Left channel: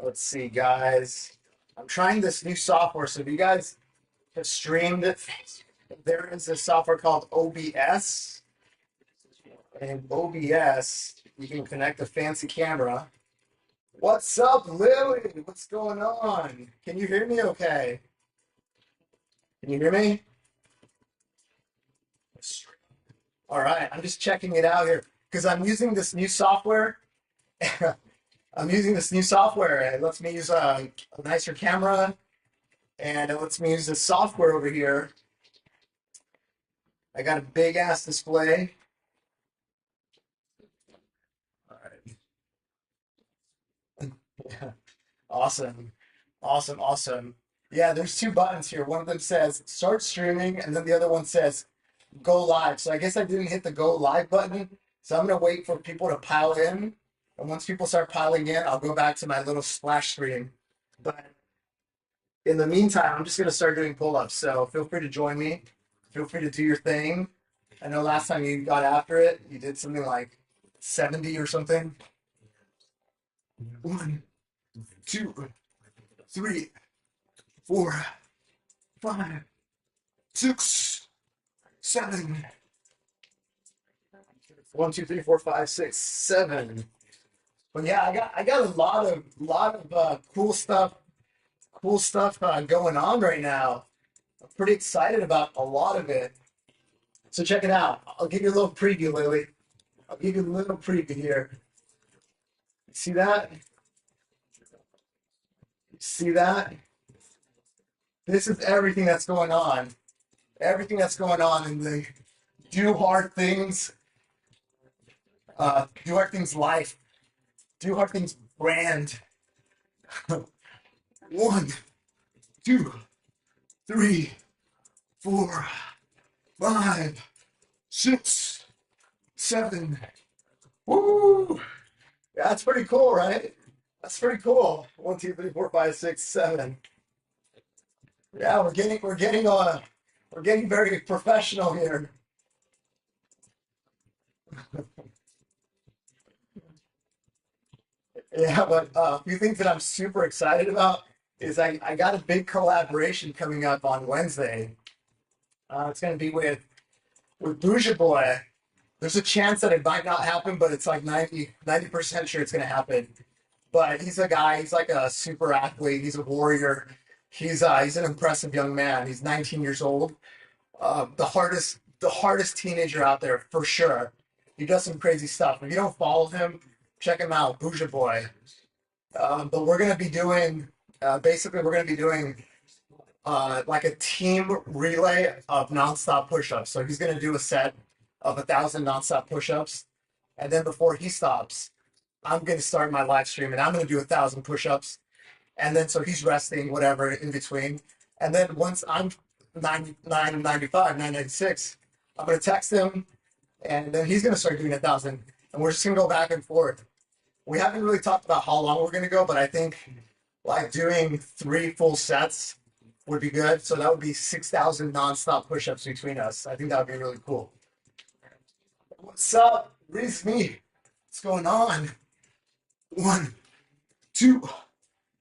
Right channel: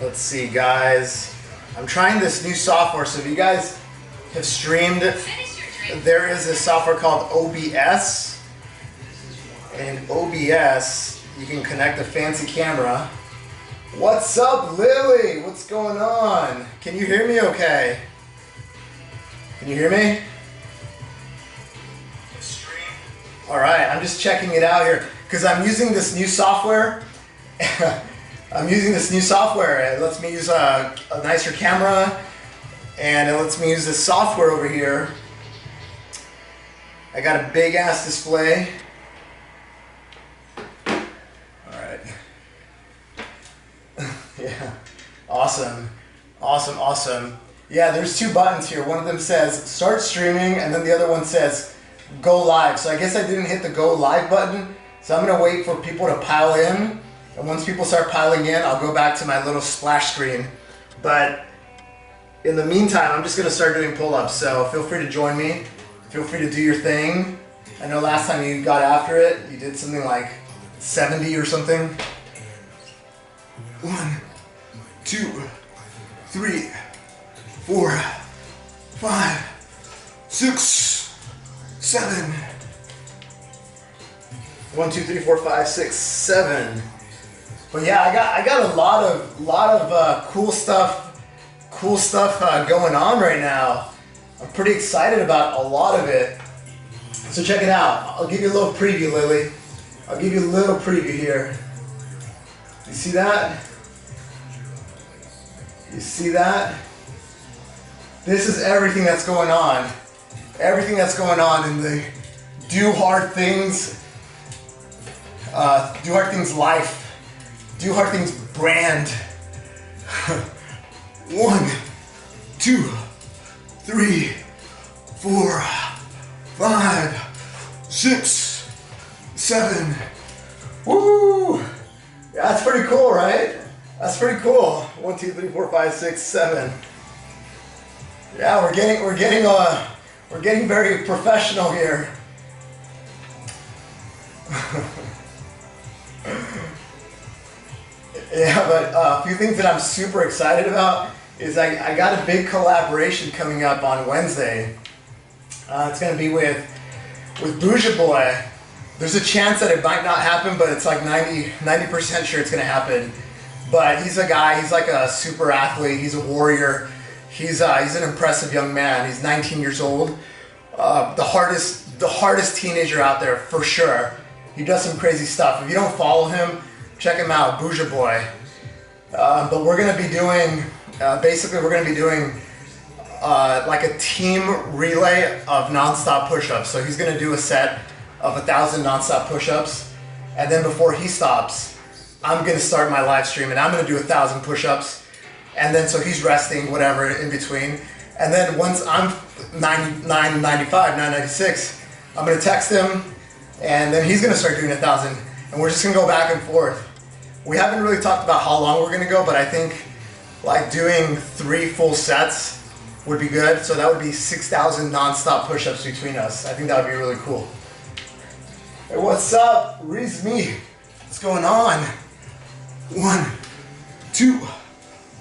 Let's see, guys. I'm trying this new software, so if you guys have streamed, there is a software called OBS. And OBS, you can connect a fancy camera. What's up, Lily? What's going on? Can you hear me okay? Can you hear me? Alright, I'm just checking it out here because I'm using this new software. It lets me use a nicer camera, and it lets me use this software over here. I got a big ass display. Alright. Yeah. Awesome. Awesome, awesome. Yeah, there's two buttons here. One of them says start streaming, and then the other one says go live. So I guess I didn't hit the go live button, so I'm gonna wait for people to pile in, and once people start piling in, I'll go back to my little splash screen. But in the meantime, I'm just gonna start doing pull-ups, so feel free to join me. Feel free to do your thing. I know last time you got after it, you did something like 70 or something. 1, 2, 3, 4, 5, 6, 7. 1, 2, 3, 4, 5, 6, 7. But yeah, I got a lot of cool stuff going on right now. I'm pretty excited about a lot of it. So check it out. I'll give you a little preview, Lily. I'll give you a little preview here. You see that? You see that? This is everything that's going on. Everything that's going on in the Do Hard Things life. Do Hard Things brand. 1, 2, 3, 4, 5, 6, 7. Woo! Yeah, that's pretty cool, right? That's pretty cool. 1, 2, 3, 4, 5, 6, 7. Yeah, we're getting very professional here. Yeah, but a few things that I'm super excited about is I got a big collaboration coming up on Wednesday. It's going to be with Bougie Boy. There's a chance that it might not happen, but it's like 90% sure it's going to happen. But he's a guy, he's like a super athlete, he's a warrior. He's an impressive young man. He's 19 years old. The hardest teenager out there for sure. He does some crazy stuff. If you don't follow him, check him out, Bougie Boy. But we're gonna be doing, basically we're gonna be doing like a team relay of non-stop push-ups. So he's gonna do a set of 1,000 non-stop push-ups, and then before he stops, I'm gonna start my live stream and I'm gonna do 1,000 push-ups. And then so he's resting, whatever, in between. And then once I'm 995, 996, I'm gonna text him, and then he's gonna start doing 1,000. And we're just gonna go back and forth. We haven't really talked about how long we're gonna go, but I think like doing 3 full sets would be good. So that would be 6,000 non-stop push-ups between us. I think that would be really cool. Hey, what's up? Reese me. What's going on? 1, 2,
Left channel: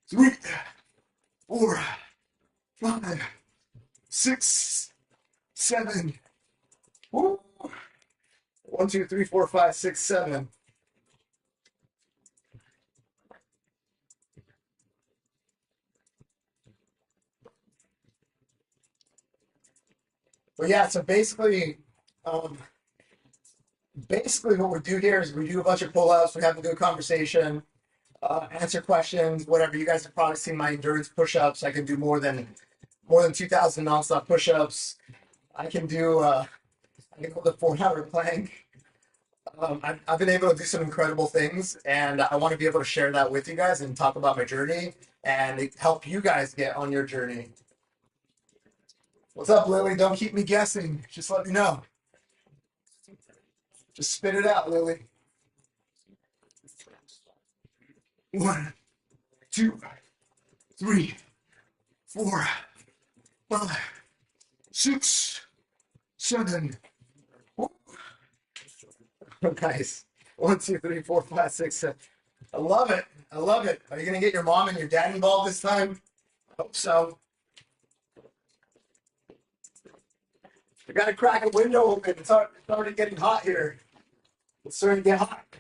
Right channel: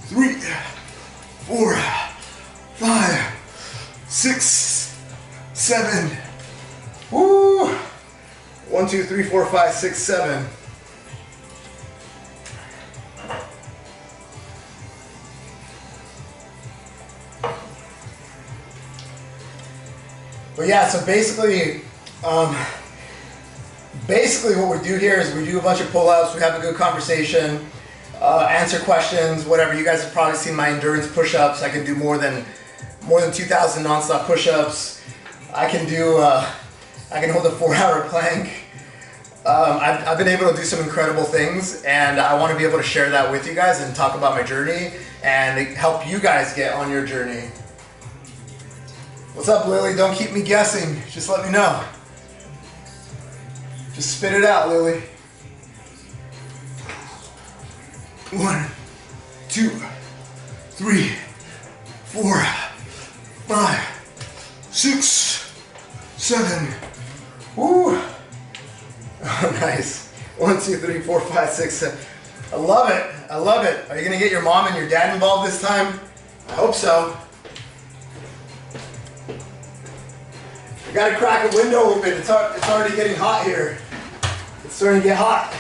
3, 4, 5, 6, 7. Woo! 1, 2, 3, 4, 5, 6, 7. But yeah, so basically what we do here is we do a bunch of pull-ups, we have a good conversation, answer questions, whatever. You guys have probably seen my endurance push-ups. I can do more than 2,000 non-stop push-ups. I can hold a 4-hour plank. I've been able to do some incredible things, and I want to be able to share that with you guys and talk about my journey and help you guys get on your journey. What's up, Lily? Don't keep me guessing. Just let me know. Just spit it out, Lily. 1, 2, 3, 4, 5, 6, 7. Woo! Oh, nice. 1, 2, 3, 4, 5, 6, 7. I love it. I love it. Are you gonna get your mom and your dad involved this time? I hope so. We gotta crack a window open. It's already getting hot here. It's starting to get hot.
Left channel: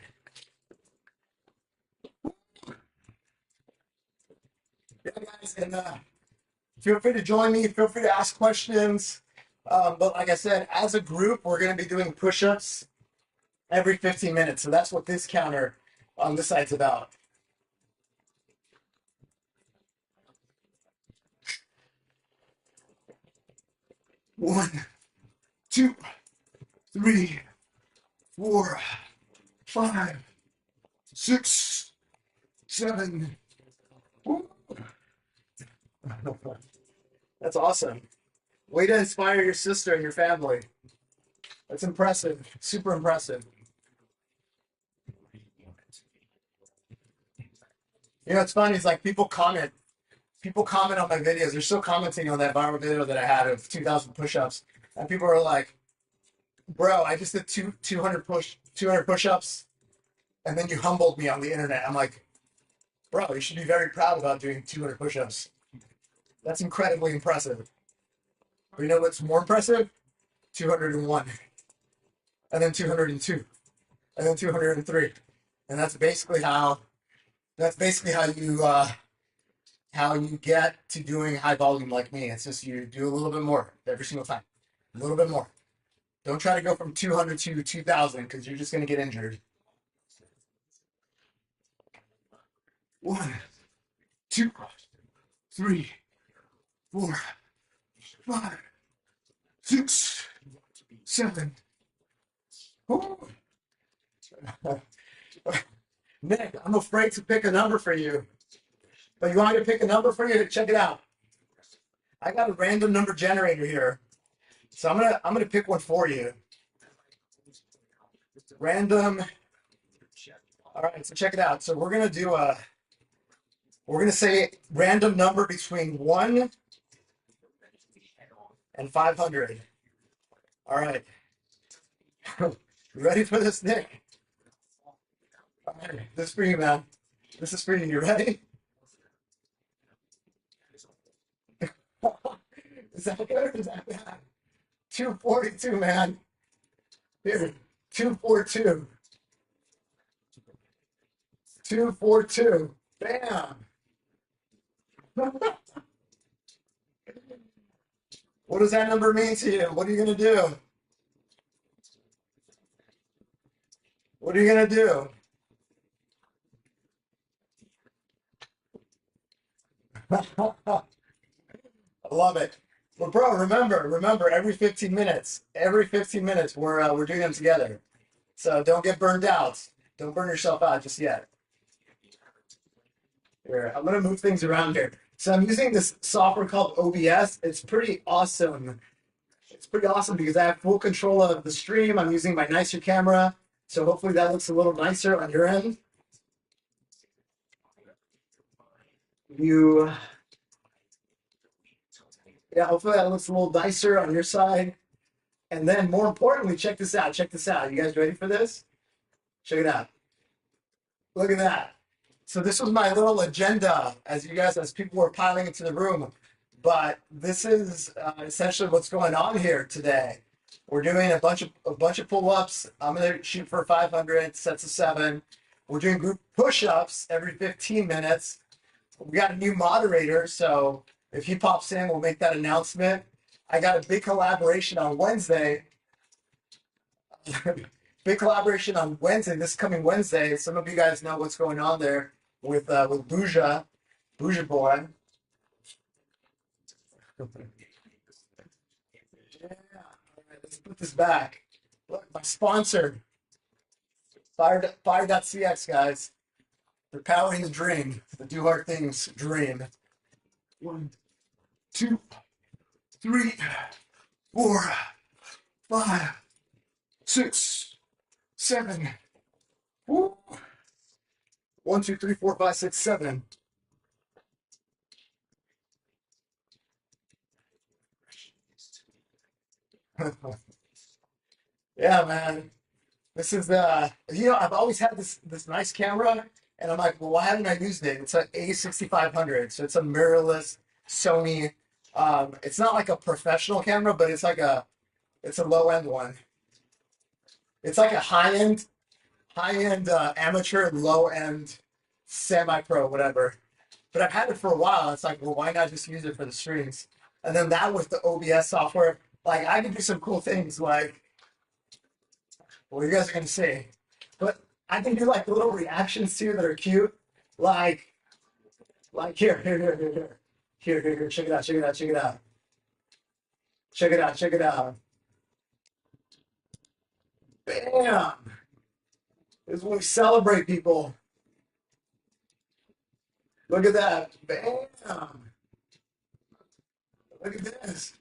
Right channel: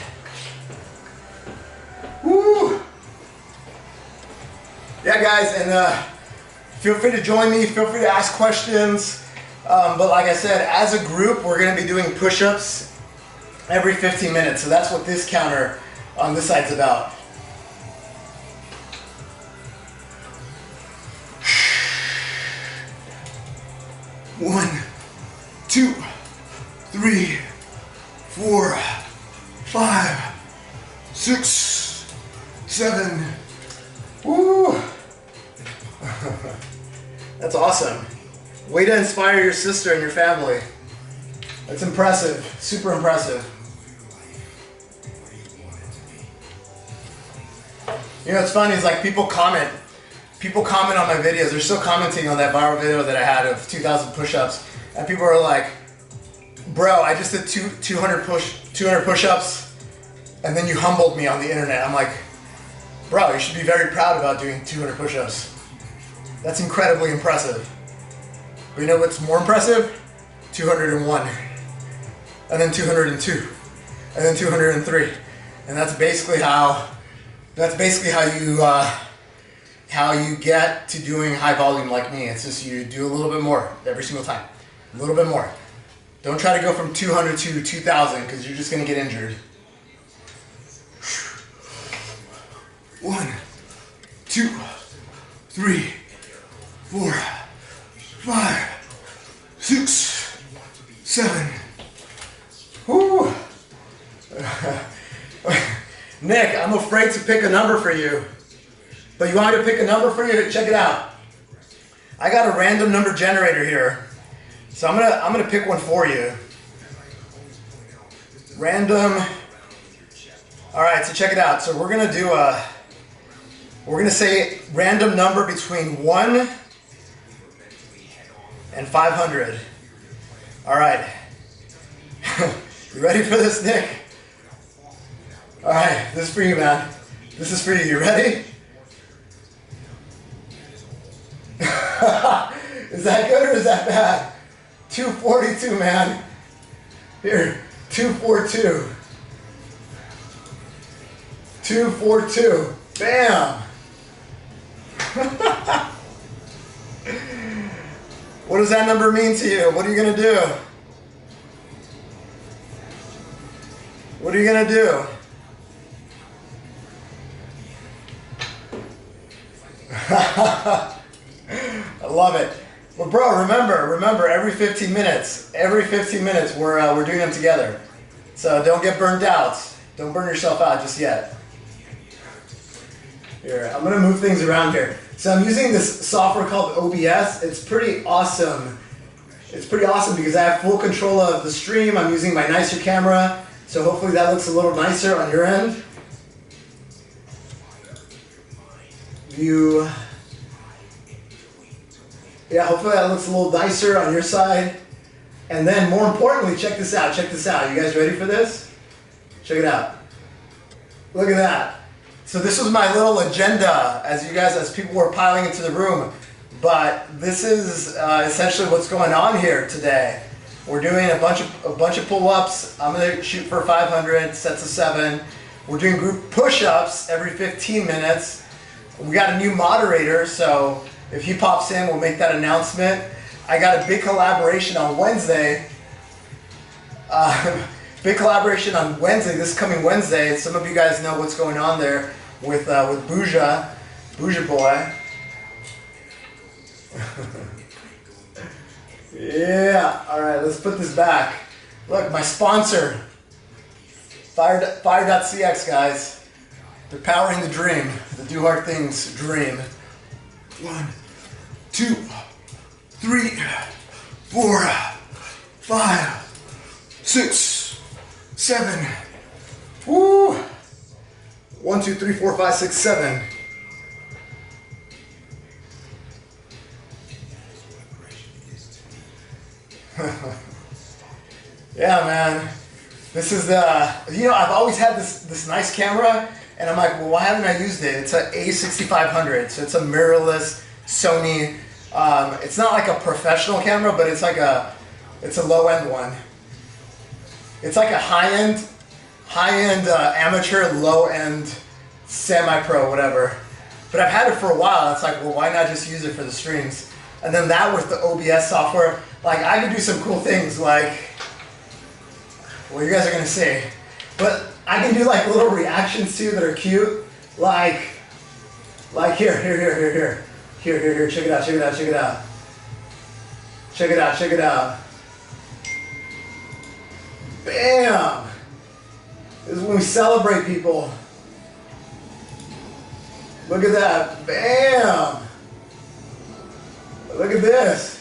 Woo! Yeah, guys, and feel free to join me. Feel free to ask questions. But like I said, as a group, we're gonna be doing push-ups every 15 minutes. So that's what this counter on this side's about. One, 2, 3, 4, 5, 6, 7. Woo! That's awesome. Way to inspire your sister and your family. That's impressive. Super impressive. You know, what's funny is like people comment on my videos. They're still commenting on that viral video that I had of 2,000 push-ups, and people are like, "Bro, I just did 200 push-ups, and then you humbled me on the internet." I'm like, "Bro, you should be very proud about doing 200 push-ups. That's incredibly impressive." But you know what's more impressive? 201, and then 202, and then 203, and that's basically how you get to doing high volume like me. It's just you do a little bit more every single time. A little bit more. Don't try to go from 200 to 2,000 because you're just going to get injured. 1, 2, 3, 4, 5, 6, 7. Woo! Nick, I'm afraid to pick a number for you. But you want me to pick a number for you? Check it out. I got a random number generator here. So I'm gonna pick one for you. Random. Alright, so check it out. So we're gonna say random number between 1 and 500. Alright. You ready for this, Nick? Alright, this is for you, man. This is for you. You ready? Is that good or is that bad? 242, man. Here, 242. 242. Bam! What does that number mean to you? What are you going to do? What are you going to do? I love it. Well, bro, remember, every 15 minutes, we're doing them together. So don't get burnt out. Don't burn yourself out just yet. Here, I'm gonna move things around here. So I'm using this software called OBS. It's pretty awesome. It's pretty awesome because I have full control of the stream. I'm using my nicer camera, so hopefully that looks a little nicer on your end. Yeah, hopefully that looks a little nicer on your side. And then more importantly, check this out, check this out. You guys ready for this? Check it out. Look at that. So this was my little agenda as people were piling into the room. But this is essentially what's going on here today. We're doing a bunch of pull-ups. I'm gonna shoot for 500 sets of 7. We're doing group push-ups every 15 minutes. We got a new moderator, so if he pops in, we'll make that announcement. I got a big collaboration on Wednesday. This coming Wednesday. Some of you guys know what's going on there with Bouja Boy. Yeah, all right, let's put this back. Look, my sponsor, Fire.cx, guys. They're powering the dream, the do hard things dream. 1, 2, 3, 4, 5, 6, 7. Woo! 1, 2, 3, 4, 5, 6, 7. Yeah, man. This is I've always had this nice camera, And I'm like, well, why haven't I used it? It's an A6500, so it's a mirrorless Sony. It's not like a professional camera, but it's like it's a low-end one. It's like a high-end amateur, low-end, semi-pro, whatever. But I've had it for a while. It's like, well, why not just use it for the streams? And then that with the OBS software, like I can do some cool things like, well, you guys are gonna see, but I can do like little reactions too that are cute, like here, check it out, check it out, check it out, check it out, check it out. Bam! This is when we celebrate people. Look at that, bam! Look at this.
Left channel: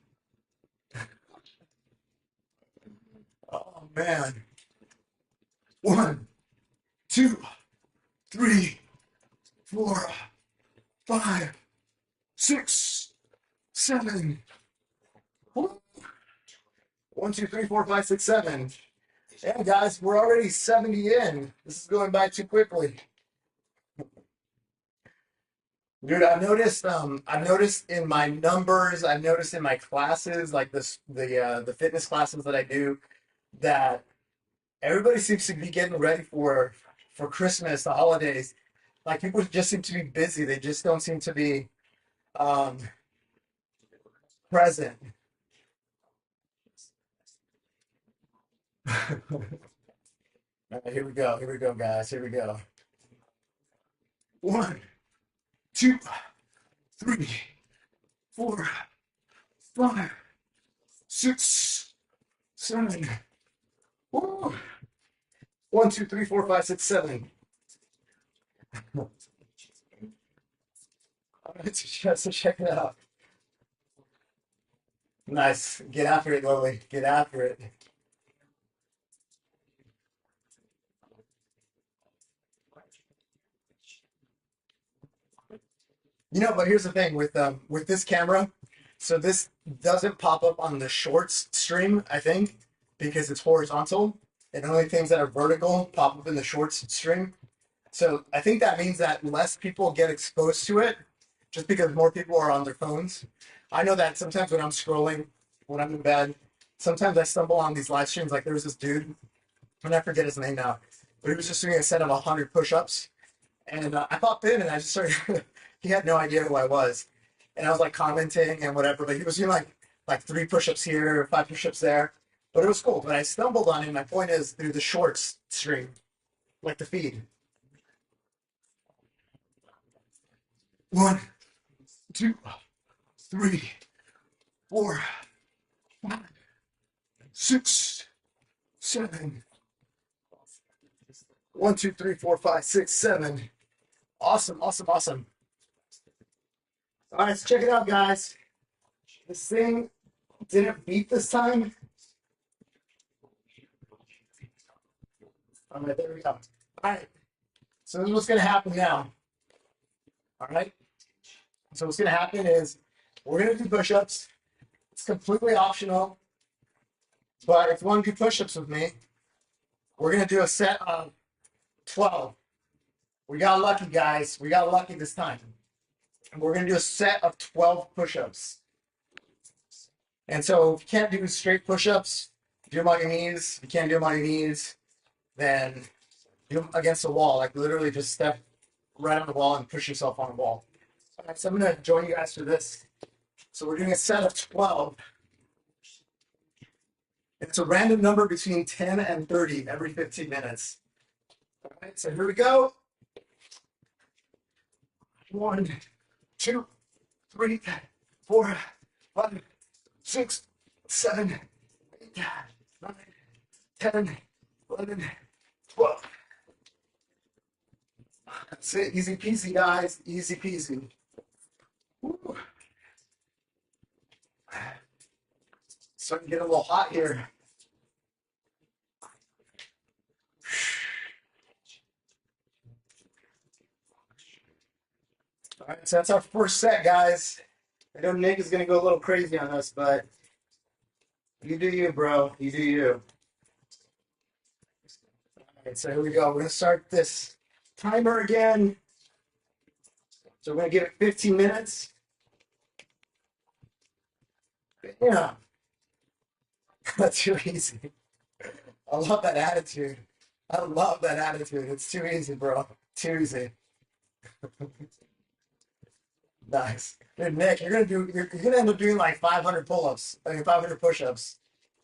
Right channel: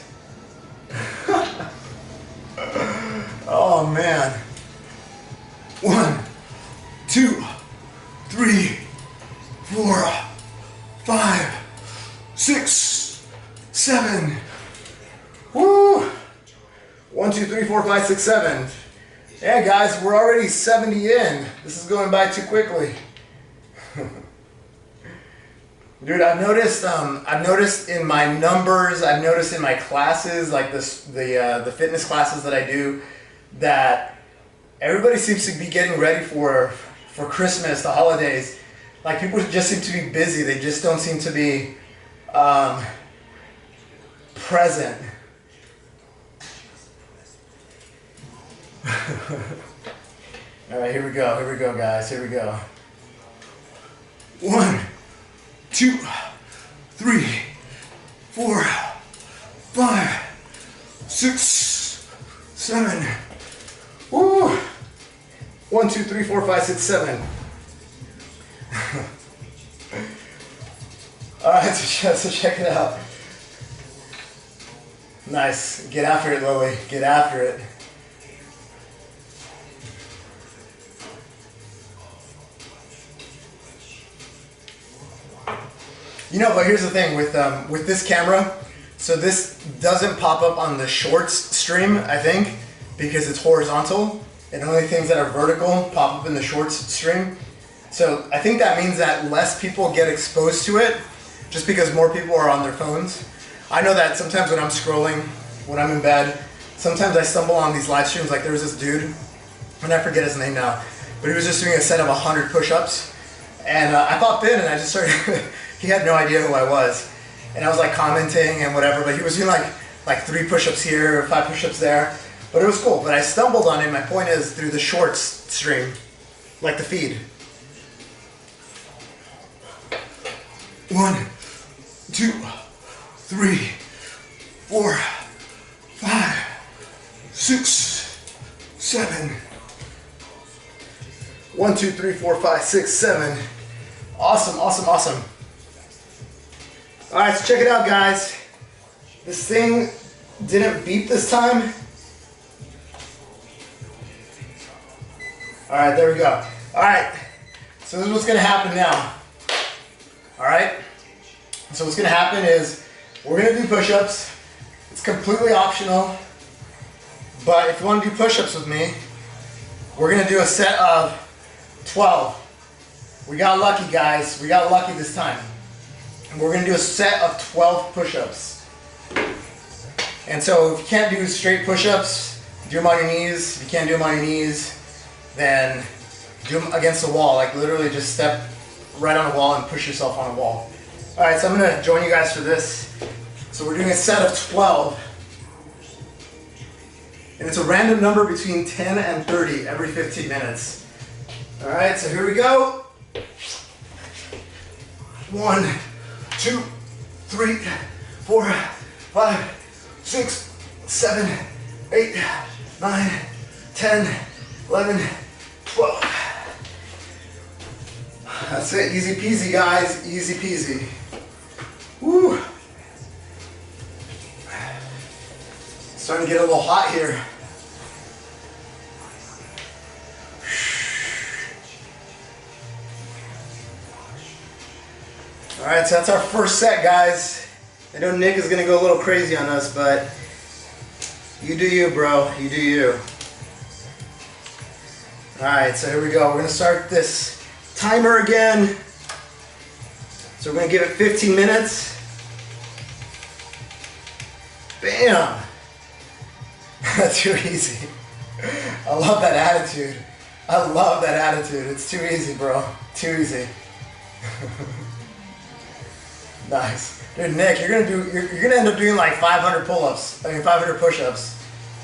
Oh man. 1, 2, 3, 4, 5, 6, 7. Woo! 1, 2, 3, 4, 5, 6, 7. Yeah, guys, we're already 70 in. This is going by too quickly. Dude, I've noticed in my numbers, I've noticed in my classes, like the fitness classes that I do, that everybody seems to be getting ready for Christmas, the holidays. Like people just seem to be busy. They just don't seem to be present. All right, here we go, guys, here we go. 1, 2, 3, 4, 5, 6, 7. Woo! 1, 2, 3, 4, 5, 6, 7. All right, so check it out. Nice. Get after it, Lily. Get after it. You know, but here's the thing with this camera. So this doesn't pop up on the shorts stream, I think, because it's horizontal, and only things that are vertical pop up in the shorts stream. So I think that means that less people get exposed to it, just because more people are on their phones. I know that sometimes when I'm scrolling, when I'm in bed, sometimes I stumble on these live streams. Like there was this dude, and I forget his name now, but he was just doing a set of 100 push-ups, and I popped in and I just started. He had no idea who I was, and I was like commenting and whatever. But he was doing like 3 push-ups here, 5 push-ups there. But it was cool. But I stumbled on him. My point is through the shorts stream, like the feed. 1, 2, 3, 4, 5, 6, 7. 1, 2, 3, 4, 5, 6, 7. Awesome, awesome, awesome. All right, so check it out, guys. This thing didn't beep this time. All right, there we go. All right, so this is what's gonna happen now. All right, so what's gonna happen is we're gonna do push-ups. It's completely optional, but if you wanna do push-ups with me, we're gonna do a set of 12. We got lucky, guys. We got lucky this time. We're going to do a set of 12 push-ups. And so if you can't do straight push-ups, do them on your knees. If you can't do them on your knees, then do them against the wall. Like literally just step right on the wall and push yourself on the wall. All right, so I'm going to join you guys for this. So we're doing a set of 12. And it's a random number between 10 and 30 every 15 minutes. All right, so here we go. 1, 2, 3, 4, 5, 6, 7, 8, 9, 10, 11, 12. That's it, easy peasy, guys, easy peasy. Woo. It's starting to get a little hot here. All right, so that's our first set, guys. I know Nick is gonna go a little crazy on us, but you do you, bro, you do you. All right, so here we go. We're gonna start this timer again. So we're gonna give it 15 minutes. Bam! That's too easy. I love that attitude. I love that attitude. It's too easy, bro. Too easy. Nice. Dude, Nick, you're gonna end up doing like 500 pull-ups. I mean 500 push-ups.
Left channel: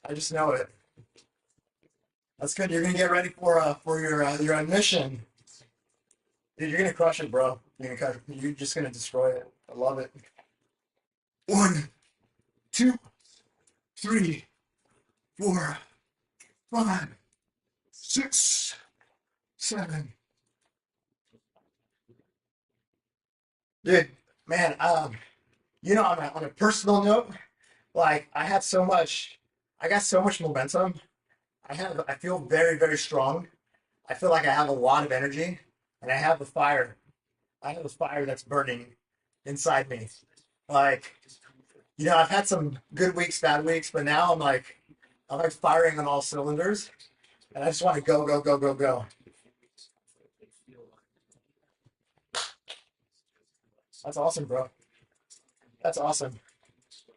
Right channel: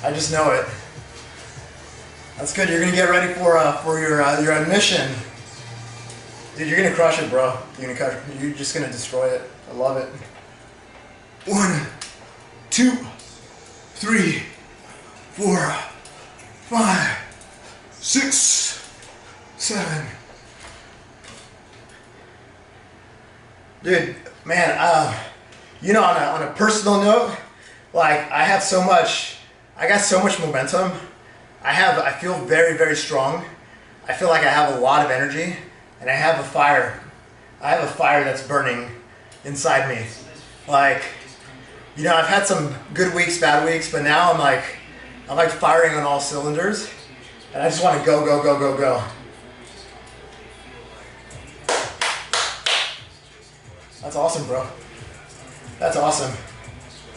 I just know it. That's good. You're gonna get ready for your admission. Dude, you're gonna crush it, bro. You're just gonna destroy it. I love it. 1, 2, 3, 4, 5, 6, 7. Dude, man, you know, on a personal note, like I got so much momentum. I feel very, very strong. I feel like I have a lot of energy, and I have a fire. I have a fire that's burning inside me. Like, you know, I've had some good weeks, bad weeks, but now I'm like firing on all cylinders, and I just want to go, go, go, go, go. That's awesome, bro. That's awesome.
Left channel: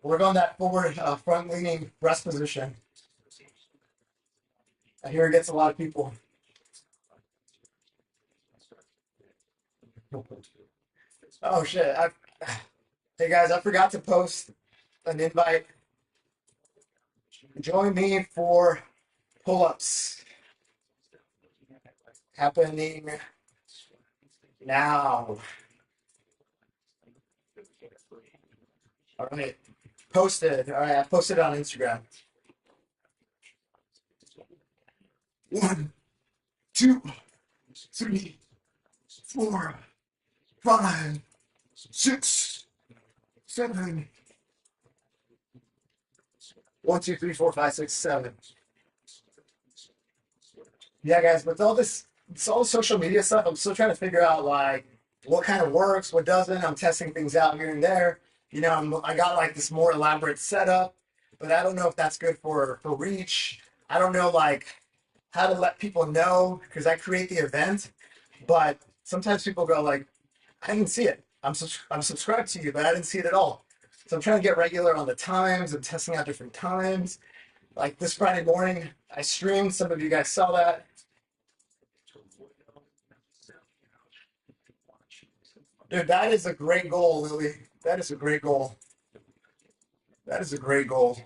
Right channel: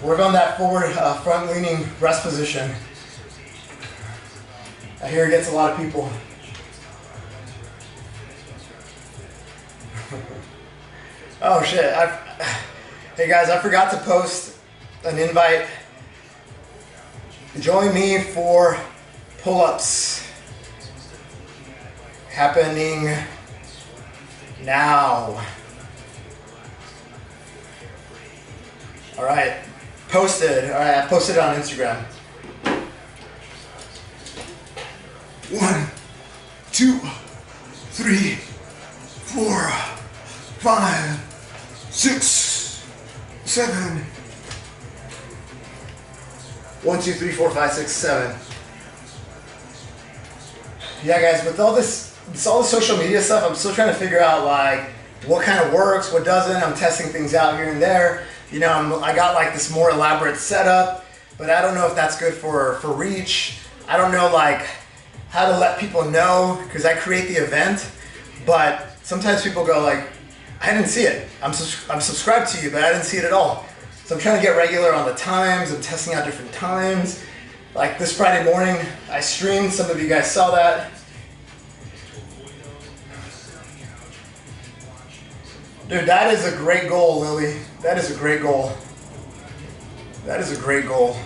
Work on that forward, front-leaning rest position. I hear it gets a lot of people. Oh shit! Hey guys, I forgot to post an invite. Join me for pull-ups. Happening now. All right, posted. All right, I posted it on Instagram. 1, 2, 3, 4, 5, 6, 7. 1, 2, 3, 4, 5, 6, 7. Yeah, guys, with all this social media stuff, I'm still trying to figure out like what kind of works, what doesn't. I'm testing things out here and there. You know, I got like this more elaborate setup, but I don't know if that's good for reach. I don't know like how to let people know, because I create the event, but sometimes people go like, I didn't see it. I'm subscribed to you, but I didn't see it at all. So I'm trying to get regular on the times. I'm testing out different times. Like this Friday morning, I streamed. Some of you guys saw that. Dude, that is a great goal, Lily. That is a great goal. That is a great goal.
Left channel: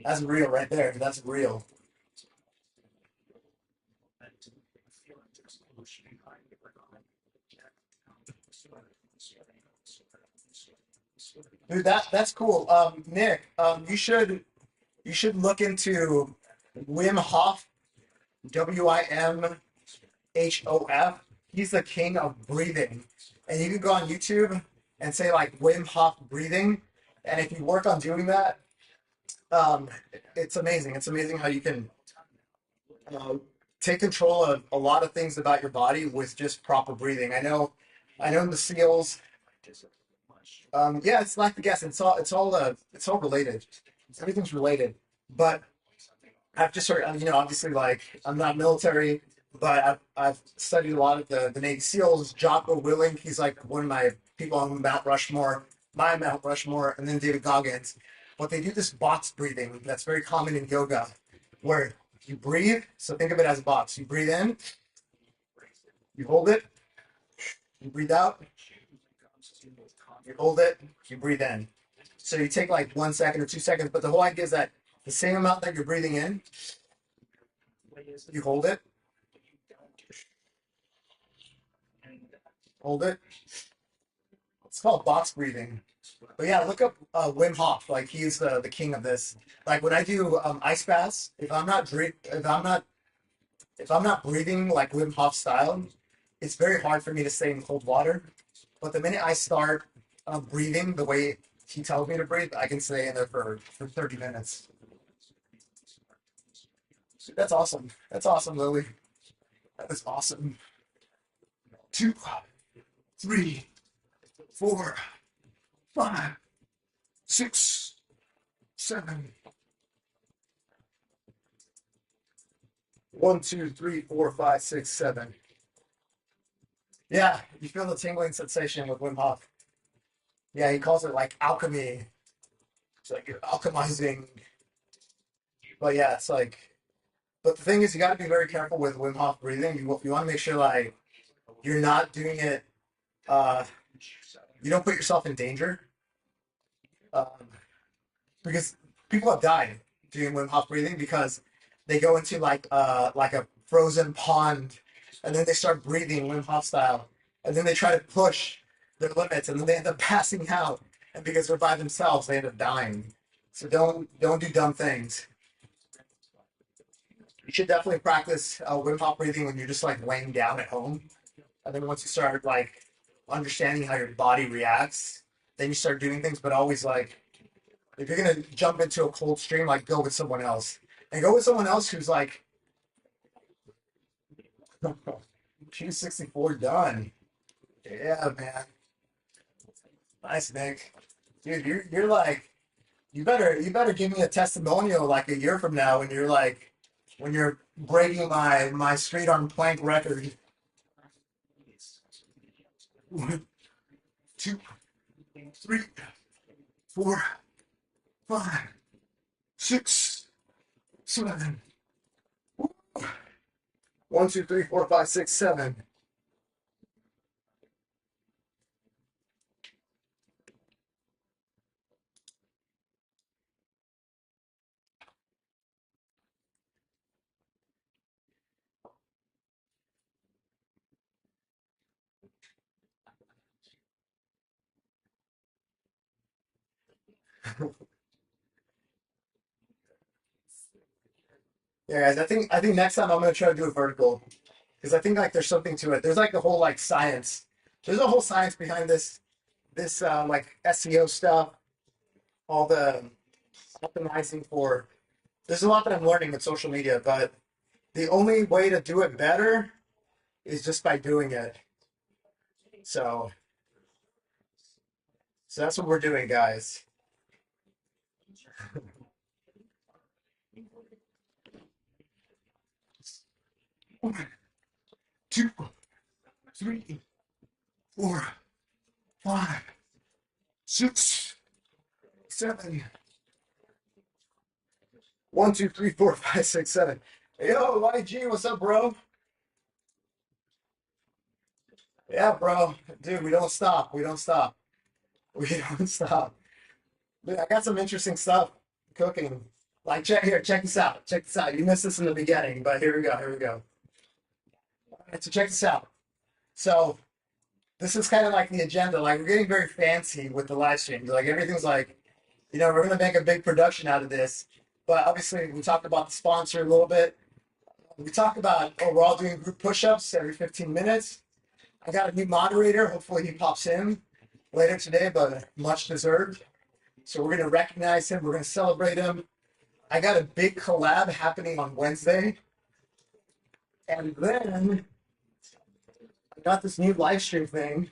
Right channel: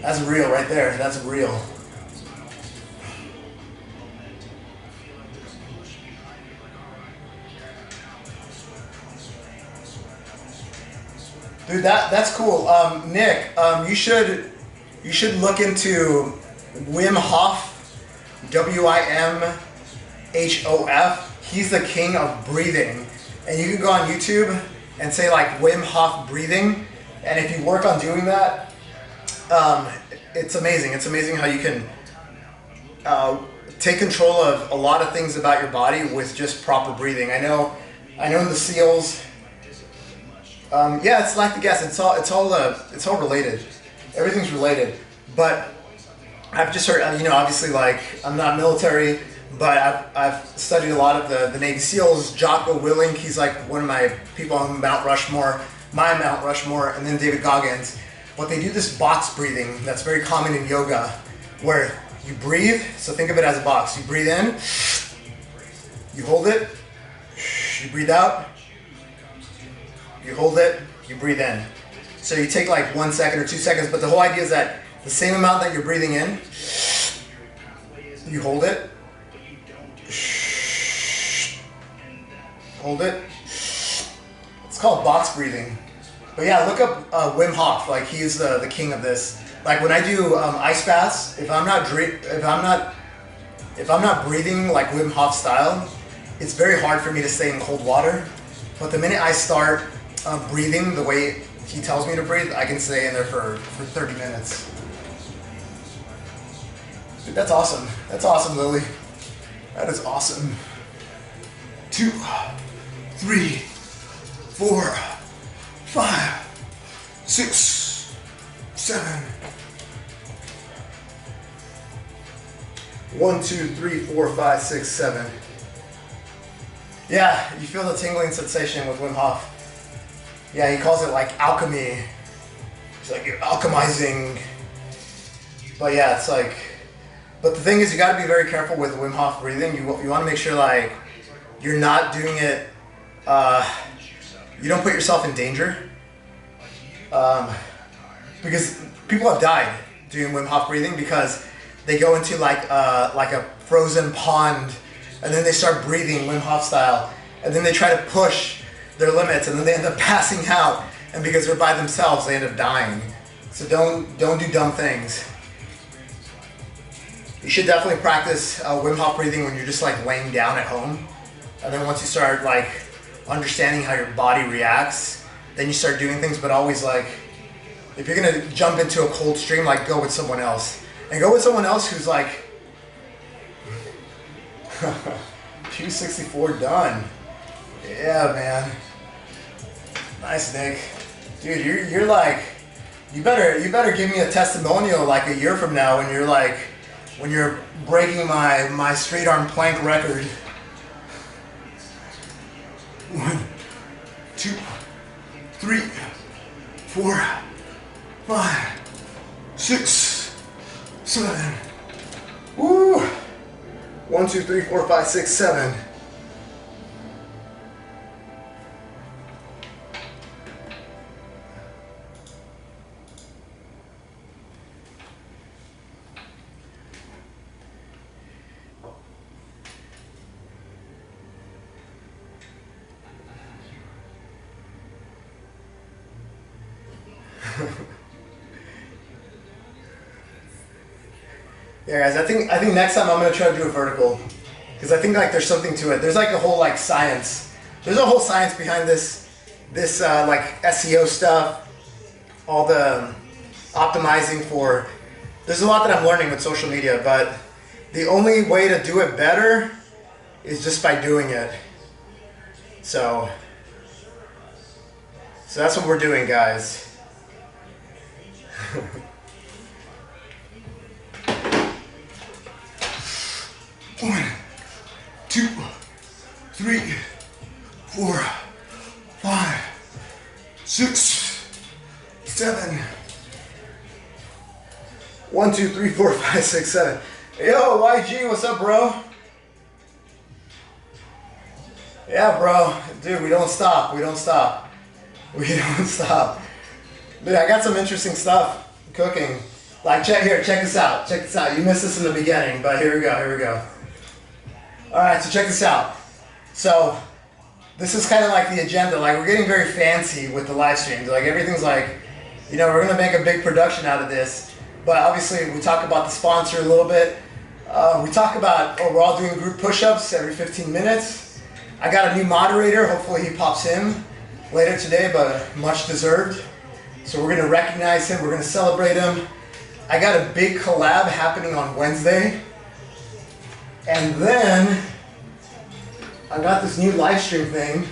That's real right there. That's real. Dude, that's cool. Nick, you should look into Wim Hof, W-I-M-H-O-F. He's the king of breathing. And you can go on YouTube and say like Wim Hof breathing. And if you work on doing that, it's amazing. It's amazing how you can take control of a lot of things about your body with just proper breathing. I know the SEALs. Yeah, it's like the gas. It's all related. Everything's related. But I've just heard, you know, obviously, like I'm not military, but I've studied a lot of the Navy SEALs. Jocko Willink, he's like one of my people on Mount Rushmore, and then David Goggins. But they do this box breathing that's very common in yoga, where you breathe. So think of it as a box. You breathe in, you hold it, you breathe out. You hold it, you breathe in. So you take like 1 second or 2 seconds, but the whole idea is that the same amount that you're breathing in, you hold it, hold it. It's called box breathing. But yeah, look up Wim Hof. Like he's the king of this. Like when I do ice baths, if I'm not breathing like Wim Hof style, it's very hard for me to stay in cold water. But the minute I start breathing the way he tells me to breathe, I can stay in there for 30 minutes. Dude, that's awesome. That's awesome, Lily. That is awesome. 2, 3, 4, 5, 6, 7. 1, 2, 3, 4, 5, 6, 7. Yeah, you feel the tingling sensation with Wim Hof. Yeah, he calls it like alchemy. It's like you're alchemizing. But yeah, it's like, but the thing is, you got to be very careful with Wim Hof breathing. You want to make sure like you're not doing it, you don't put yourself in danger. Because people have died doing Wim Hof breathing because they go into like a frozen pond and then they start breathing Wim Hof style and then they try to push their limits and then they end up passing out, and because they're by themselves they end up dying. So don't do dumb things. You should definitely practice Wim Hof breathing when you're just like laying down at home, and then once you start like understanding how your body reacts, then you start doing things. But always like, if you're gonna jump into a cold stream, like go with someone else, and go with someone else who's like Q64 done. Yeah, man. Nice, Nick. Dude, you're like, you better give me a testimonial like a year from now when you're like, when you're breaking my straight arm plank record. 1, 2, 3, 4, 5, 6, 7. Woo! 1, 2, 3, 4, 5, 6, 7. Yeah, guys, I think next time I'm gonna try to do a vertical, because I think like there's something to it. There's like a whole like science. There's a whole science behind this like SEO stuff, all the optimizing for. There's a lot that I'm learning with social media, but the only way to do it better is just by doing it. So that's what we're doing, guys. 1, 2, 3, 4, 5, 6, 7. 1, 2, 3, 4, 5, 6, 7. Yo, YG, what's up, bro? Yeah, bro. Dude, we don't stop. We don't stop. We don't stop. Dude, I got some interesting stuff cooking. Like, check this out. Check this out. You missed this in the beginning, but here we go. Alright, so check this out. So, this is kind of like the agenda. Like, we're getting very fancy with the live streams. Like, everything's like, you know, we're going to make a big production out of this. But obviously, we talk about the sponsor a little bit. We talk about, we're all doing group push-ups every 15 minutes. I got a new moderator. Hopefully, he pops in later today, but much deserved. So, we're going to recognize him. We're going to celebrate him. I got a big collab happening on Wednesday. And then I got this new live stream thing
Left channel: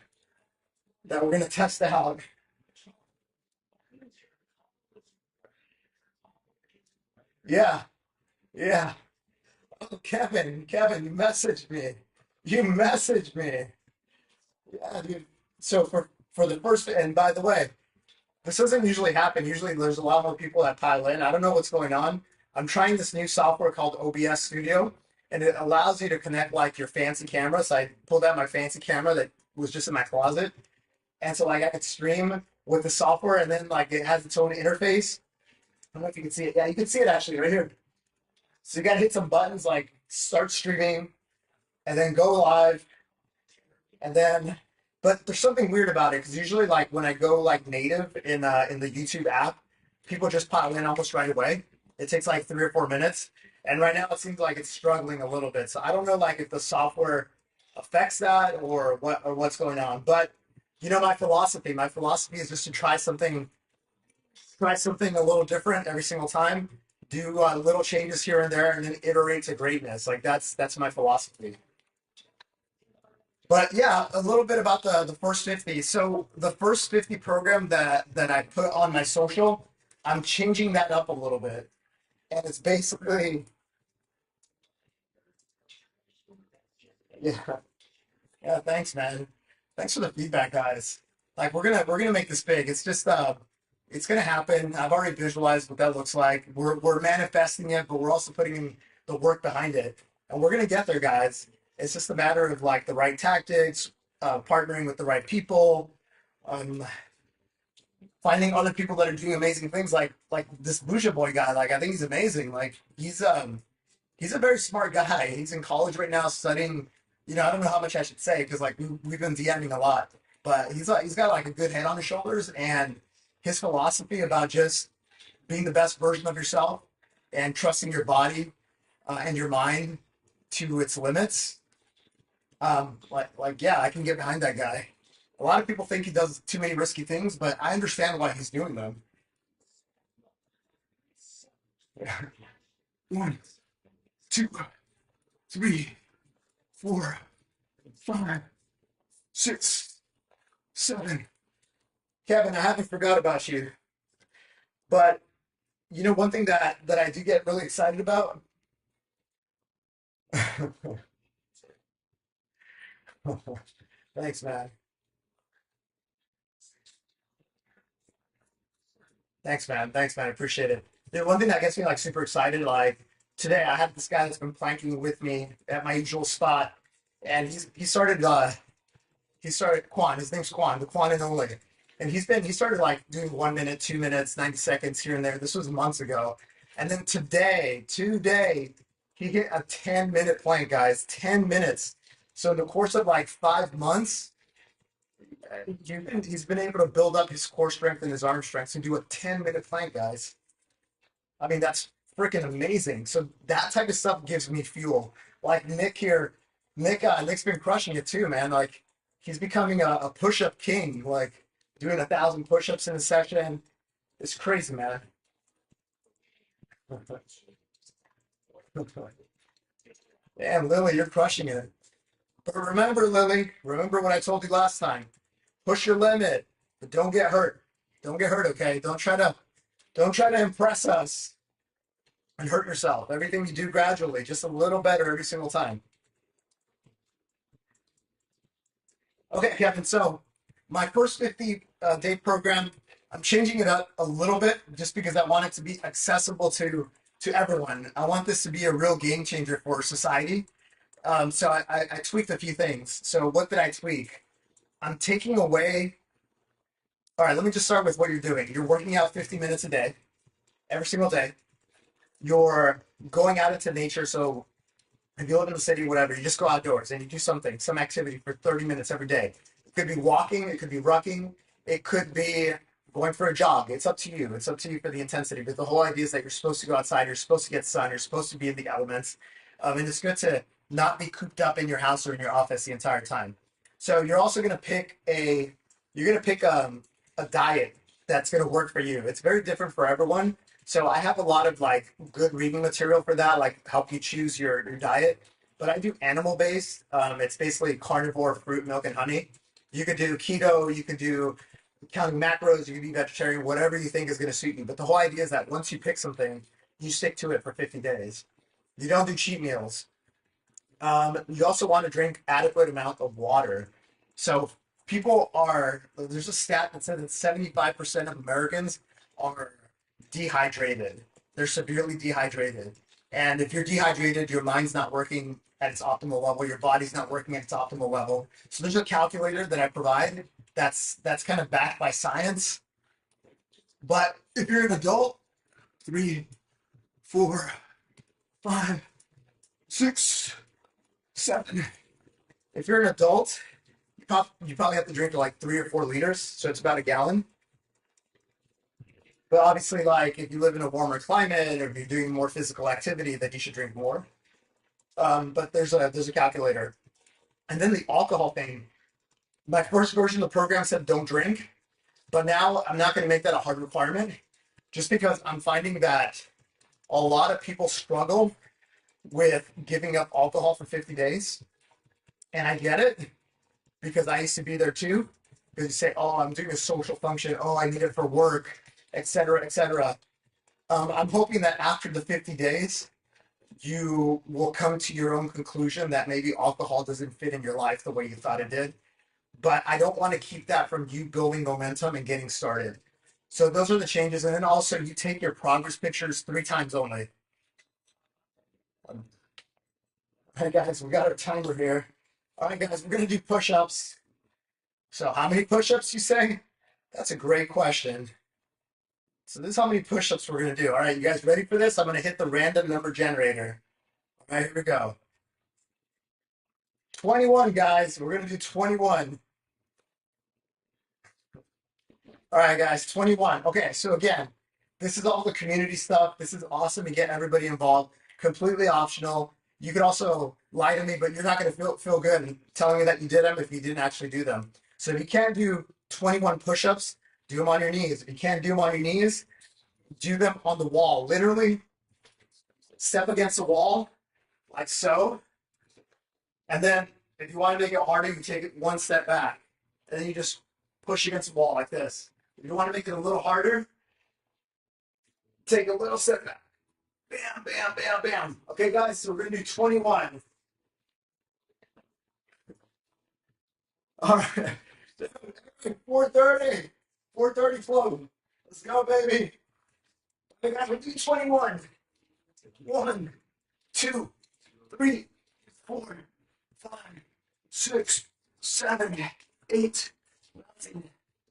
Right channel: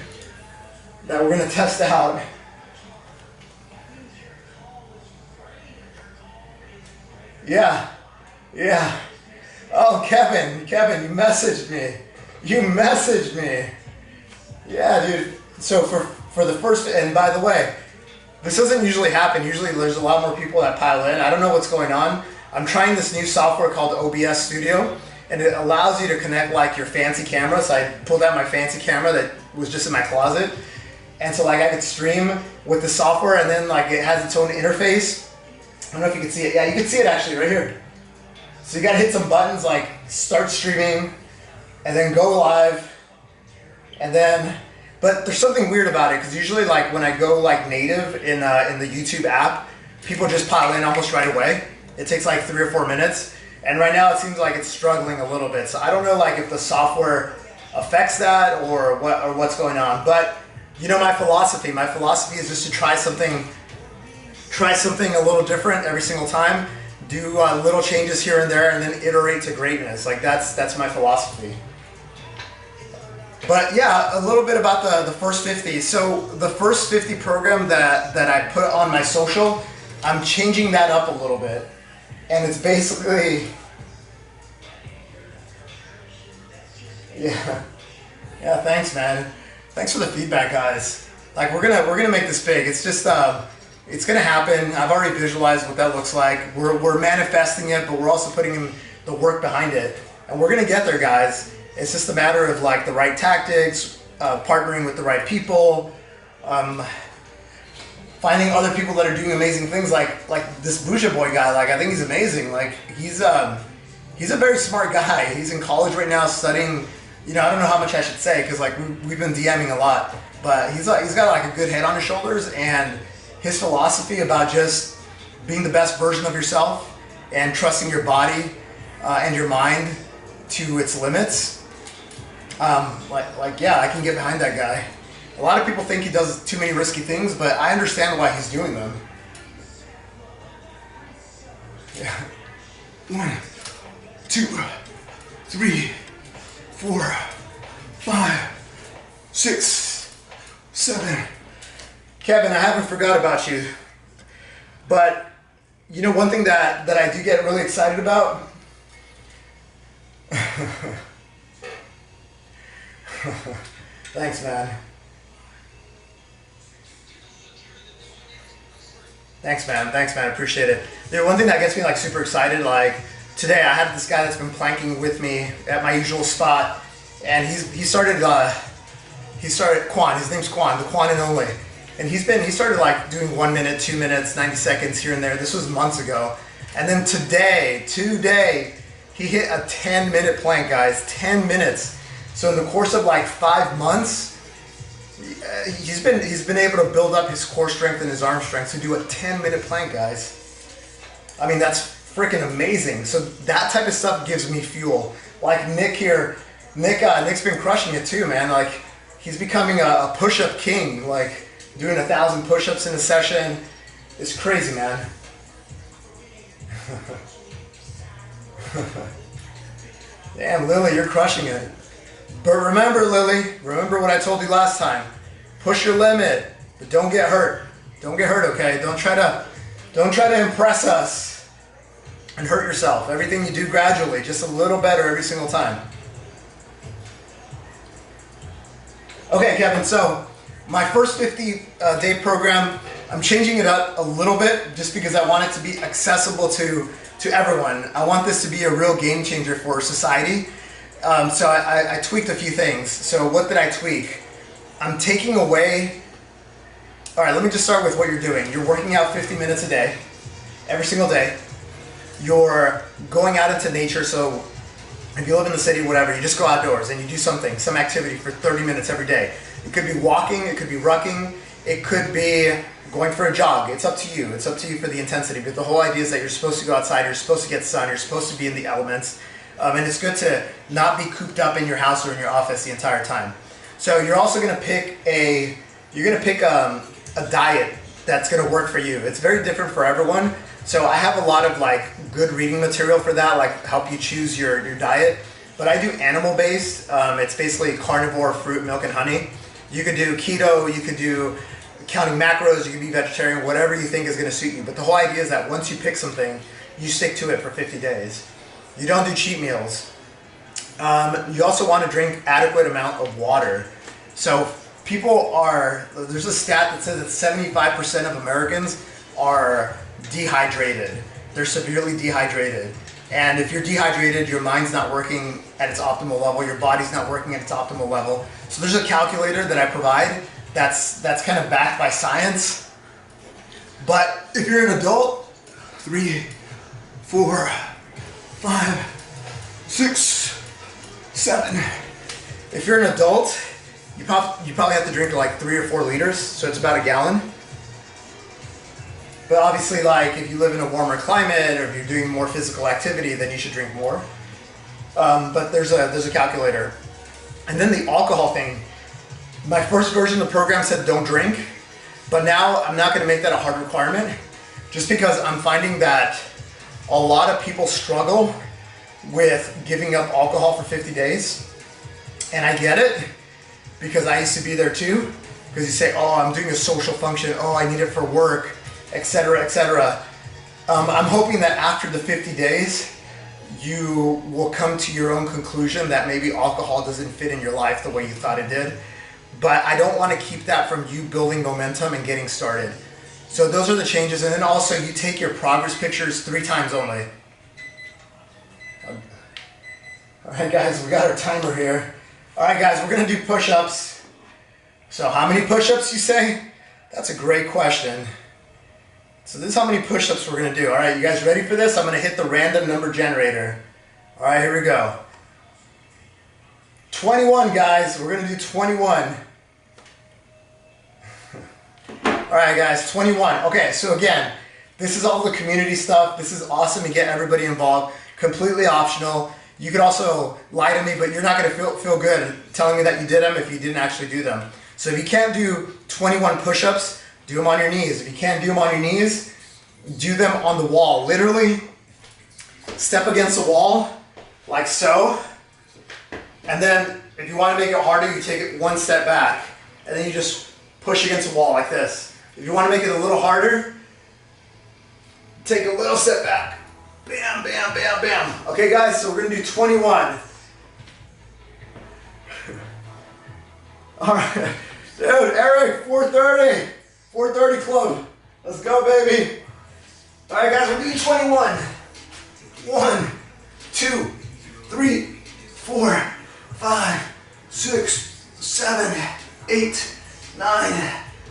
that we're going to test out. Yeah. Oh, Kevin, you messaged me. Yeah, dude. So for the first, and by the way, this doesn't usually happen. Usually there's a lot more people that pile in. I don't know what's going on. I'm trying this new software called OBS Studio, and it allows you to connect like your fancy camera. So I pulled out my fancy camera that was just in my closet, and so like I could stream with the software, and then like it has its own interface. I don't know if you can see it. Yeah, you can see it actually right here. So you gotta hit some buttons like start streaming, and then go live, and then. But there's something weird about it, because usually like when I go like native in the YouTube app, people just pile in almost right away. It takes like 3 or 4 minutes. And right now it seems like it's struggling a little bit. So I don't know like if the software affects that or what's going on. But you know my philosophy. My philosophy is just to try something a little different every single time. Do little changes here and there, and then iterate to greatness. Like that's my philosophy. But yeah, a little bit about the first 50. So the first 50 program that I put on my social, I'm changing that up a little bit. And it's basically, yeah, Yeah, thanks, man. Thanks for the feedback, guys. Like we're gonna make this big. It's just it's gonna happen. I've already visualized what that looks like. We're manifesting it, but we're also putting in the work behind it, and we're gonna get there, guys. It's just a matter of like the right tactics, partnering with the right people, finding other people that are doing amazing things, like this Bougie Boy guy. Like I think he's amazing. Like he's a very smart guy. He's in college right now studying. You know, I don't know how much I should say because like we've been DMing a lot, but he's got like a good head on his shoulders, and his philosophy about just being the best version of yourself and trusting your body and your mind to its limits. Yeah, I can get behind that guy. A lot of people think he does too many risky things, but I understand why he's doing them. Yeah. 1, 2, 3, 4, 5, 6, 7. Kevin, I haven't forgot about you. But you know one thing that I do get really excited about? Thanks, man. Thanks, man. I appreciate it. Dude, one thing that gets me like super excited, like today I had this guy that's been planking with me at my usual spot, and he started Quan. His name's Quan, the Quan and only. And he started like doing 1 minute, 2 minutes, 90 seconds here and there. This was months ago. And then today, he hit a 10-minute plank, guys, 10 minutes. So in the course of like 5 months, he's been able to build up his core strength and his arm strength to do a 10-minute plank, guys. I mean, that's freaking amazing. So that type of stuff gives me fuel. Like Nick here, Nick's been crushing it too, man. Like he's becoming a push-up king, like doing 1,000 push-ups in a session. It's crazy, man. Damn, Lily, you're crushing it. But remember, Lily, remember what I told you last time. Push your limit, but don't get hurt. Don't get hurt, okay? Don't try to impress us and hurt yourself. Everything you do gradually, just a little better every single time. Okay, Kevin, so my first 50-day program, I'm changing it up a little bit just because I want it to be accessible to everyone. I want this to be a real game changer for society. So I tweaked a few things. So what did I tweak? I'm taking away... Alright, let me just start with what you're doing. You're working out 50 minutes a day, every single day. You're going out into nature, so if you live in the city, whatever, you just go outdoors and you do something, some activity for 30 minutes every day. It could be walking, it could be rucking, it could be going for a jog. It's up to you. It's up to you for the intensity. But the whole idea is that you're supposed to go outside, you're supposed to get sun, you're supposed to be in the elements. And it's good to not be cooped up in your house or in your office the entire time. So you're also going to pick a diet that's going to work for you. It's very different for everyone. So I have a lot of like good reading material for that, like help you choose your diet. But I do animal based. It's basically carnivore, fruit, milk, and honey. You could do keto, you could do counting macros, you can be vegetarian, whatever you think is going to suit you. But the whole idea is that once you pick something, you stick to it for 50 days. You don't do cheat meals. You also want to drink adequate amount of water. So there's a stat that says that 75% of Americans are dehydrated. They're severely dehydrated. And if you're dehydrated, your mind's not working at its optimal level, your body's not working at its optimal level. So there's a calculator that I provide that's kind of backed by science. But if you're an adult, 3, 4, 5, 6, 7. If you're an adult, you probably have to drink like 3 or 4 liters, so it's about a gallon. But obviously, like if you live in a warmer climate or if you're doing more physical activity, then you should drink more. But there's a calculator. And then the alcohol thing. My first version of the program said don't drink, but now I'm not going to make that a hard requirement, just because I'm finding that a lot of people struggle with giving up alcohol for 50 days. And I get it, because I used to be there too. Because you say, oh, I'm doing a social function, oh, I need it for work, etc., etc. I'm hoping that after the 50 days, you will come to your own conclusion that maybe alcohol doesn't fit in your life the way you thought it did. But I don't want to keep that from you building momentum and getting started. So those are the changes. And then also you take your progress pictures 3 times only. All right, guys, we got our timer here. All right, guys, we're going to do push-ups. So how many push-ups, you say? That's a great question. So this is how many push-ups we're going to do. All right, you guys ready for this? I'm going to hit the random number generator. All right, here we go. 21, guys. We're going to do 21. All right, guys, 21. Okay, so again, this is all the community stuff. This is awesome to get everybody involved. Completely optional. You could also lie to me, but you're not going to feel good telling me that you did them if you didn't actually do them. So if you can't do 21 push-ups, do them on your knees. If you can't do them on your knees, do them on the wall. Literally, step against the wall, like so. And then, if you want to make it harder, you take it 1 step back. And then you just push against the wall like this. If you want to make it a little harder, take a little step back. Bam, bam, bam, bam. Okay, guys, so we're going to do 21. All right. Dude, Eric, 4:30. 4:30 club. Let's go, baby. All right, guys, we're doing 21. 1, 2, 3, 4, 5, 6, 7, 8, 9,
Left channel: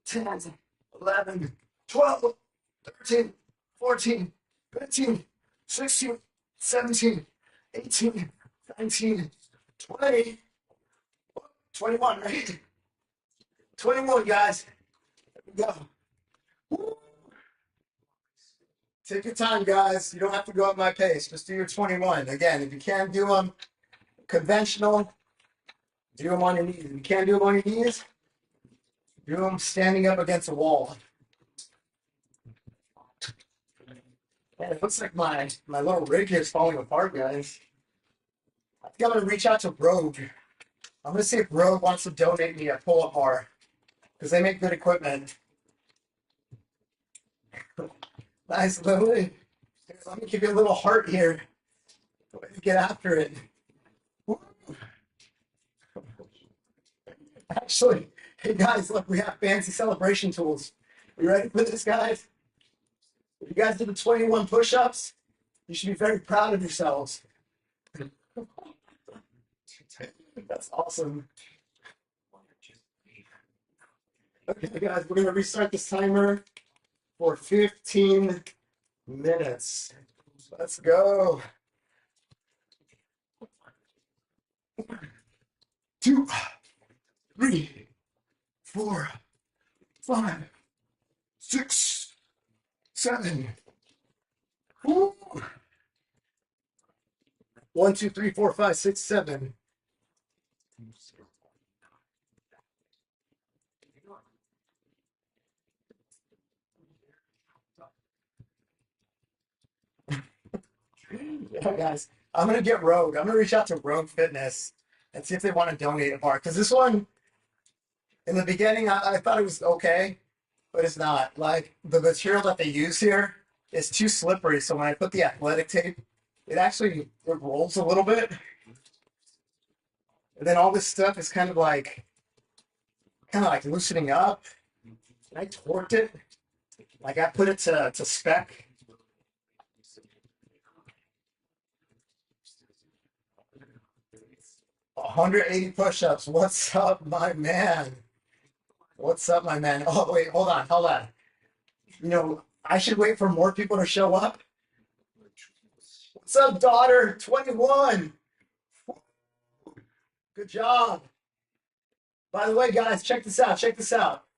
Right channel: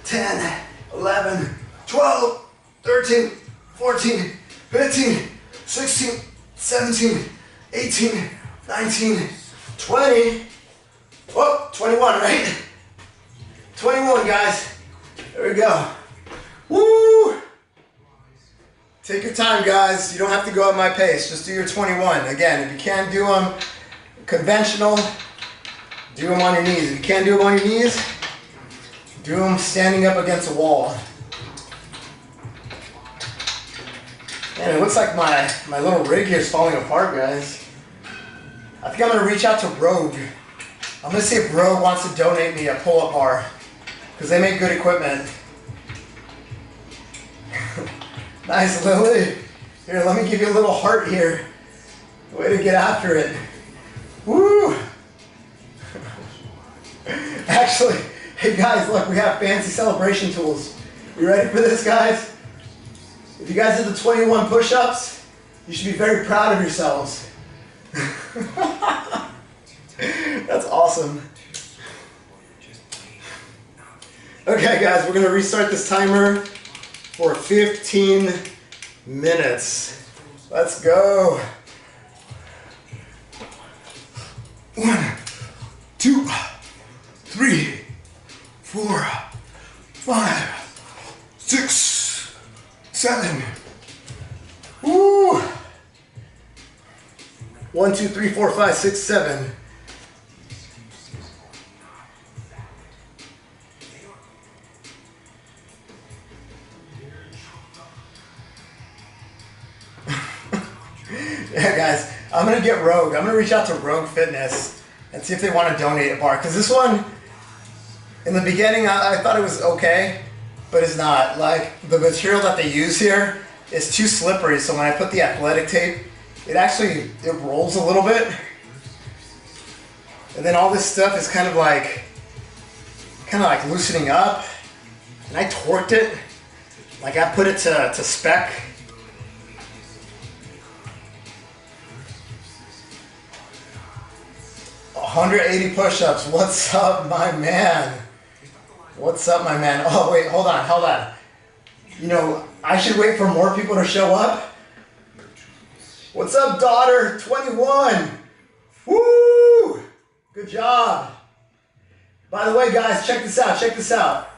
10, 11, 12, 13, 14, 15, 16, 17, 18, 19, 20. Oh, 21, right? 21, guys. There we go. Woo! Take your time, guys. You don't have to go at my pace. Just do your 21. Again, if you can't do them conventional, do them on your knees. If you can't do them on your knees, do them standing up against a wall. Man, it looks like my little rig here is falling apart, guys. I think I'm going to reach out to Rogue. I'm going to see if Rogue wants to donate me a pull-up bar, because they make good equipment. Nice, Lily. Here, let me give you a little heart here. Way to get after it. Woo! Actually, hey guys, look, we have fancy celebration tools. You ready for this, guys? If you guys did the 21 push-ups, you should be very proud of yourselves. That's awesome. Okay, guys, we're going to restart this timer for 15 minutes. Let's go. 1, 2, 3, 4, 5, 6, 7. Woo! 1, 2, 3, 4, 5, 6, 7. Yeah, guys, I'm going to get Rogue. I'm going to reach out to Rogue Fitness and see if they want to donate a bar. Because this one, in the beginning, I thought it was okay, but it's not. Like, the material that they use here is too slippery, so when I put the athletic tape, it rolls a little bit. And then all this stuff is kind of like loosening up. And I torqued it. Like, I put it to spec. $180 push-ups. What's up, my man? What's up, my man? Oh, wait, hold on. You know, I should wait for more people to show up. What's up, daughter? 21. Woo! Good job. By the way, guys, check this out.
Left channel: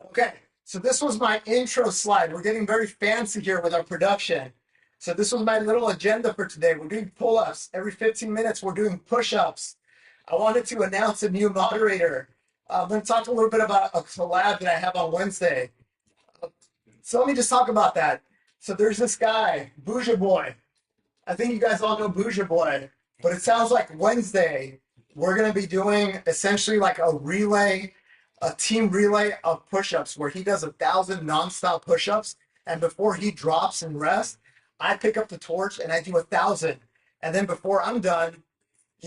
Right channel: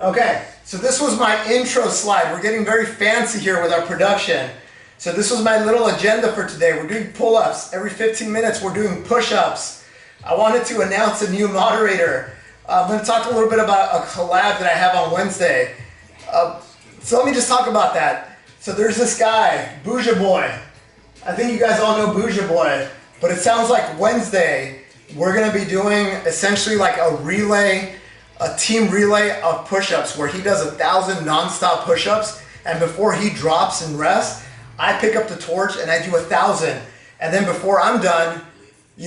Okay, so this was my intro slide. We're getting very fancy here with our production. So this was my little agenda for today. We're doing pull-ups. Every 15 minutes, we're doing push-ups. I wanted to announce a new moderator. I'm going to talk a little bit about a collab that I have on Wednesday. So let me just talk about that. So there's this guy, Bougia Boy. I think you guys all know Bougia Boy, but it sounds like Wednesday we're going to be doing essentially like a team relay of push-ups where he does 1,000 non-stop push-ups, and before he drops and rests, I pick up the torch and I do 1,000. And then before I'm done,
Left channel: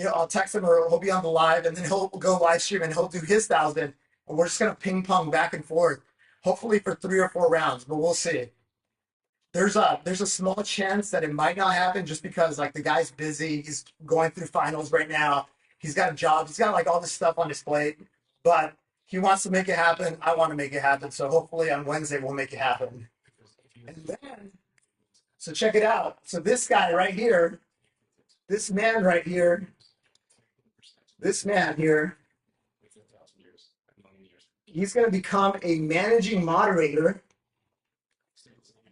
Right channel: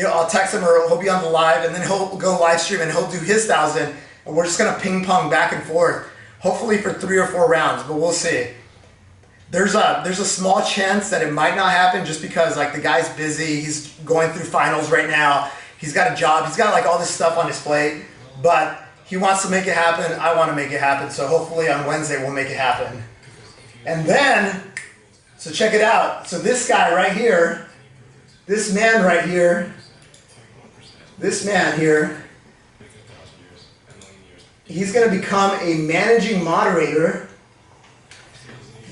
I'll text him or he'll be on the live, and then he'll go live stream and he'll do his 1,000, and we're just gonna ping pong back and forth, hopefully for 3 or 4 rounds, but we'll see. There's a small chance that it might not happen just because like the guy's busy, he's going through finals right now, he's got a job, he's got like all this stuff on his plate, but he wants to make it happen, I want to make it happen, so hopefully on Wednesday we'll make it happen. And then, so check it out, so this guy right here, this man right here, this man here, he's going to become a managing moderator.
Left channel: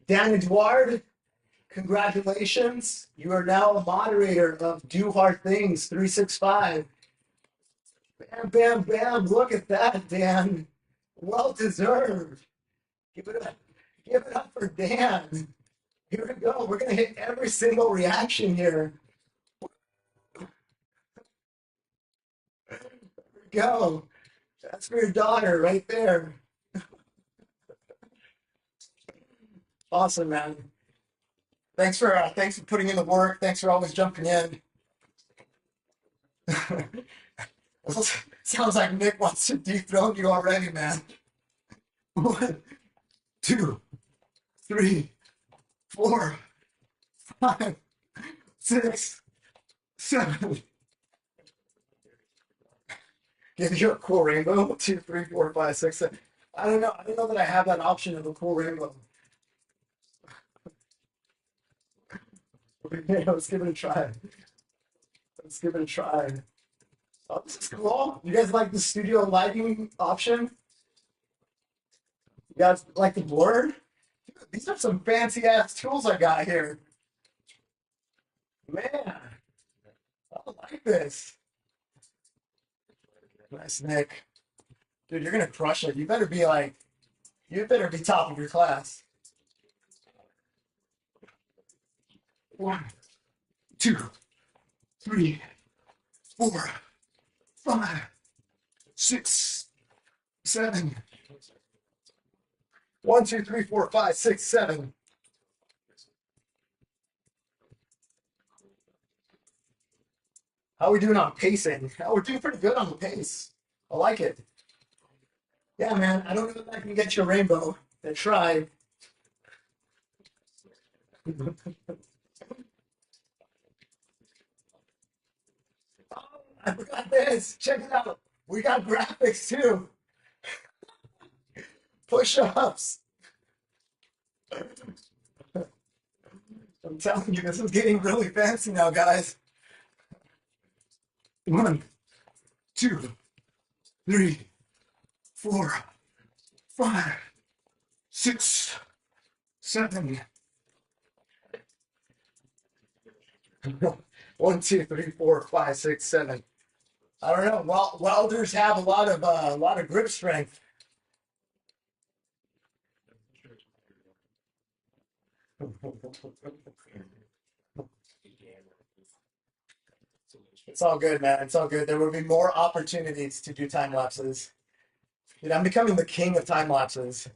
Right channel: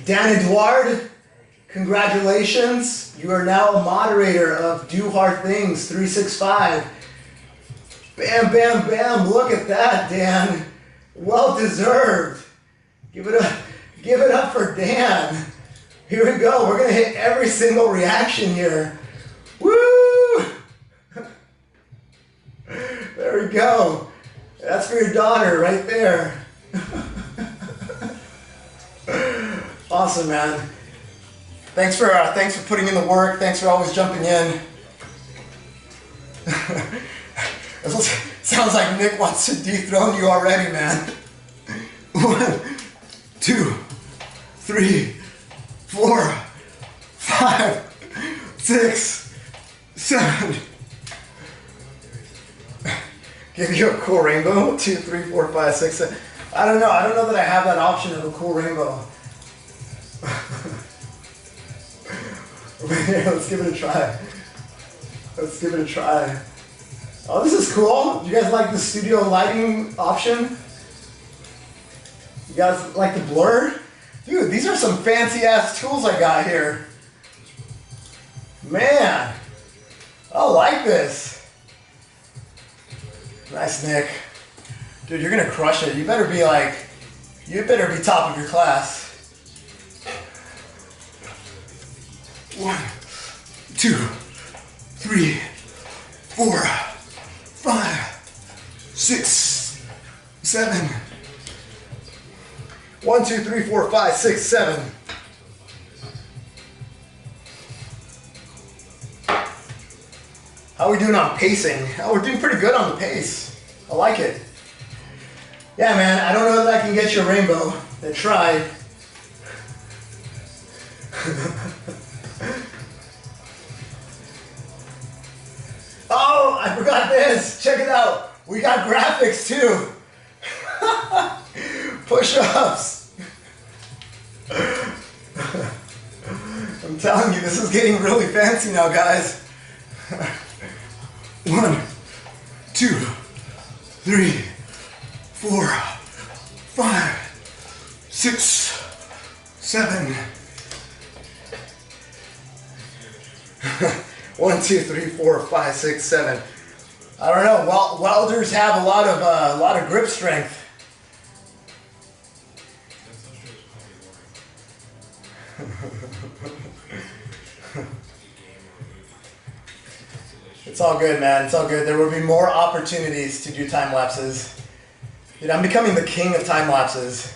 Dan Edouard, congratulations. You are now a moderator of Do Hard Things 365. Bam, bam, bam. Look at that, Dan. Well deserved. Give it up for Dan. Here we go. We're going to hit every single reaction here. Woo! There we go. That's for your daughter right there. Awesome, man. Thanks for putting in the work. Thanks for always jumping in. It sounds like Nick wants to dethrone you already, man. 1, 2, 3, 4, 5, 6, 7. Give you a cool rainbow. 2, 3, 4, 5, 6, 7. I don't know that I have that option of a cool rainbow. Let's give it a try. Let's give it a try. Oh, this is cool. You guys like the studio lighting option? You guys like the blur? Dude, these are some fancy ass tools I got here. Man, I like this. Nice, Nick. Dude, you're gonna crush it. You better be top of your class. 1, 2, 3, 4, 5, 6, 7. 1, 2, 3, 4, 5, 6, 7. How are we doing on pacing? Oh, we're doing pretty good on the pace. I like it. Yeah, man, I don't know that I can get you a rainbow. I tried. Oh, I forgot this. Check it out. We got graphics too. Push-ups. I'm telling you, this is getting really fancy now, guys. 1, 2, 3, 4, 5, 6, 7. 1, 2, 3, 4, 5, 6, 7. I don't know. Welders have a lot of grip strength. It's all good, man. It's all good. There will be more opportunities to do time lapses. Dude, I'm becoming the king of time lapses.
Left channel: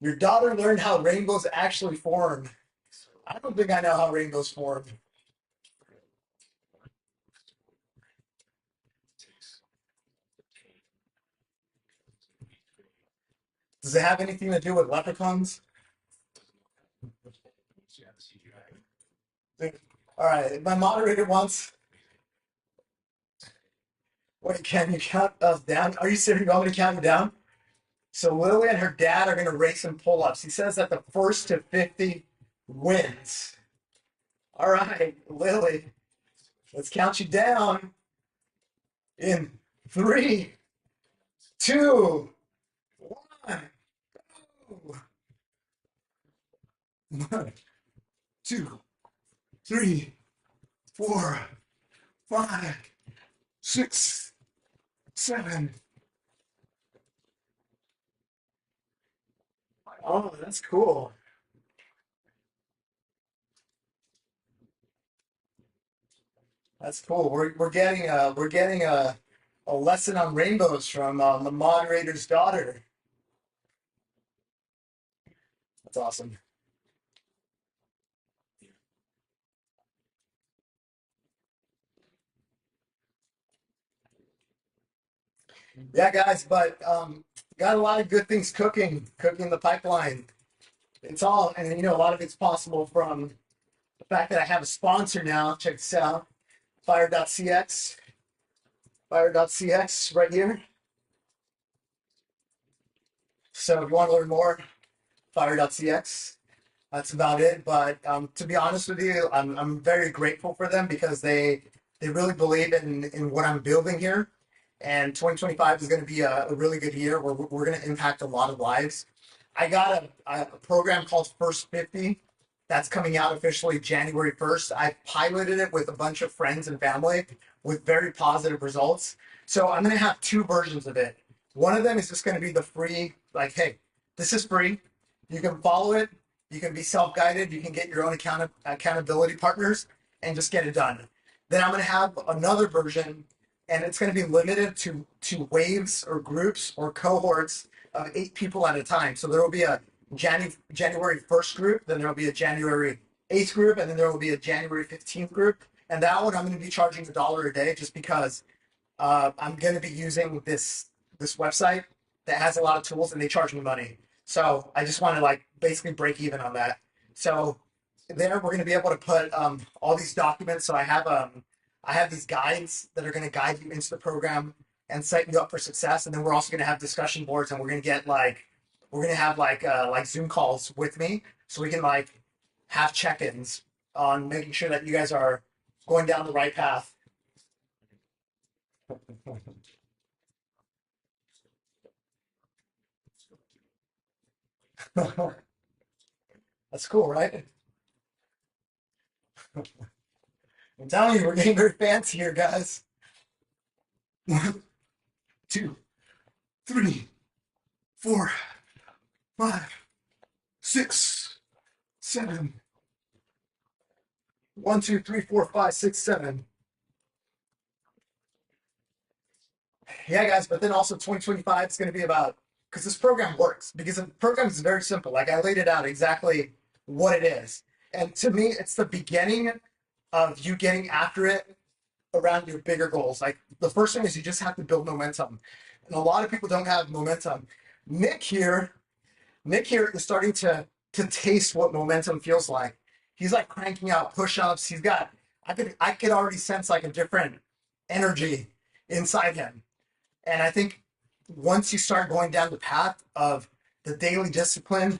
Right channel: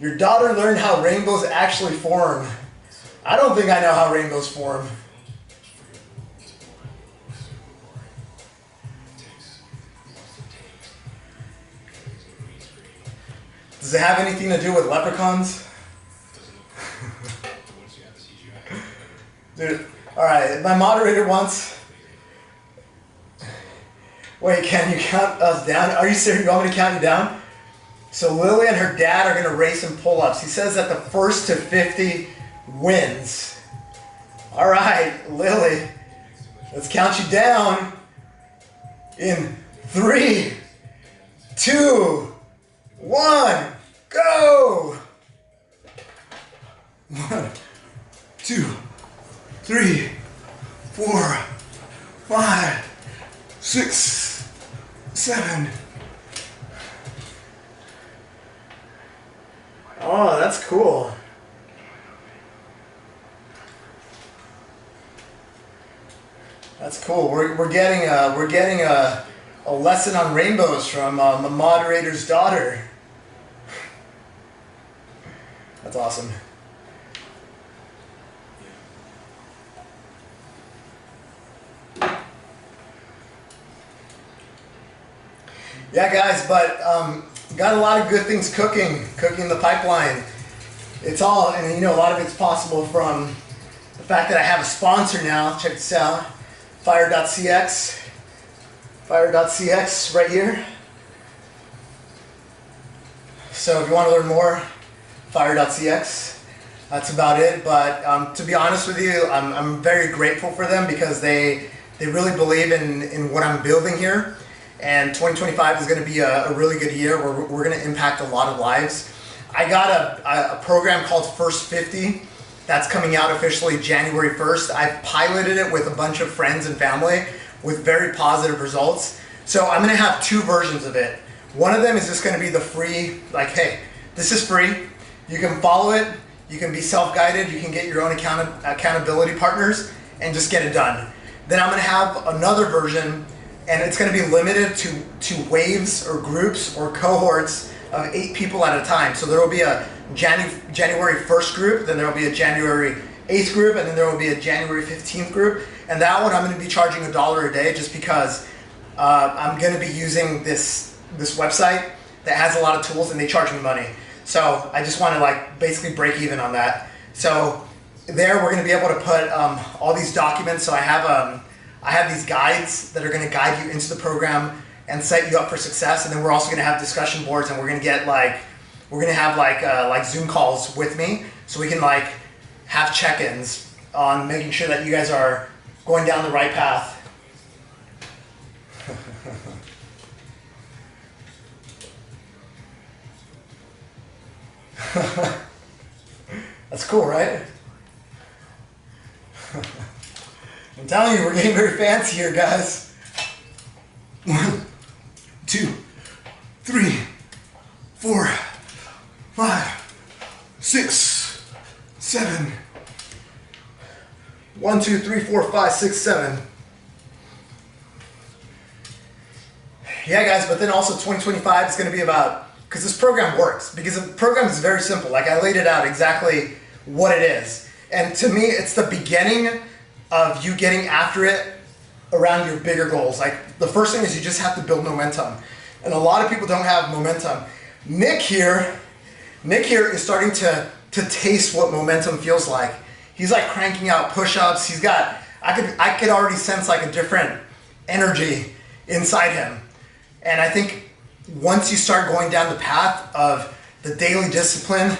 Your daughter learned how rainbows actually form. I don't think I know how rainbows form. Does it have anything to do with leprechauns? Dude, alright, my moderator wants... Wait, can you count us down? Are you serious? You want me to count you down? So Lily and her dad are going to race in pull-ups. He says that the first to 50 wins. Alright, Lily, let's count you down in 3, 2, 1, go! 1, 2, 3, 4, 5, 6, 7. Oh, that's cool. That's cool. We're getting a lesson on rainbows from the moderator's daughter. That's awesome. Yeah, guys, but got a lot of good things cooking in the pipeline. It's all, and you know, a lot of it's possible from the fact that I have a sponsor now. Check this out, Fire.cx, Fire.cx right here. So if you want to learn more, Fire.cx. That's about it. But to be honest with you, I'm very grateful for them because they really believe in what I'm building here. And 2025 is going to be a really good year where we're going to impact a lot of lives. I got a program called First 50 that's coming out officially January 1st. I piloted it with a bunch of friends and family with very positive results. So I'm going to have two versions of it. One of them is just going to be the free, like, hey, this is free. You can follow it. You can be self-guided. You can get your own accountability partners and just get it done. Then I'm going to have another version, and it's going to be limited to waves or groups or cohorts of 8 people at a time. So there will be a January 1st group, then there will be a January 8th group, and then there will be a January 15th group. And that one I'm going to be charging $1 a day just because I'm going to be using this website that has a lot of tools and they charge me money. So I just want to like basically break even on that. So there we're going to be able to put all these documents. So I have these guides that are going to guide you into the program and set you up for success. And then we're also going to have discussion boards, and we're going to have Zoom calls with me, so we can like have check-ins on making sure that you guys are going down the right path. That's cool, right? I'm telling you, we're getting very fancy here, guys. 1, 2, 3, 4, 5, 6, 7. 1, 2, 3, 4, 5, 6, 7. Yeah, guys, but then also 2025 is going to be about, because this program works, because the program is very simple. Like I laid it out exactly what it is. And to me, it's the beginning of you getting after it around your bigger goals. Like the first thing is you just have to build momentum. And a lot of people don't have momentum. Nick here is starting to taste what momentum feels like. He's like cranking out push-ups. He's got, I could already sense like a different energy inside him. And I think once you start going down the path of the daily discipline,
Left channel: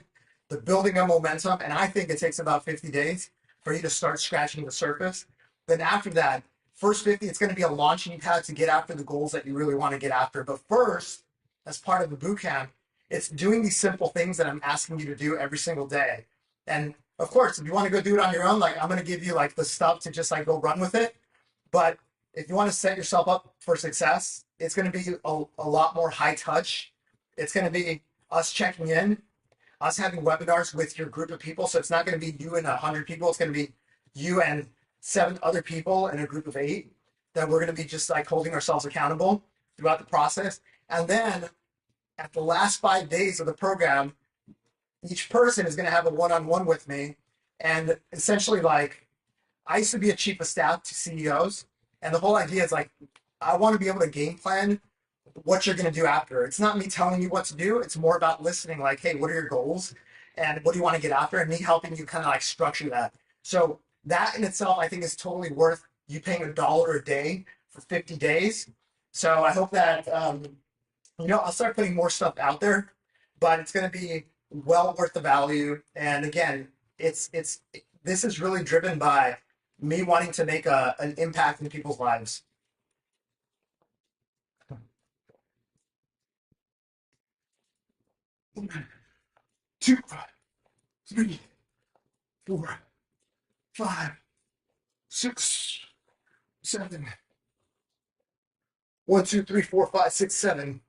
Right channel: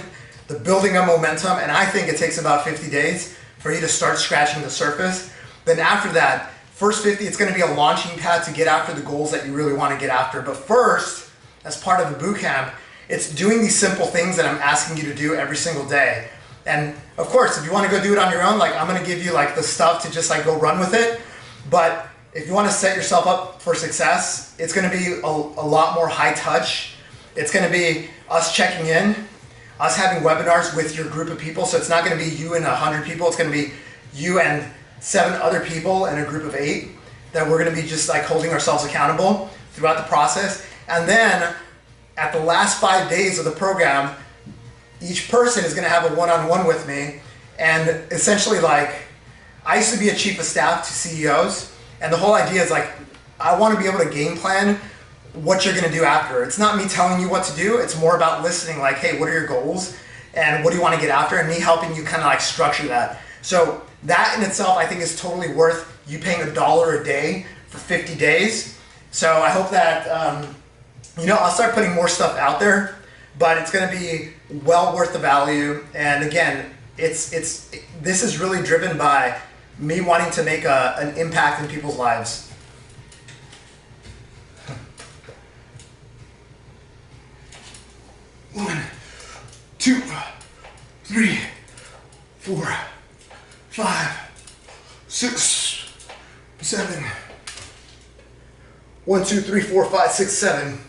the building of momentum, and I think it takes about 50 days for you to start scratching the surface, then after that, first 50, it's going to be a launching pad to get after the goals that you really want to get after. But first, as part of the boot camp, it's doing these simple things that I'm asking you to do every single day. And of course, if you want to go do it on your own, like I'm going to give you like the stuff to just like go run with it. But if you want to set yourself up for success, it's going to be a lot more high touch. It's going to be us checking in, us having webinars with your group of people. So it's not going to be you and 100 people. It's going to be you and 7 other people in a group of 8 that we're going to be just like holding ourselves accountable throughout the process. And then at the last 5 days of the program, each person is going to have a one-on-one with me. And essentially, like, I used to be a chief of staff to CEOs, and the whole idea is like, I want to be able to game plan what you're going to do after. It's not me telling you what to do. It's more about listening, like, hey, what are your goals and what do you want to get after, and me helping you kind of like structure that. So that in itself, I think, is totally worth you paying $1 a day for 50 days. So I hope that, I'll start putting more stuff out there, but it's going to be well worth the value. And again, this is really driven by me wanting to make an impact in people's lives. One, 2, 3, 4, 5, 6, 7. 1, 2, 3, 4, 5, 6, 7.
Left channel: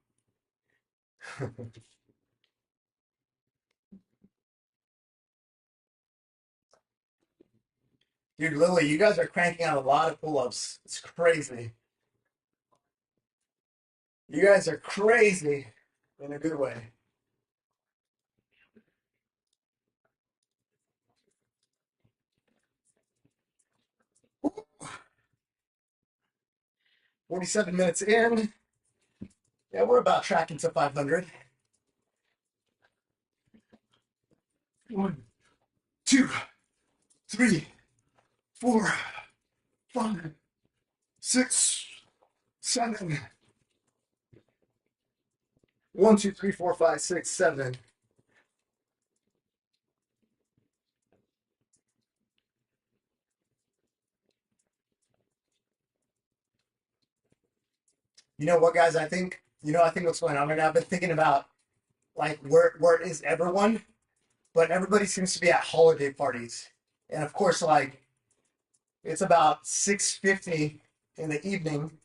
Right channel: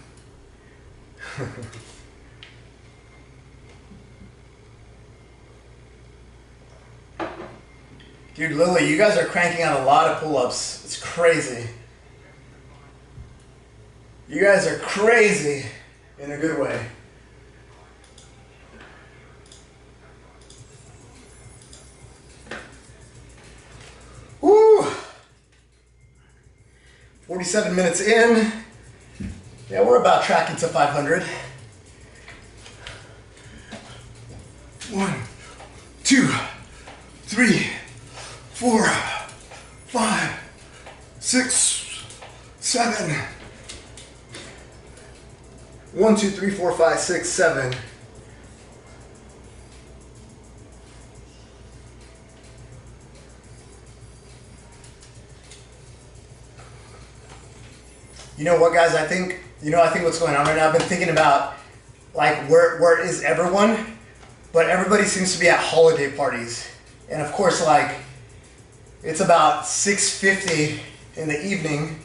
Dude, Lily, you guys are cranking out a lot of pull-ups. It's crazy. You guys are crazy in a good way. Woo! 47 minutes in. Yeah, we're about tracking to 500. 1, 2, 3, 4, 5, 6, 7. 1, 2, 3, 4, 5, 6, 7. You know what, guys? I think what's going on right now. I've been thinking about like where is everyone, but everybody seems to be at holiday parties, and of course, like it's about 6:50 in the evening.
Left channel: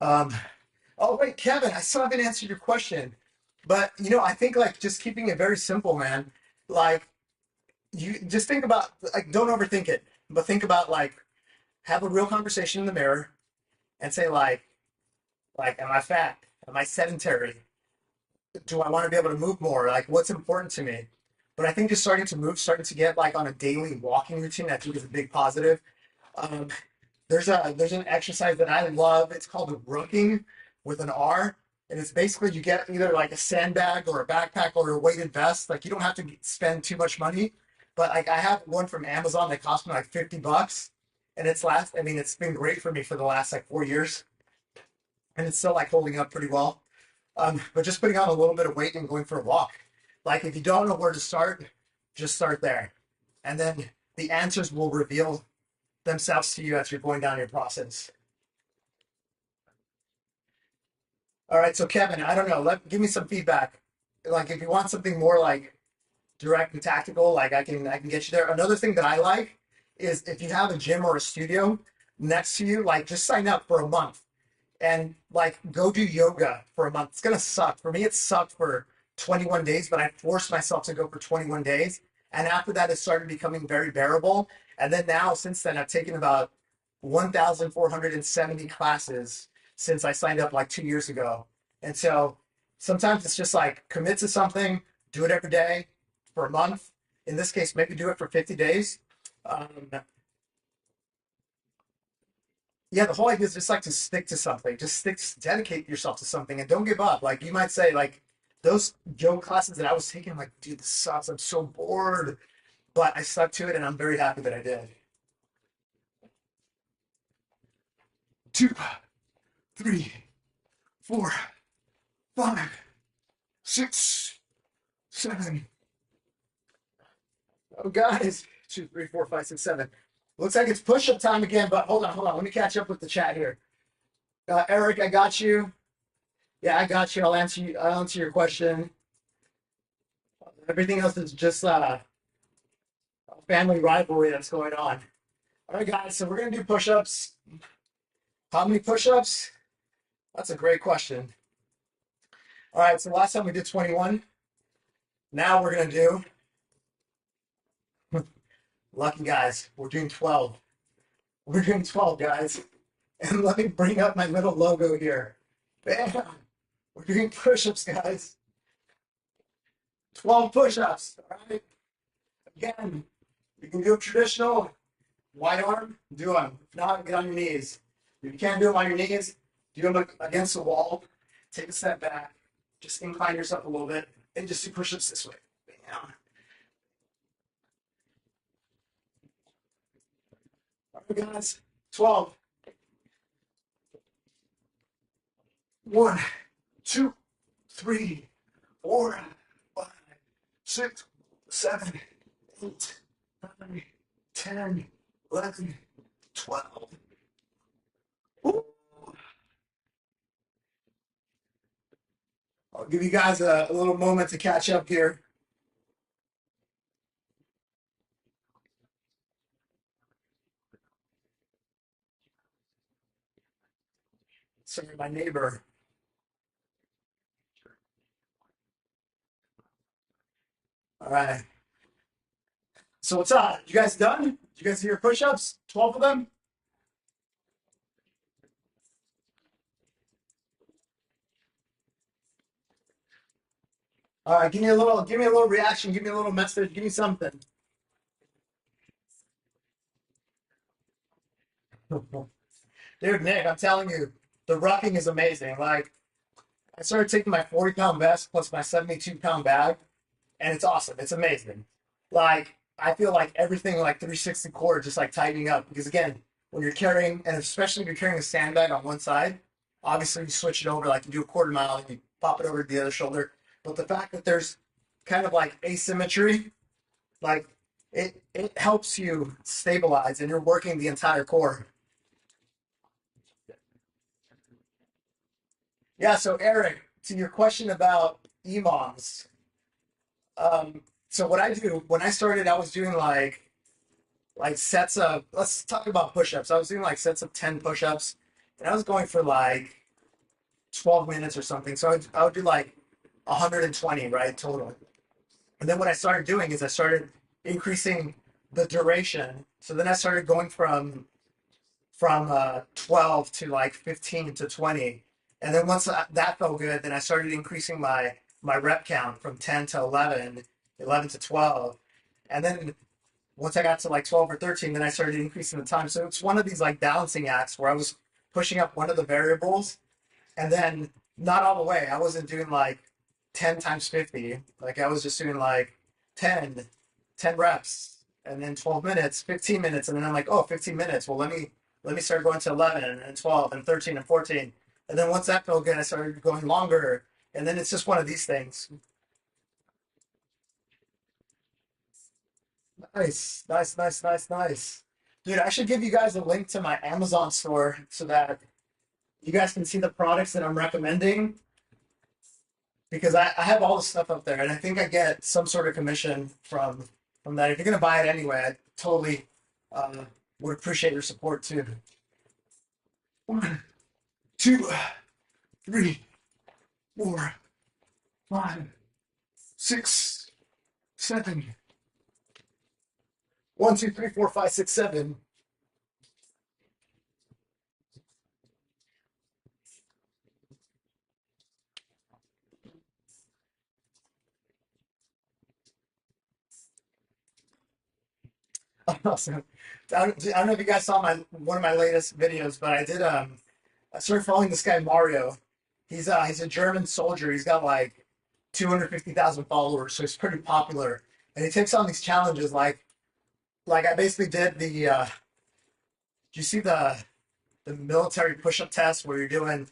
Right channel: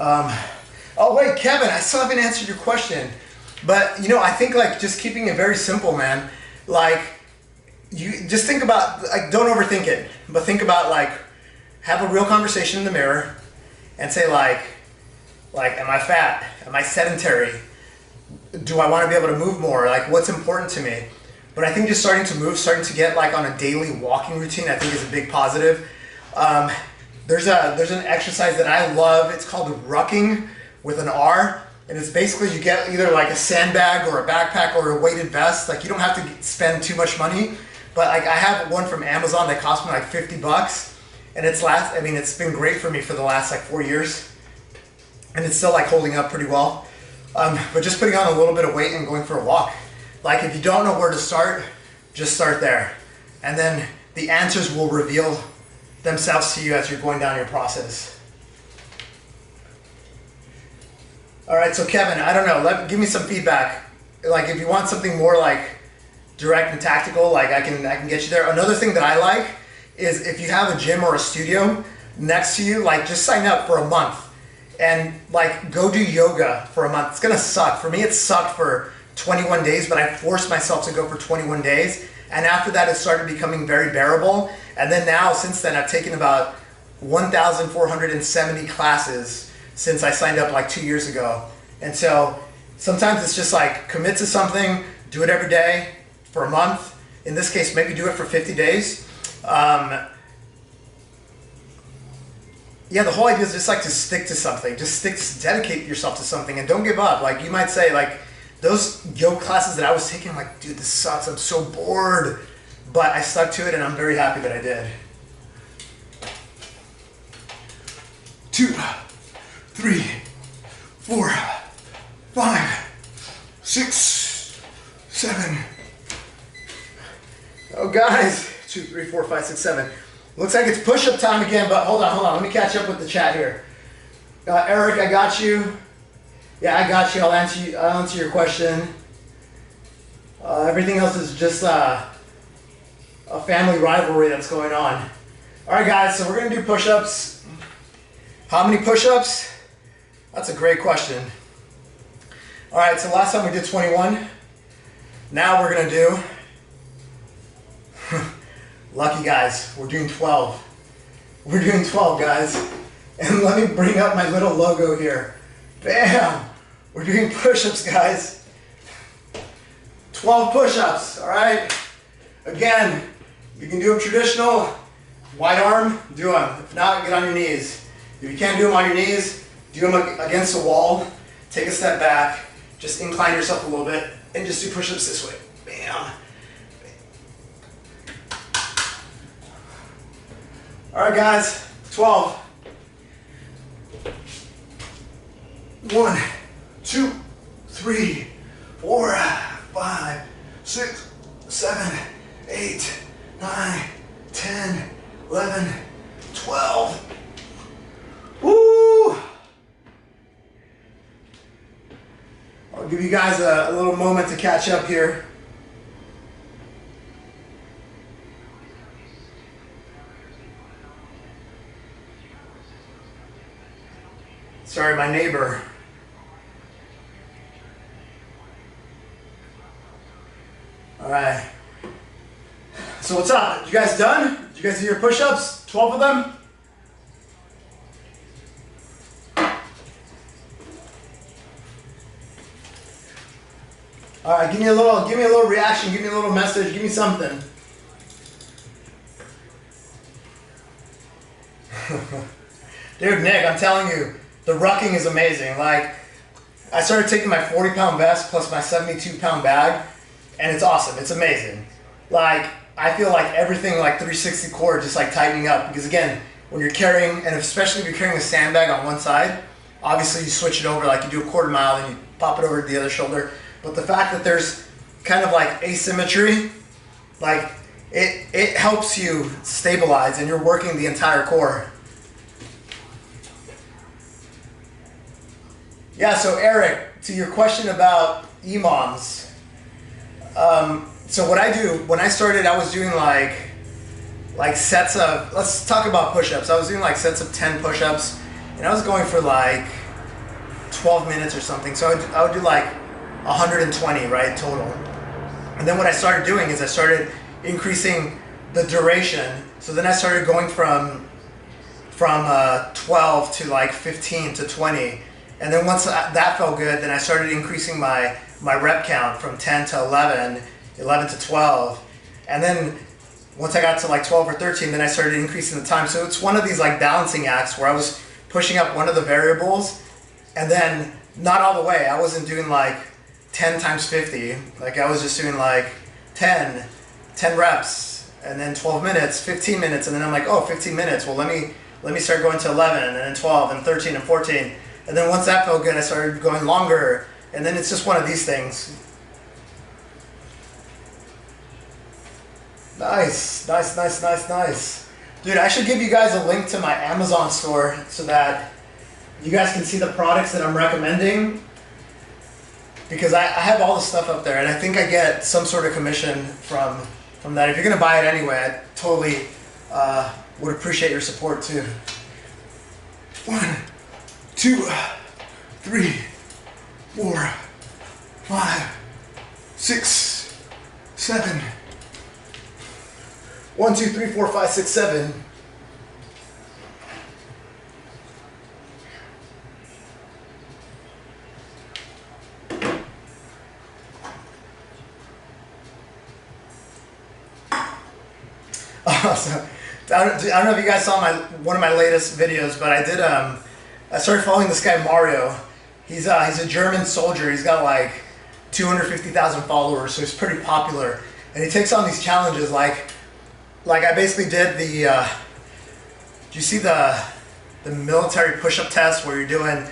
Oh wait, Kevin, I still haven't answered your question, but I think like just keeping it very simple, man. Like you just think about like don't overthink it, but think about like. Have a real conversation in the mirror and say like, am I fat? Am I sedentary? Do I want to be able to move more? Like what's important to me? But I think just starting to move, starting to get like on a daily walking routine, I think is a big positive. There's an exercise that I love. It's called rucking with an R. And it's basically you get either like a sandbag or a backpack or a weighted vest. Like you don't have to spend too much money. But like I have one from Amazon that cost me like $50. And it's been great for me for the last like 4 years, and it's still like holding up pretty well. But just putting on a little bit of weight and going for a walk. Like if you don't know where to start, just start there, and then the answers will reveal themselves to you as you're going down your process. All right, so Kevin, I don't know. Give me some feedback. Like if you want something more like direct and tactical, like I can get you there. Another thing that I like is if you have a gym or a studio next to you, like just sign up for a month and like go do yoga for a month. It's gonna suck. For me, it sucked for 21 days, but I forced myself to go for 21 days. And after that, it started becoming very bearable. And then now, since then, I've taken about 1,470 classes since I signed up like 2 years ago. And so sometimes it's just like commit to something, do it every day for a month. In this case, maybe do it for 50 days. Yeah, the whole idea is just like to stick to something. Just dedicate yourself to something and don't give up. Like you might say like those yoga classes that I was taking, I'm like, dude, this sucks. I'm so bored. But I stuck to it and I'm very happy that I did. 2, 3, 4, 5, 6, 7. Oh guys. 2, 3, 4, 5, 6, 7. Looks like it's push-up time again, but hold on. Let me catch up with the chat here. Eric, I got you. Yeah, I got you. I'll answer your question. Everything else is just a family rivalry that's going on. All right, guys. So we're gonna do push-ups. How many push-ups? That's a great question. All right. So last time we did 21. Now we're gonna do. Lucky guys, we're doing 12. We're doing 12, guys. And let me bring up my little logo here. Bam! We're doing push-ups, guys. 12 push-ups, all right? Again, you can do them traditional, wide arm, do them. If not, get on your knees. If you can't do them on your knees, do them against the wall. Take a step back, just incline yourself a little bit, and just do push-ups this way. Bam! All right, guys, 12. 1, 2, 3, 4, 5, 6, 7, 8, 9, 10, 11, 12. Woo! I'll give you guys a little moment to catch up here. Sorry, my neighbor. All right. So what's up? You guys done? Did you guys do your push-ups? 12 of them? All right, give me a little reaction, give me a little message, give me something. Dude, Nick, I'm telling you, the rucking is amazing. Like, I started taking my 40-pound vest plus my 72-pound bag, and it's awesome. It's amazing. Like, I feel like everything, like 360 core, just like tightening up. Because again, when you're carrying, and especially if you're carrying a sandbag on one side, obviously you switch it over, like you do a quarter mile, then you pop it over to the other shoulder. But the fact that there's kind of like asymmetry, like it helps you stabilize, and you're working the entire core. Yeah, so Eric, to your question about EMOMs, so what I do, when I started, I was doing like sets of, let's talk about push-ups. I was doing like sets of 10 push-ups, and I was going for like 12 minutes or something. So I would do like 120, right, total. And then what I started doing is I started increasing the duration. So then I started going from 12 to like 15 to 20. And then once that felt good, then I started increasing my rep count from 10 to 11, 11 to 12. And then once I got to like 12 or 13, then I started increasing the time. So it's one of these like balancing acts where I was pushing up one of the variables, and then not all the way. I wasn't doing like 10 times 50. Like I was just doing like 10 reps, and then 12 minutes, 15 minutes. And then I'm like, oh, 15 minutes. Well, let me start going to 11 and then 12 and 13 and 14. And then once that felt good, I started going longer. And then it's just one of these things. Nice. Dude, I should give you guys a link to my Amazon store so that you guys can see the products that I'm recommending. Because I have all the stuff up there, and I think I get some sort of commission from that. If you're going to buy it anyway, I totally would appreciate your support too. 1, 2, 3, 4, 5, 6, 7. 1, 2, 3, 4, 5, 6, 7. So, I don't know if you guys saw one of my latest videos, but I did. I started following this guy Mario. He's a German soldier. He's got like 250,000 followers, so he's pretty popular. And he takes on these challenges like I basically did the. Do you see the military push-up test where you're doing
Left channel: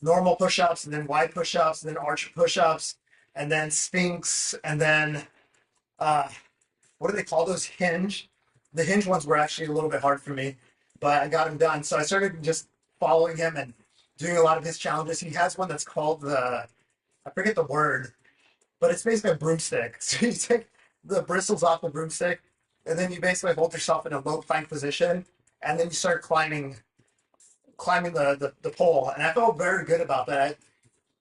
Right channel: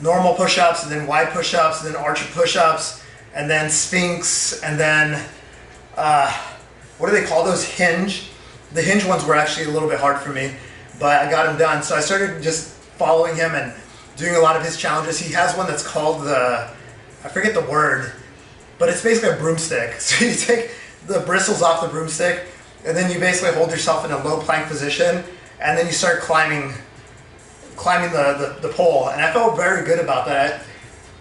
normal push-ups and then wide push-ups and then archer push-ups and then Sphinx and then what do they call those? Hinge. The hinge ones were actually a little bit hard for me, but I got them done. So I started just following him and doing a lot of his challenges. He has one that's called I forget the word, but it's basically a broomstick. So you take the bristles off the broomstick, and then you basically hold yourself in a low plank position, and then you start climbing the pole. And I felt very good about that.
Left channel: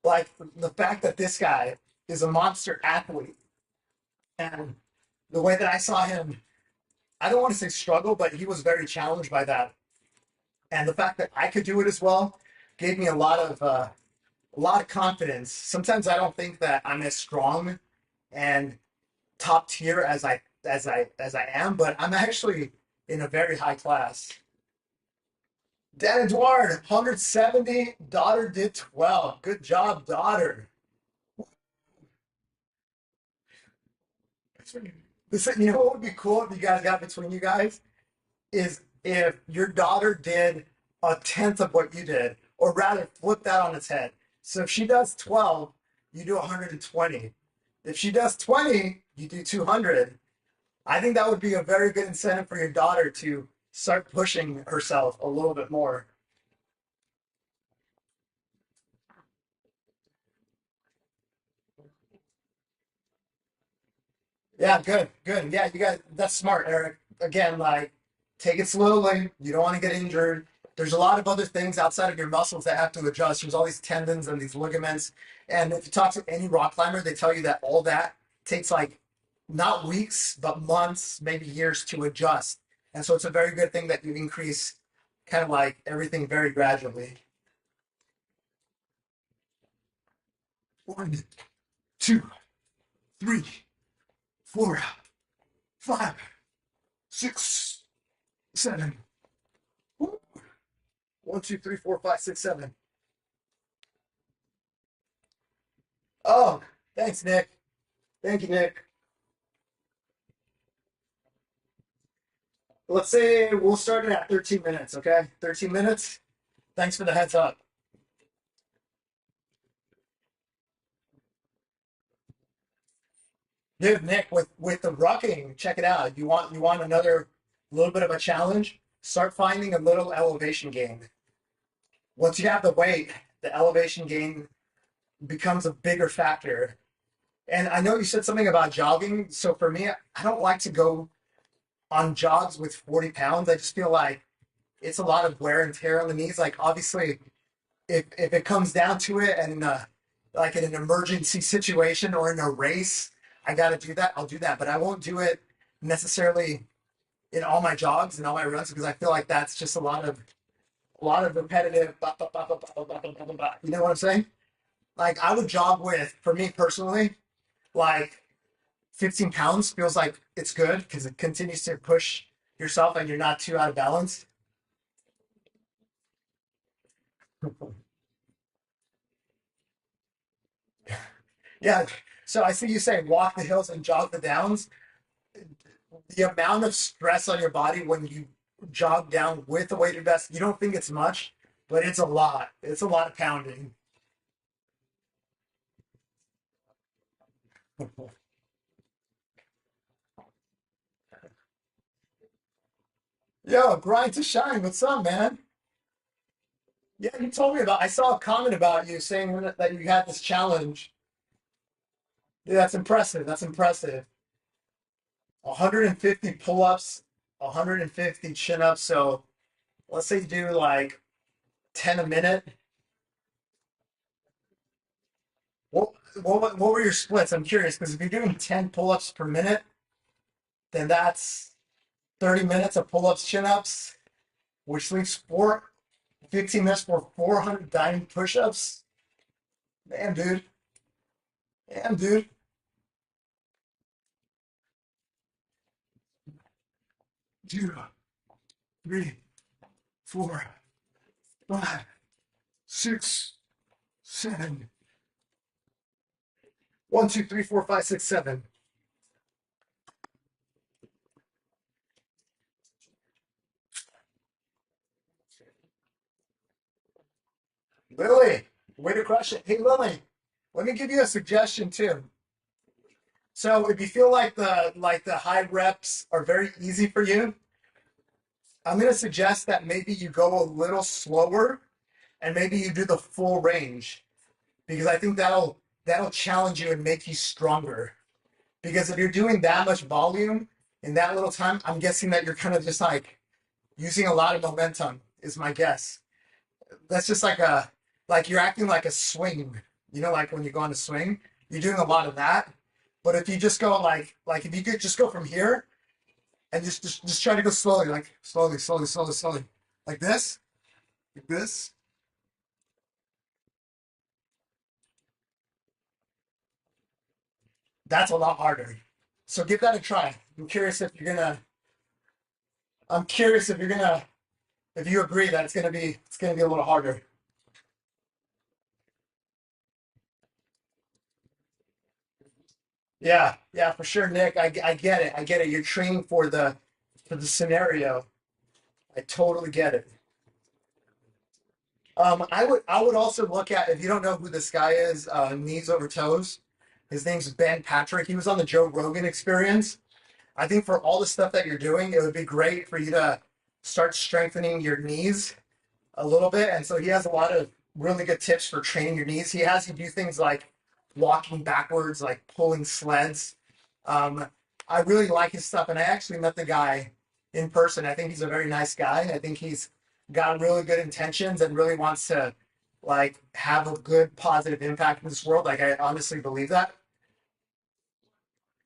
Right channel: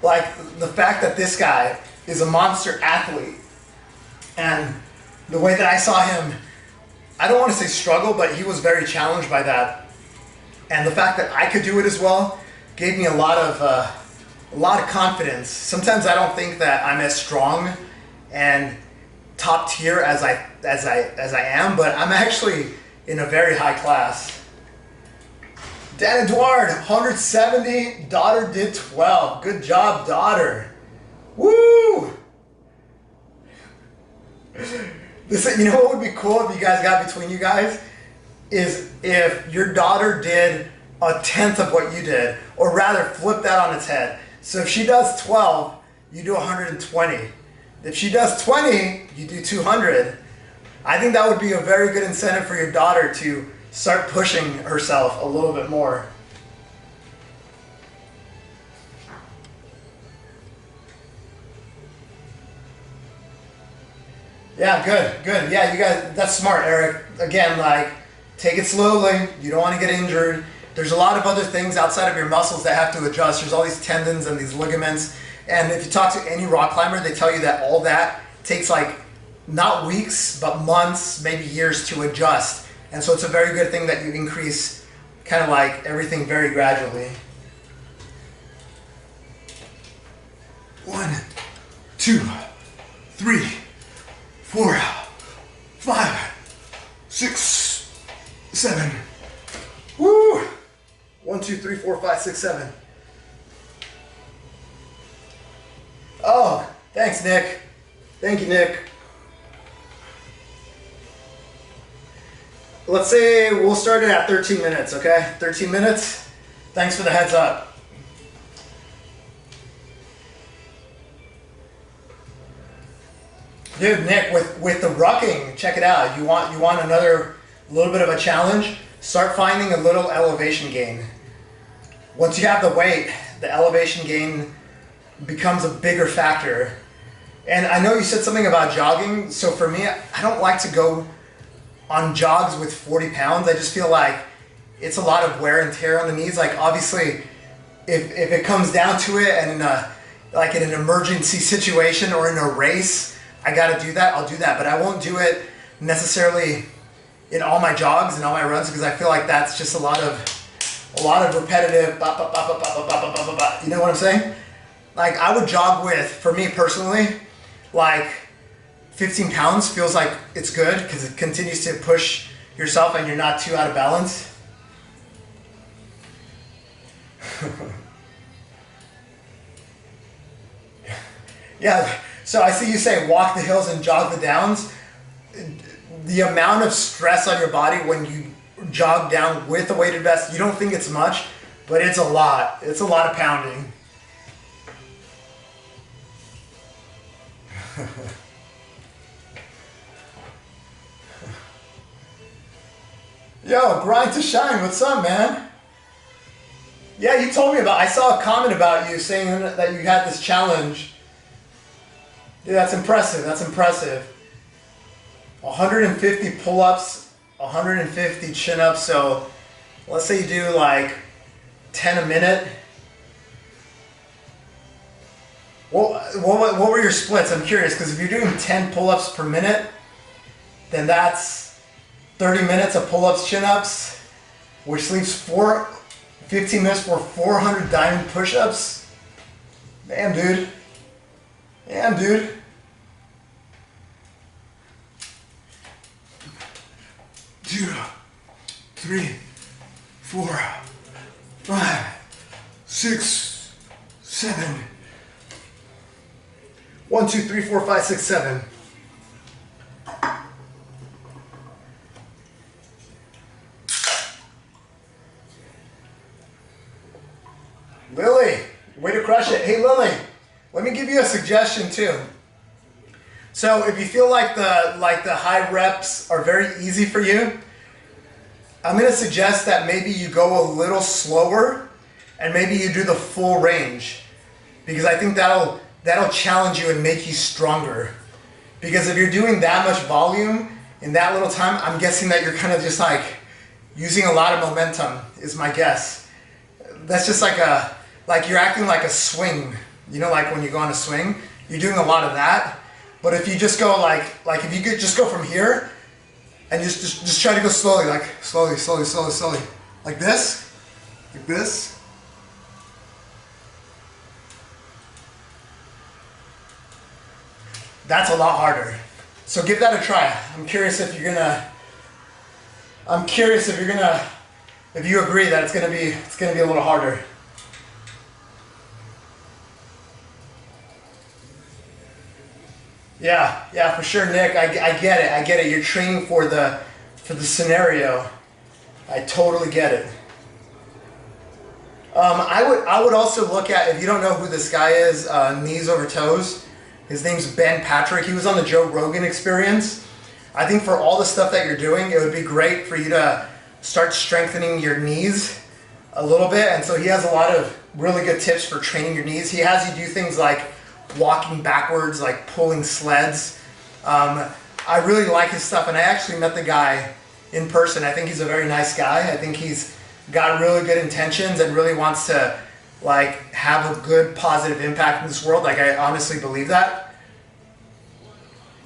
Like the fact that this guy is a monster athlete, and the way that I saw him, I don't want to say struggle, but he was very challenged by that. And the fact that I could do it as well gave me a lot of confidence. Sometimes I don't think that I'm as strong and top tier as I am, but I'm actually in a very high class. Dan Edouard, 170. Daughter did 12. Good job, daughter. Woo! Listen, you know what would be cool if you guys got between you guys? Is if your daughter did 1/10 of what you did, or rather flip that on its head. So if she does 12, you do 120. If she does 20, you do 200. I think that would be a very good incentive for your daughter to start pushing herself a little bit more. Yeah, good. Yeah, you guys, that's smart, Eric. Again, like, take it slowly. You don't want to get injured. There's a lot of other things outside of your muscles that have to adjust. There's all these tendons and these ligaments. And if you talk to any rock climber, they tell you that all that takes like, not weeks, but months, maybe years to adjust. And so it's a very good thing that you increase kind of like everything very gradually. 1, 2, 3, 4, 5, 6, 7. Woo! 1, 2, 3, 4, 5, 6, 7. Oh, thanks, Nick. Thank you, Nick. Let's say we'll start it at 13 minutes, okay? 13 minutes. Thanks for the heads up. Dude, Nick, with the rucking, check it out. You want another little bit of a challenge? Start finding a little elevation gain. Once you have the weight, the elevation gain becomes a bigger factor. And I know you said something about jogging. So for me, I don't like to go on jogs with 40 pounds. I just feel like it's a lot of wear and tear on the knees. Like obviously, if it comes down to it and like in an emergency situation or in a race, I gotta do that, I'll do that. But I won't do it necessarily in all my jogs and all my runs because I feel like that's just a lot of repetitive, you know what I'm saying? Like I would jog with, for me personally, like 15 pounds feels like it's good because it continues to push yourself and you're not too out of balance. Yeah, so I see you say walk the hills and jog the downs. The amount of stress on your body when you jog down with a weighted vest, you don't think it's much, but it's a lot. It's a lot of pounding. Yo, Grind to Shine, what's up, man? Yeah, you told me about, I saw a comment about you saying that you had this challenge. Dude, that's impressive, that's impressive. 150 pull-ups, 150 chin-ups, so let's say you do like 10 a minute. What were your splits? I'm curious, because if you're doing 10 pull-ups per minute, then that's 30 minutes of pull-ups, chin-ups, which leaves 15 minutes for 400 diamond push-ups. Damn, dude. Damn, dude. Two, 3, 4, 5, 6, 7. 1, 2, 3, 4, 5, 6, 7. Lily, way to crush it. Hey Lily, let me give you a suggestion too. So if you feel like the high reps are very easy for you, I'm gonna suggest that maybe you go a little slower and maybe you do the full range, because I think that'll challenge you and make you stronger. Because if you're doing that much volume in that little time, I'm guessing that you're kind of just like using a lot of momentum is my guess. That's just like you're acting like a swing. You know, like when you go on a swing, you're doing a lot of that. But if you just go like if you could just go from here and just try to go slowly, like slowly, like this, that's a lot harder. So give that a try. I'm curious if you agree that it's gonna be a little harder. Yeah, for sure, Nick. I get it. You're training for the scenario. I totally get it. I would also look at, if you don't know who this guy is, Knees Over Toes. His name's Ben Patrick. He was on the Joe Rogan Experience. I think for all the stuff that you're doing, it would be great for you to start strengthening your knees a little bit. And so he has a lot of really good tips for training your knees. He has you do things like walking backwards, like pulling sleds. I really like his stuff, and I actually met the guy in person. I think he's a very nice guy. I think he's got really good intentions and really wants to like have a good positive impact in this world. Like I honestly believe that.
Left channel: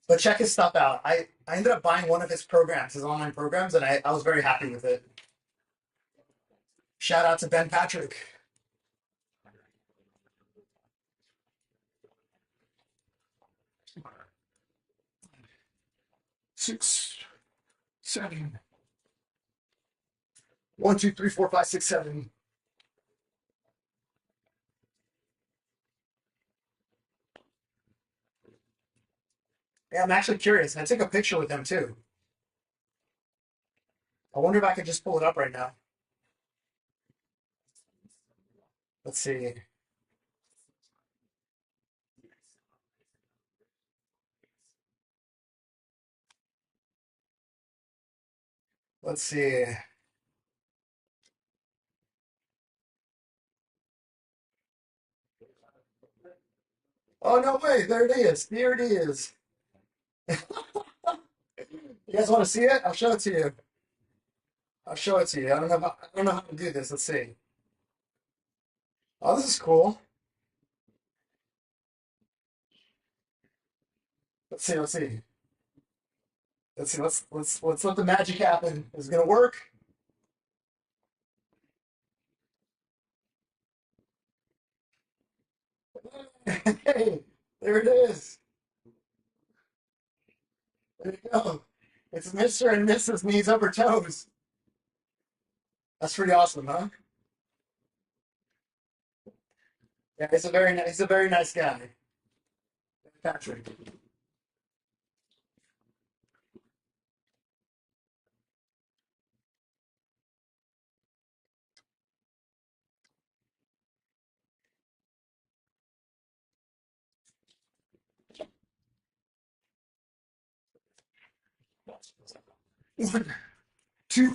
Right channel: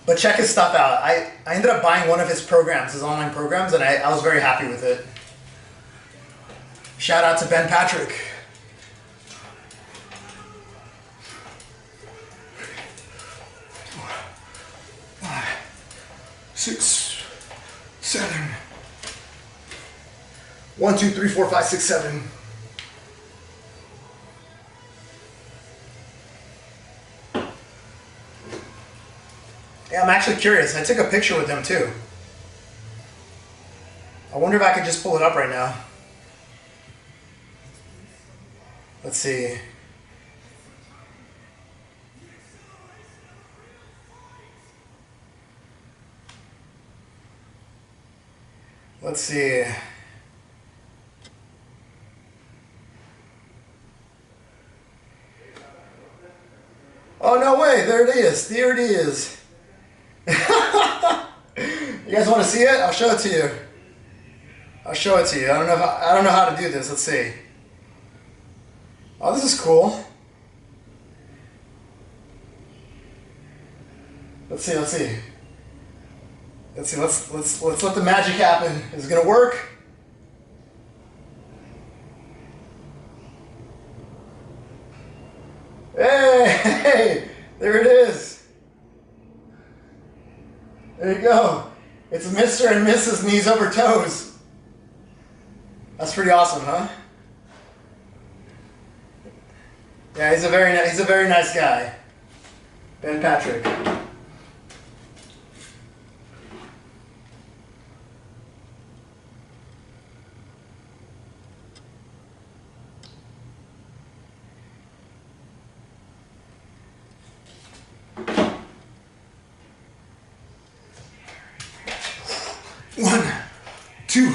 But check his stuff out. I ended up buying one of his programs, his online programs, and I was very happy with it. Shout out to Ben Patrick. 5, 6, 7. 1, 2, 3, 4, 5, 6, 7. Yeah, I'm actually curious. I took a picture with him too. I wonder if I could just pull it up right now. Let's see. Let's see. Oh, no way. There it is. There it is. You guys want to see it? I'll show it to you. I'll show it to you. I don't know how to do this. Let's see. Oh, this is cool. Let's see. Let's see. Let's see. Let's let the magic happen. Is it gonna work? Hey, there it is. There you go. It's Mr. and Mrs. Knees Over Toes. That's pretty awesome, huh? Yeah, he's a very nice guy. Ben Patrick. One, two,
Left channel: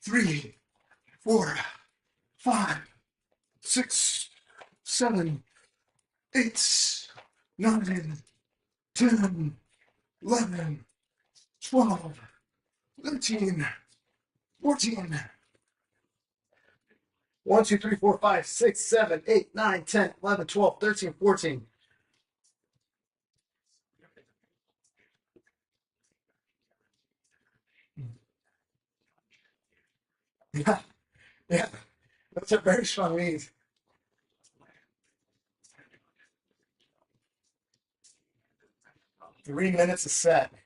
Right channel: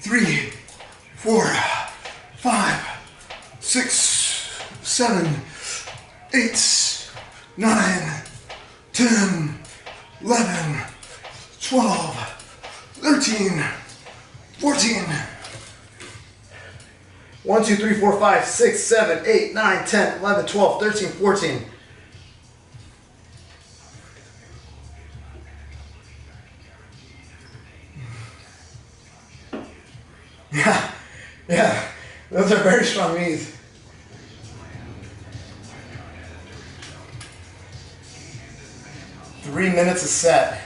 three, 4, 5, 6, 7, 8, 9, 10, 11, 12, 13, 14. 1, 2, 3, 4, 5, 6, 7, 8, 9, 10, 11, 12, 13, 14. Yeah, those are very strong knees. Three minutes a set.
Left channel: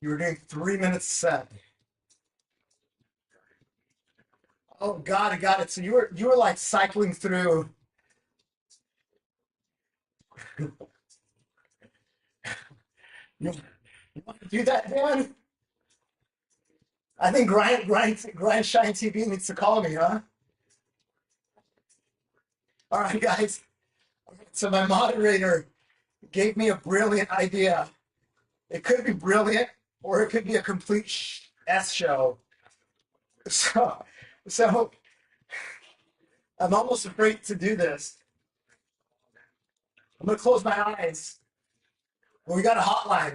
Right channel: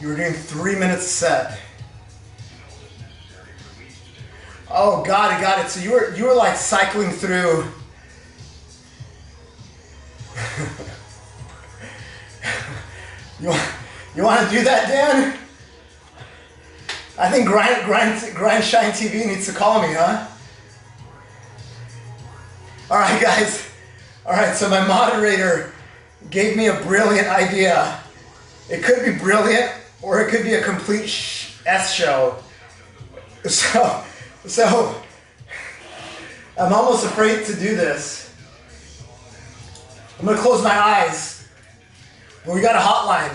You were doing 3 minutes a set. Oh, got it. So you were like cycling through. you want to do that, Dan? I think Grind Shine TV needs to call me, huh? All right, guys. All right, so my moderator gave me a brilliant idea. It could be brilliant, or it could be a complete S show. So I'm almost afraid to do this. I'm gonna close my eyes. But we got a hotline.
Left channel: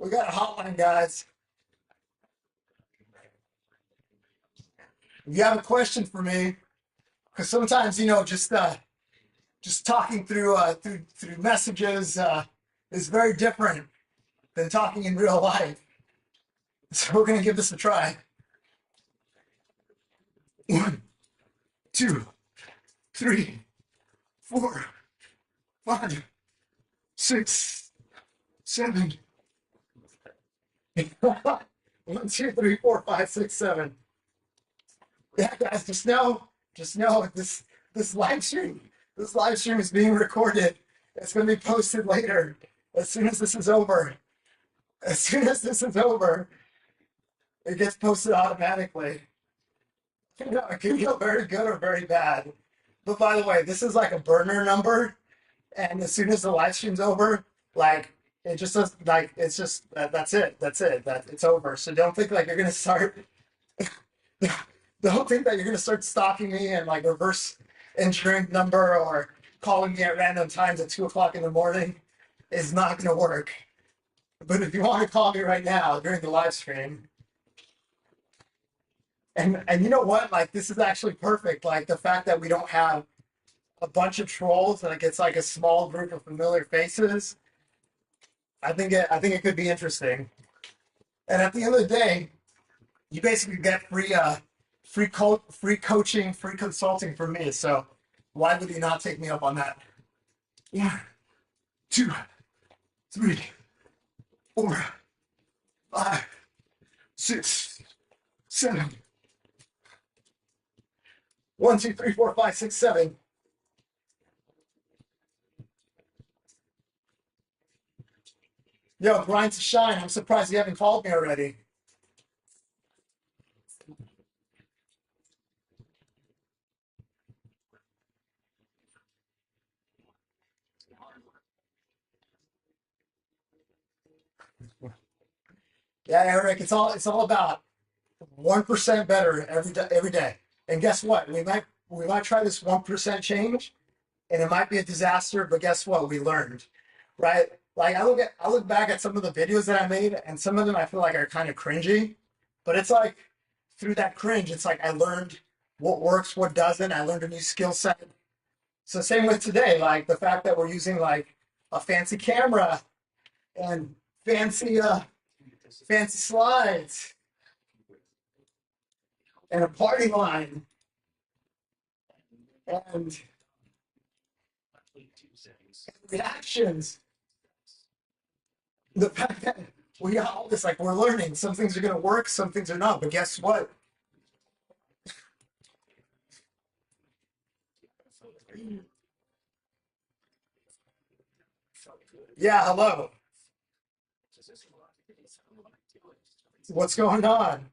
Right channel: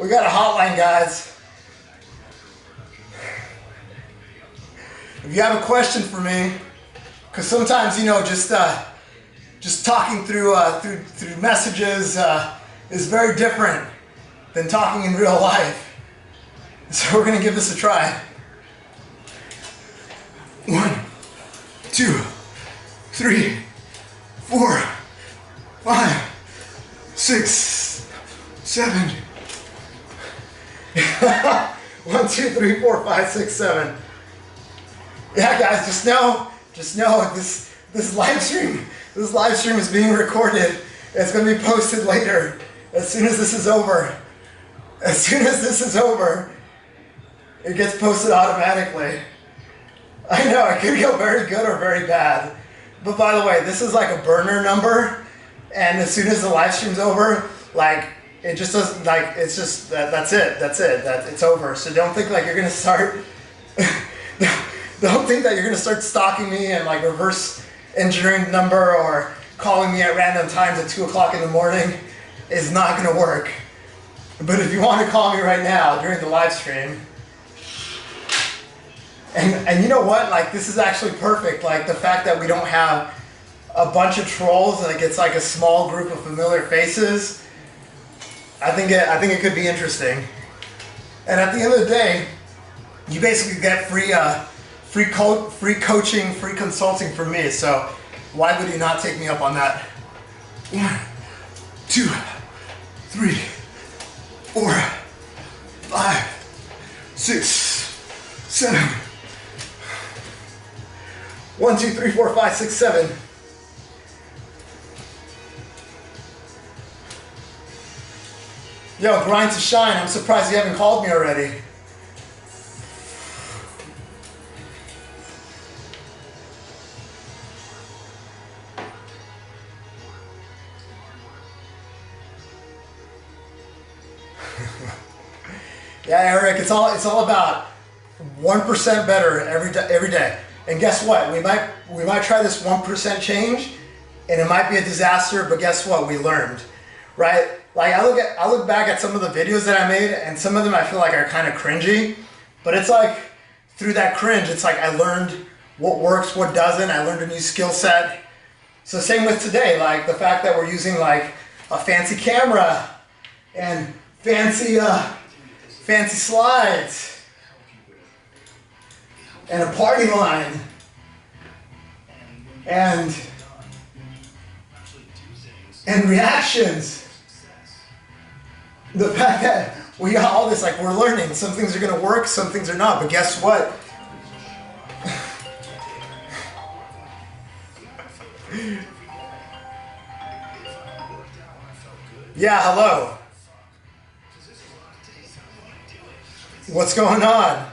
We got a hotline, guys. If you have a question for me, because sometimes, you know, just talking through messages is very different than talking in real life. So we're gonna give this a try. 1, 2, 3, 4, 5, 6, 7. 1, 2, 3, 4, 5, 6, 7. Yeah, guys, just know this live stream is being recorded. It's going to be posted later. As soon as this is over, it gets posted automatically. I know it could go very good or very bad. But by the way, this is like a burner number, and as soon as the live stream's over, like it just doesn't, like it's just that's it. It's over. So don't think like you're gonna start. Don't think that you're gonna start stalking me and like reverse engineering the number or calling me at random times at 2 o'clock in the morning. Is not gonna work. But if you want to call me right now during the live stream, and you know what? Like this is actually perfect. Like the fact that we don't have a bunch of trolls, like it's like a small group of familiar faces. I think it could be interesting. And at the end of the day, you basically get free coaching, free consulting from me. So why would you not take me up on that? 1, 2, 3, 4, 5, 6, 7. 1, 2, 3, 4, 5, 6, 7. Yo, grind to shine. I'm surprised you haven't called me already. Yeah, Eric, it's all about 1% better every day. And guess what? We might try this 1% change, and it might be a disaster. But guess what? We learned, right? Like I look back at some of the videos that I made, and some of them I feel like are kind of cringy. But it's like through that cringe, it's like I learned what works, what doesn't. I learned a new skill set. So same with today, like the fact that we're using like a fancy camera and fancy slides and a party line and reactions. The fact that we got all this, like we're learning. Some things are gonna work, some things are not. But guess what? Yeah, hello. What's going on?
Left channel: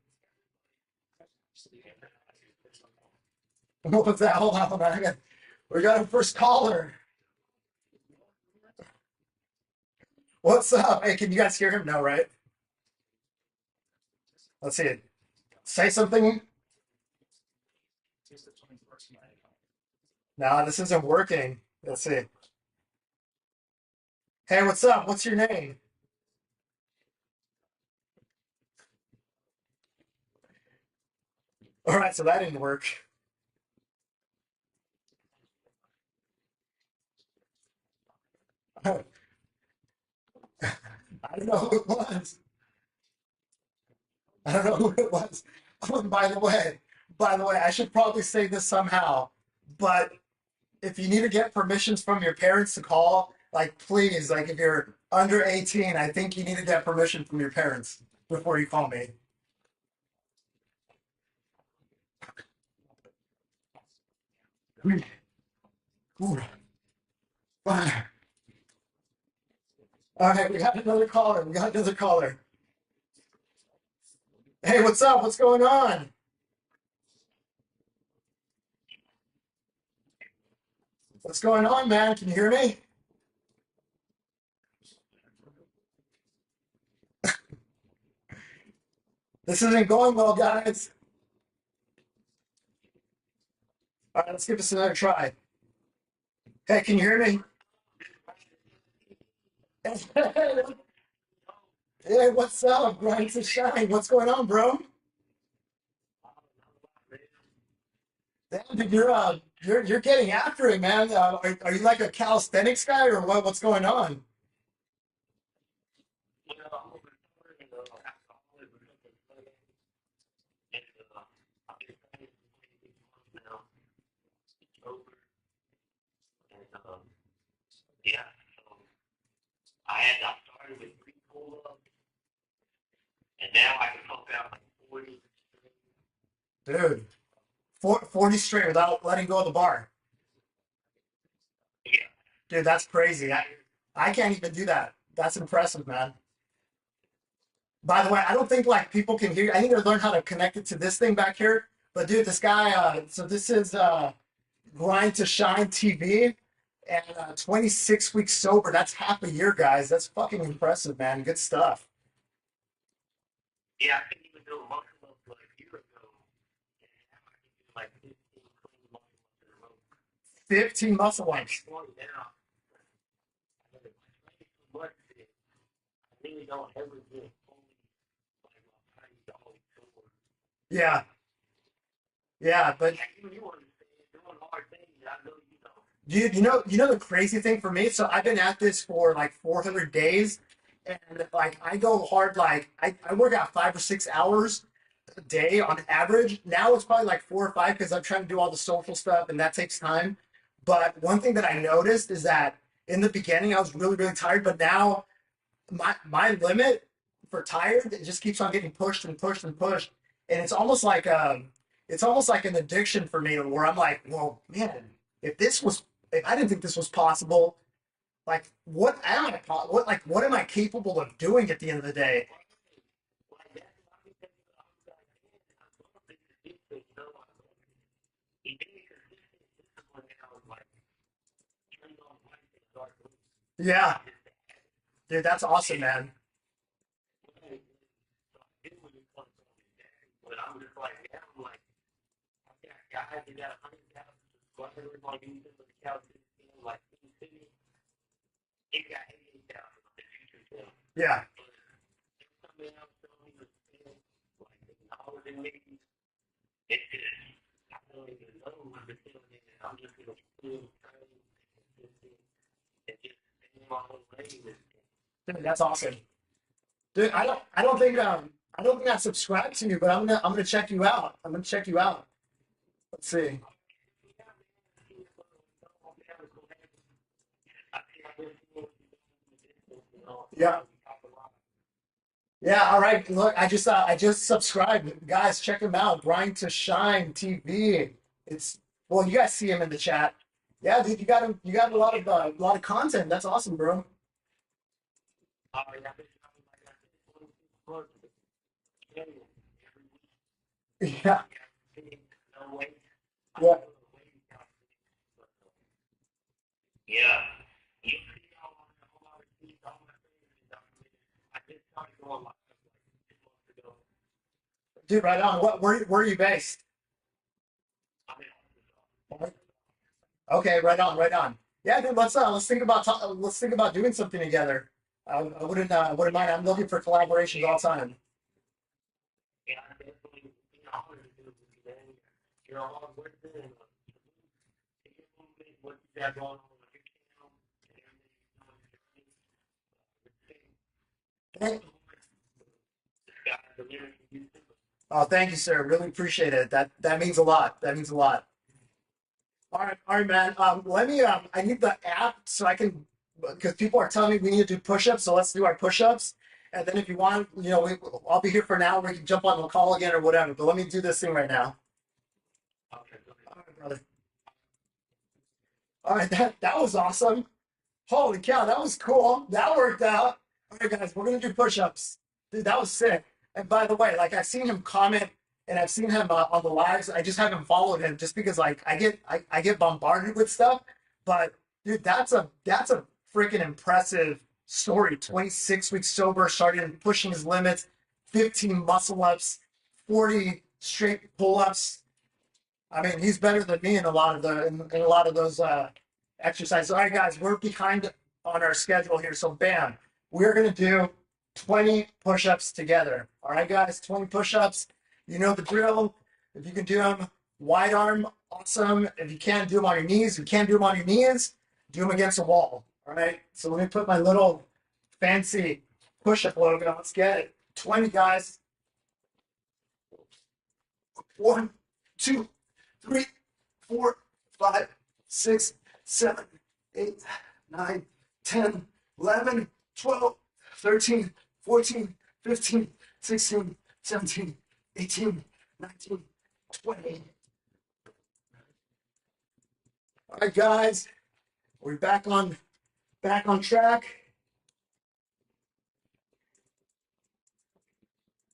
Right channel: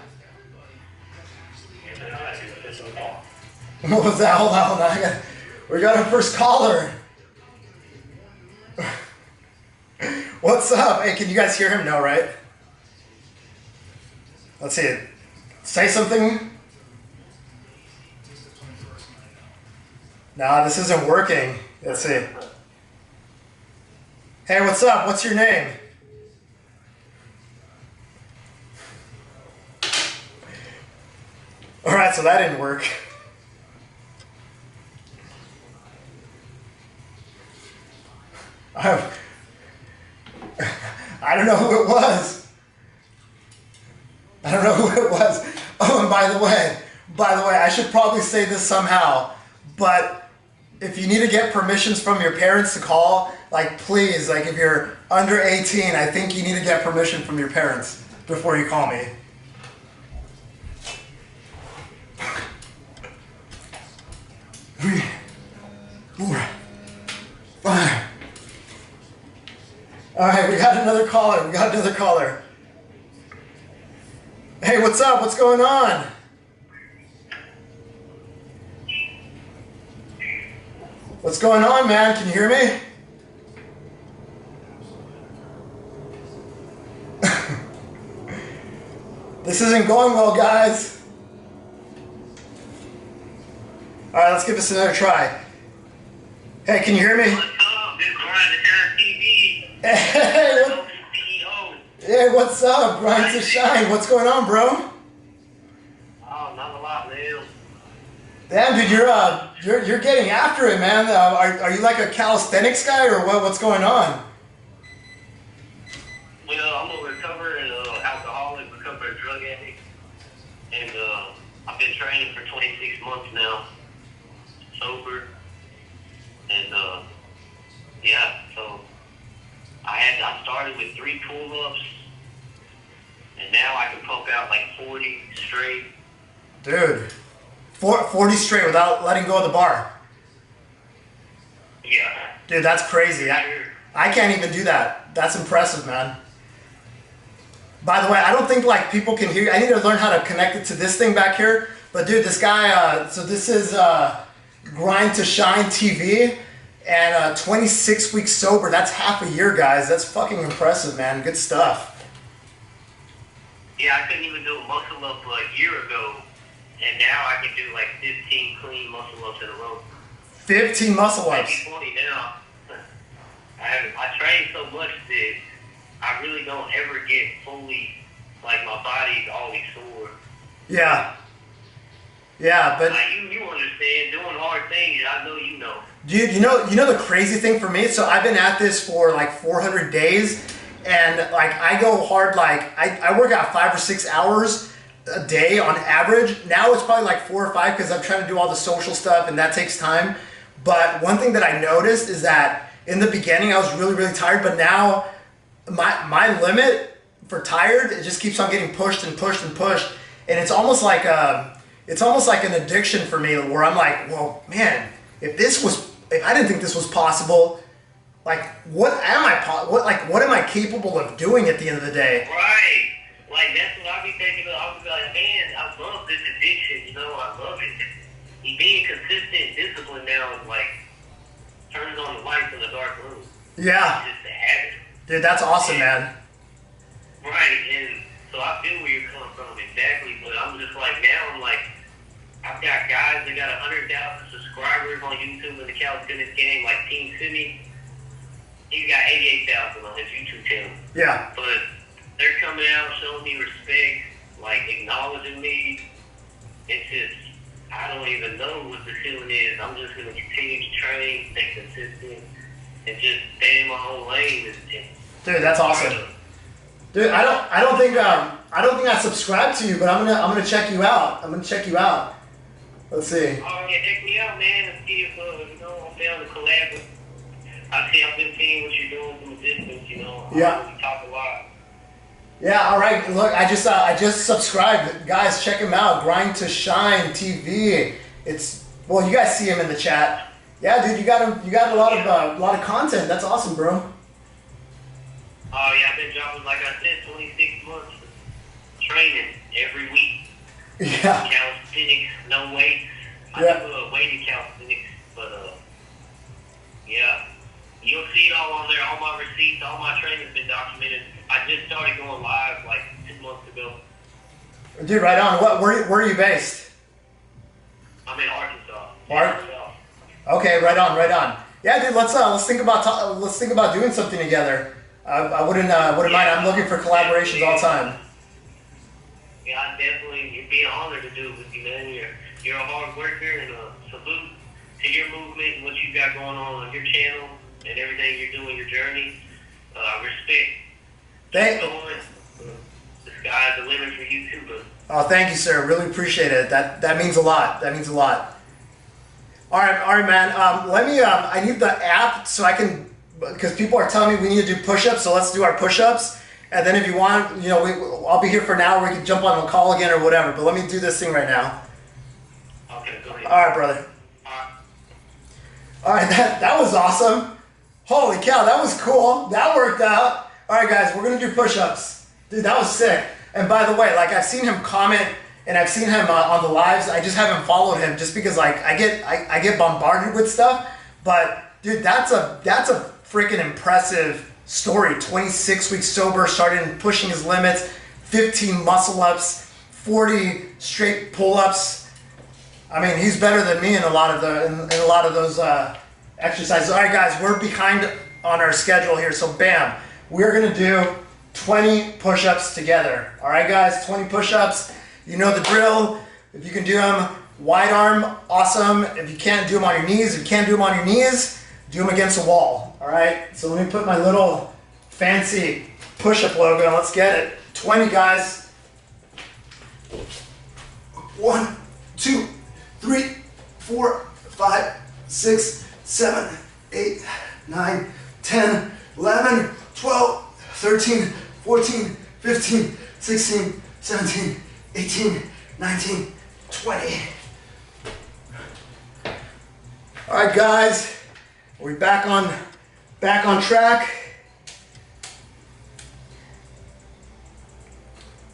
What was that? Hold on. We got our first caller. What's up? Hey, can you guys hear him? No, right? Let's see it. Say something. Nah, this isn't working. Let's see. Hey, what's up? What's your name? Alright, so that didn't work. I don't know who it was. I don't know who it was. Oh, and by the way, I should probably say this somehow, but if you need to get permissions from your parents to call, like please, like if you're under 18, I think you need to get permission from your parents before you call me. 3, 4, 5. All right, we got another caller. Hey, what's up? What's going on? What's going on, man? Can you hear me? This isn't going well, guys. All right, let's give this another try. Hey, can you hear me? Hey, what's up? Grind to shine. What's going on, bro? Oh, not a lot, man. Damn, dude, you're getting after it, man. Are you like a calisthenics guy or what? What's going on? Well, I'm a recovering alcoholic, recovering drug addict, and I've been training for 26 months now, sober, and yeah, so I started with 3 pull-ups, and now I can pump out like 40 straight. Dude, 40 straight without letting go of the bar. Yeah. Dude, that's crazy. I can't even do that. That's impressive, man. By the way, I don't think like people can hear you. I need to learn how to connect it to this thing back here. But dude, this guy, so this is Grind to Shine TV, and 26 weeks sober. That's half a year, guys. That's fucking impressive, man. Good stuff. Yeah, I couldn't even do a muscle up a year ago, and now I can do like 15 clean muscle ups in a row. 15 muscle ups. Maybe 20 now. I train so much that I really don't ever get fully, like my body's always sore. Yeah. Yeah, but like you understand, doing hard things, I know you know. Dude, you know the crazy thing for me? So I've been at this for like 400 days, and like I go hard, like I work out 5 or 6 hours a day on average. Now it's probably like 4 or 5 because I'm trying to do all the social stuff and that takes time. But one thing that I noticed is that in the beginning I was really, really tired, but now my limit for tired, it just keeps on getting pushed and pushed and pushed. And it's almost like an addiction for me where I'm like, well, man, if I didn't think this was possible, like what am I capable of doing at the end of the day? Right. Like that's what I be thinking of. I be like, man, I love this addiction. You know, I love it. Being consistent, disciplined now is like turning on the lights in the dark room. Yeah. It's just a habit. Dude, that's awesome, man. Right, and so I feel where you're coming from exactly, but I'm just like now I'm like I've got guys that got 100,000 subscribers on YouTube in the calisthenics game, like Team Sydney. He's got 88,000 on his YouTube channel. Yeah. But they're coming out, showing me respect, like acknowledging me. It's just, I don't even know what the feeling is. I'm just going to continue to train, stay consistent, and just stay in my own lane. Dude, that's awesome. Dude, I don't think I subscribed to you, but I'm gonna check you out. Let's see. Oh yeah, check me out, man, and see if you know I'm down to collab. I've been seeing what you're doing from a distance. You know, yeah. We talk a lot. Yeah, all right. Look, I just subscribed, guys. Check him out. Grind to Shine TV. Well, you guys see him in the chat. Yeah, dude, you got a lot of content. That's awesome, bro. Oh yeah, I've been dropping, like I said, 26 months training every week. Yeah. Calisthenics, no weights. Yeah. I do weighted calisthenics, but yeah, you'll see it all on there. All my receipts, all my training's been documented. I just started going live like 2 months ago. Dude, right on. Where are you based? I'm in Arkansas. Okay, right on. Yeah, dude, let's think about doing something together. I wouldn't mind. I'm looking for collaborations all the time. Yeah, it'd be an honor to do it with you, man. You're a hard worker, and salute to your movement and what you got going on your channel and everything you're doing, your journey. Respect. The sky's the limit for you too, bro. Oh, thank you, sir. Really appreciate it. That means a lot. All right, man. I need the app so I can, because people are telling me we need to do push-ups, so let's do our push-ups. And then if you want, I'll be here for an hour. We can jump on a call again or whatever. But let me do this thing right now. Okay, go ahead. All right, brother. All right, that was awesome. Holy cow, that was cool. That worked out. All right, guys, we're gonna do push-ups. Dude, that was sick. And by the way, like I've seen him comment and I've seen him on the lives. I just haven't followed him just because like I get bombarded with stuff. But dude, that's a freaking impressive story. 26 weeks sober, started pushing his limits, 15 muscle ups, 40 straight pull-ups. I mean, he's better than me in a lot of those exercises. All right, guys, we're behind on our schedule here, so bam, we're gonna do 20 push-ups together. All right, guys, 20 push-ups. You know the drill. If you can do them wide arm, awesome. If you can't do them on your knees, do them against a wall. All right. So let me put my little fancy push-up logo on. Let's get it. 20, guys. 1, 2, 3, 4, 5, 6, 7, 8, 9, 10, 11, 12, 13, 14, 15, 16, 17, 18, 19, 20. All right, guys, we're back on track.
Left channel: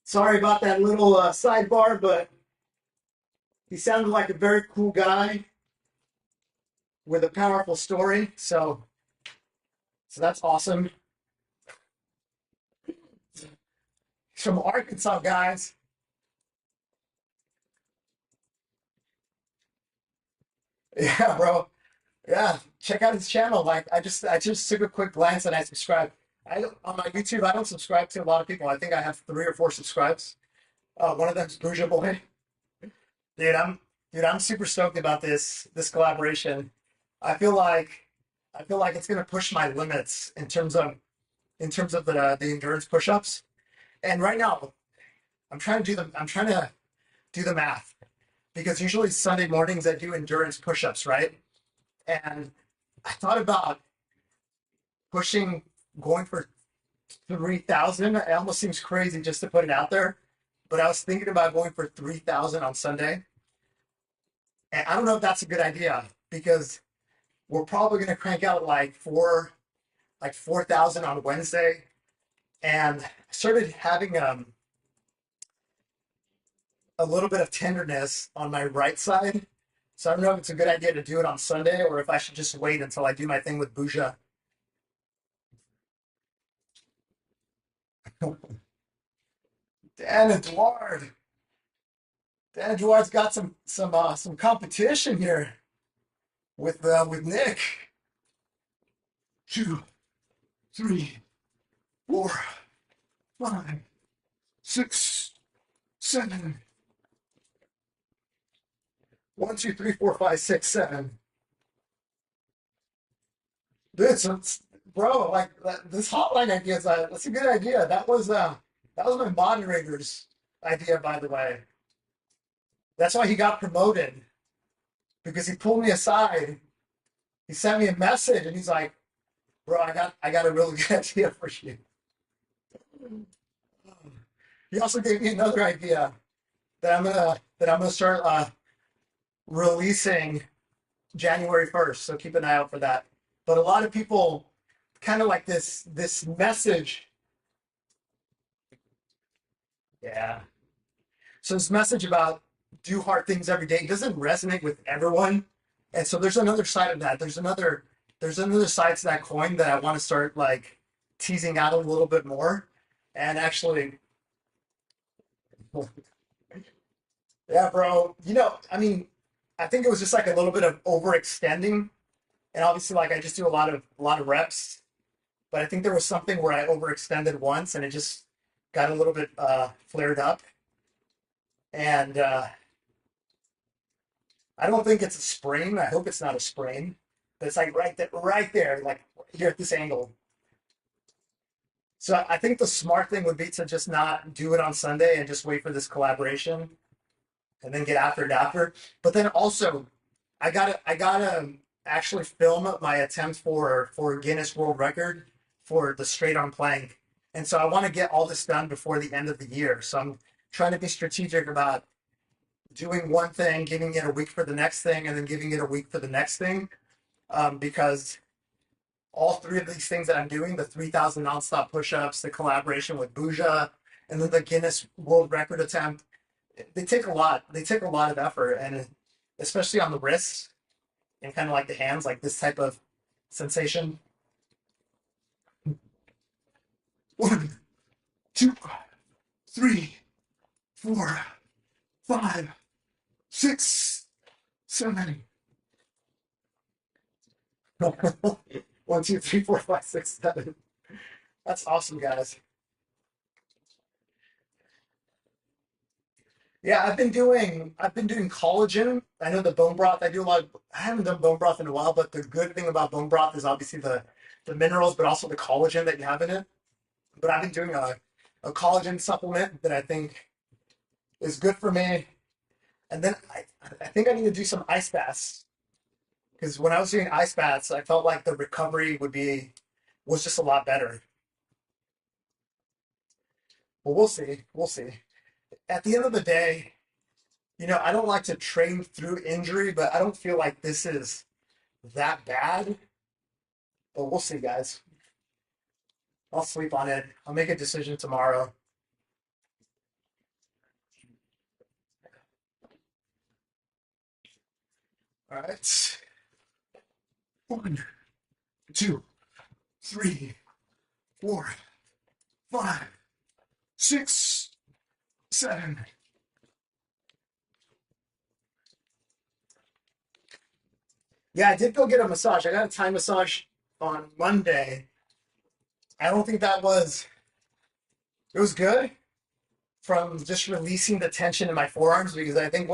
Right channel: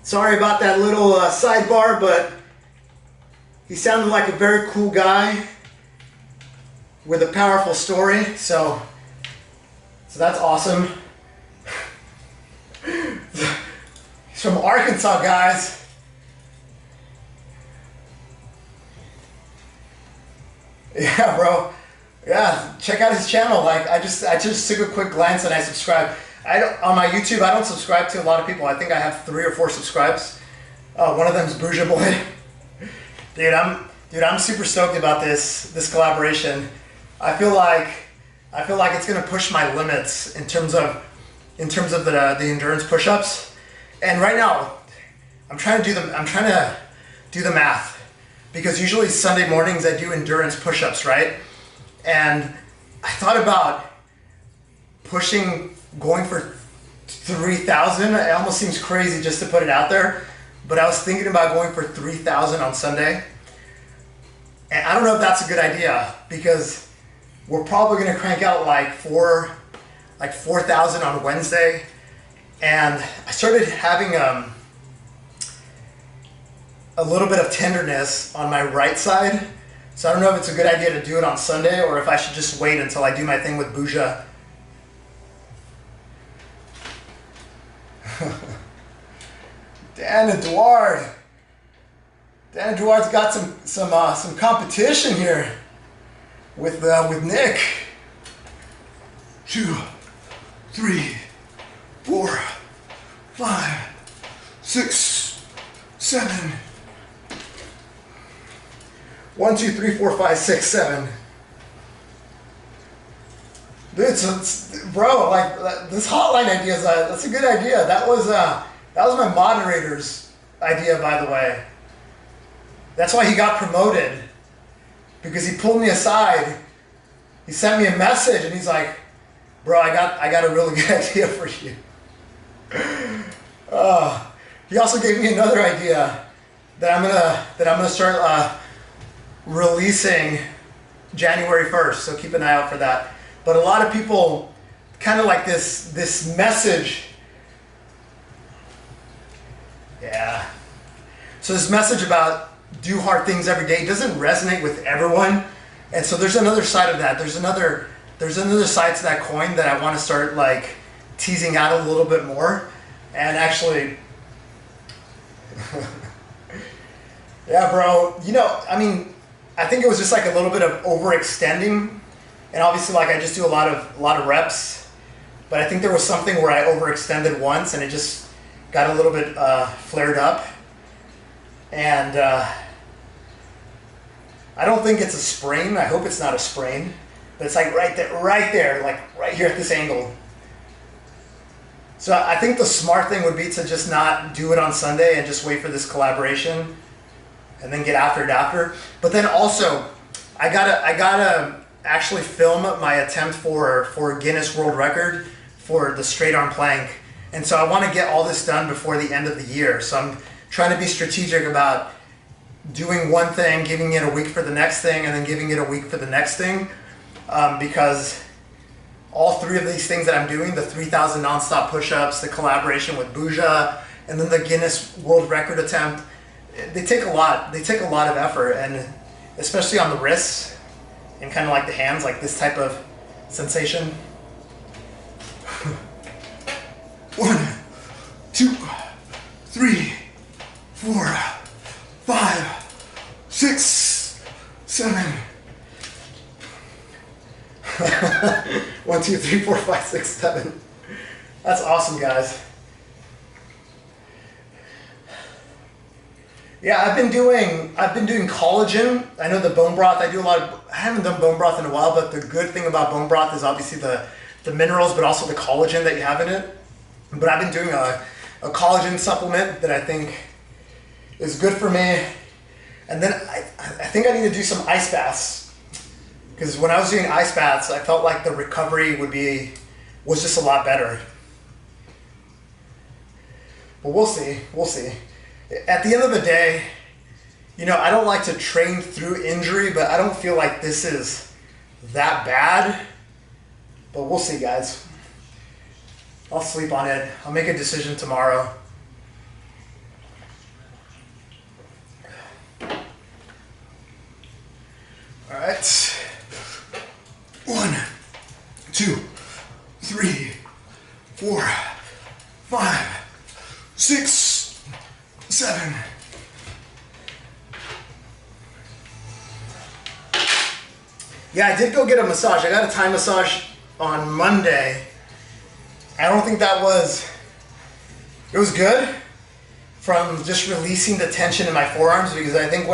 Sorry about that little sidebar, but he sounded like a very cool guy with a powerful story, so that's awesome. He's from Arkansas, guys. Yeah, bro. Yeah, check out his channel. Like I just took a quick glance and I subscribed. On my YouTube, I don't subscribe to a lot of people. I think I have 3 or 4 subscribes. One of them's Bougie Boy. Dude, I'm super stoked about this collaboration. I feel like it's gonna push my limits in terms of the endurance push-ups. And right now, I'm trying to do the math, because usually Sunday mornings I do endurance push-ups, right? And I thought about going for 3,000. It almost seems crazy just to put it out there, but I was thinking about going for 3,000 on Sunday. And I don't know if that's a good idea, because we're probably gonna crank out like 4 like 4,000 on Wednesday, and I started having a little bit of tenderness on my right side. So I don't know if it's a good idea to do it on Sunday or if I should just wait until I do my thing with Bouja. Dan Eduard. Dan Eduard's got some competition here with Nick. 2, 3, 4, 5, 6, 7. 1, 2, 3, 4, 5, 6, 7. Dude, bro, like this hotline idea that's a good idea. That was my moderator's idea, by the way. That's why he got promoted, because he pulled me aside. He sent me a message and he's like, "Bro, I got a really good idea for you." He also gave me another idea that I'm gonna start releasing January 1st. So keep an eye out for that. But a lot of people kind of like this message. Yeah. So this message about do hard things every day doesn't resonate with everyone. And so there's another side of that. There's another side to that coin that I want to start like teasing out a little bit more. And actually, yeah, bro, you know, I mean, I think it was just like a little bit of overextending. And obviously, like, I just do a lot of reps, but I think there was something where I overextended once and it just got a little bit flared up. And I don't think it's a sprain. I hope it's not a sprain, but it's like right there, like right here at this angle. So I think the smart thing would be to just not do it on Sunday and just wait for this collaboration and then get after it after. But then also, I gotta actually film my attempt for Guinness World Record for the straight arm plank. And so I want to get all this done before the end of the year. So I'm trying to be strategic about doing one thing, giving it a week for the next thing, and then giving it a week for the next thing. Because all three of these things that I'm doing, the 3,000 nonstop push-ups, the collaboration with Bouja, and then the Guinness World Record attempt, they take a lot. They take a lot of effort, and especially on the wrists and kind of like the hands, like this type of sensation. 1, 2, 3, 4, 5, 6, 7. 1, 2, 3, 4, 5, 6, 7. That's awesome, guys. Yeah, I've been doing collagen. I know the bone broth. I haven't done bone broth in a while, but the good thing about bone broth is obviously the minerals, but also the collagen that you have in it. But I've been doing a collagen supplement that I think is good for me. And then I think I need to do some ice baths, because when I was doing ice baths, I felt like the recovery was just a lot better. But we'll see. At the end of the day, you know, I don't like to train through injury, but I don't feel like this is that bad. But we'll see, guys. I'll sleep on it. I'll make a decision tomorrow. All right. 1, 2, 3, 4, 5, 6, 7. Yeah, I did go get a massage. I got a Thai massage on Monday. I don't think it was good from just releasing the tension in my forearms, because I think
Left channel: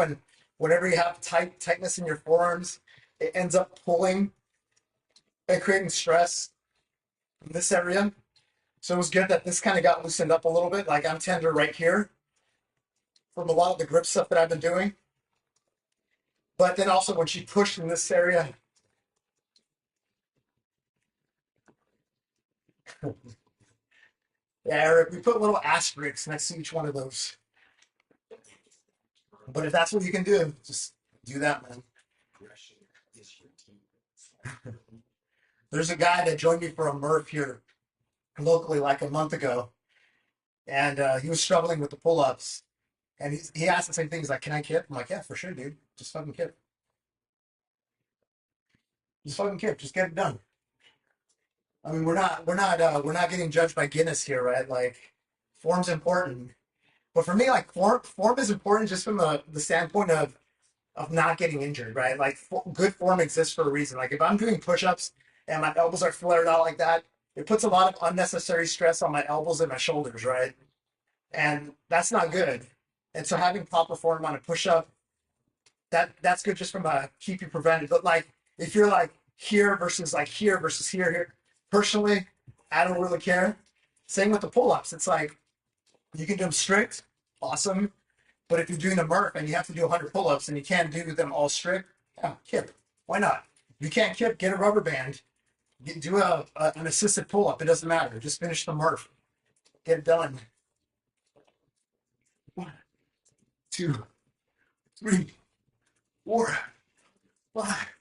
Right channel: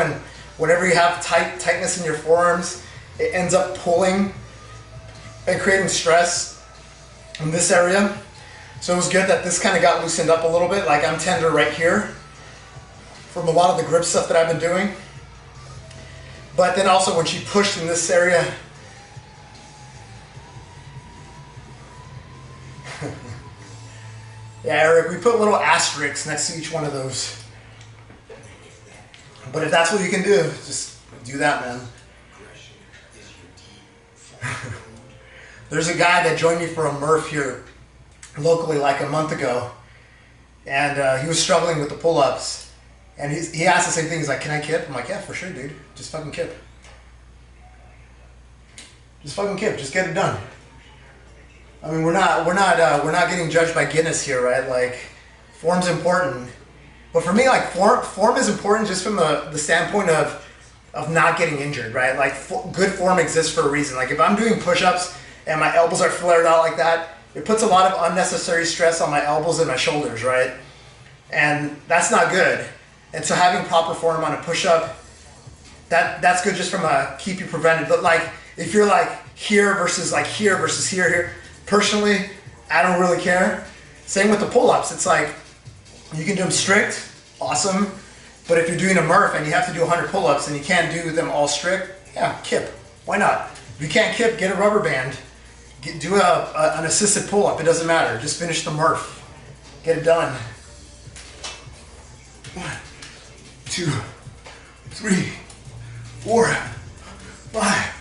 whenever you have tightness in your forearms, it ends up pulling and creating stress in this area. So it was good that this kind of got loosened up a little bit. Like, I'm tender right here from a lot of the grip stuff that I've been doing. But then also when she pushed in this area, yeah, Eric, we put little asterisks next to each one of those. But if that's what you can do, just do that, man. There's a guy that joined me for a Murph here locally like a month ago, and he was struggling with the pull-ups, and he asked the same thing. He's like, "Can I kip?" I'm like, "Yeah, for sure, dude. Just fucking kip. Just fucking kip. Just get it done." I mean, we're not getting judged by Guinness here, right? Like, form's important, but for me, like form is important just from the standpoint of not getting injured, right? Like, good form exists for a reason. Like, if I'm doing push-ups and my elbows are flared out like that, it puts a lot of unnecessary stress on my elbows and my shoulders, right? And that's not good. And so having proper form on a push-up, that's good just from a keep you prevented. But like, if you're like here versus here, personally, I don't really care. Same with the pull-ups. It's like, you can do them strict, awesome. But if you're doing a Murph and you have to do 100 pull-ups and you can't do them all strict, yeah, kip. Why not? If you can't kip, get a rubber band. Do an assisted pull-up. It doesn't matter. Just finish the Murph. Get it done. 1, 2, 3, 4, 5,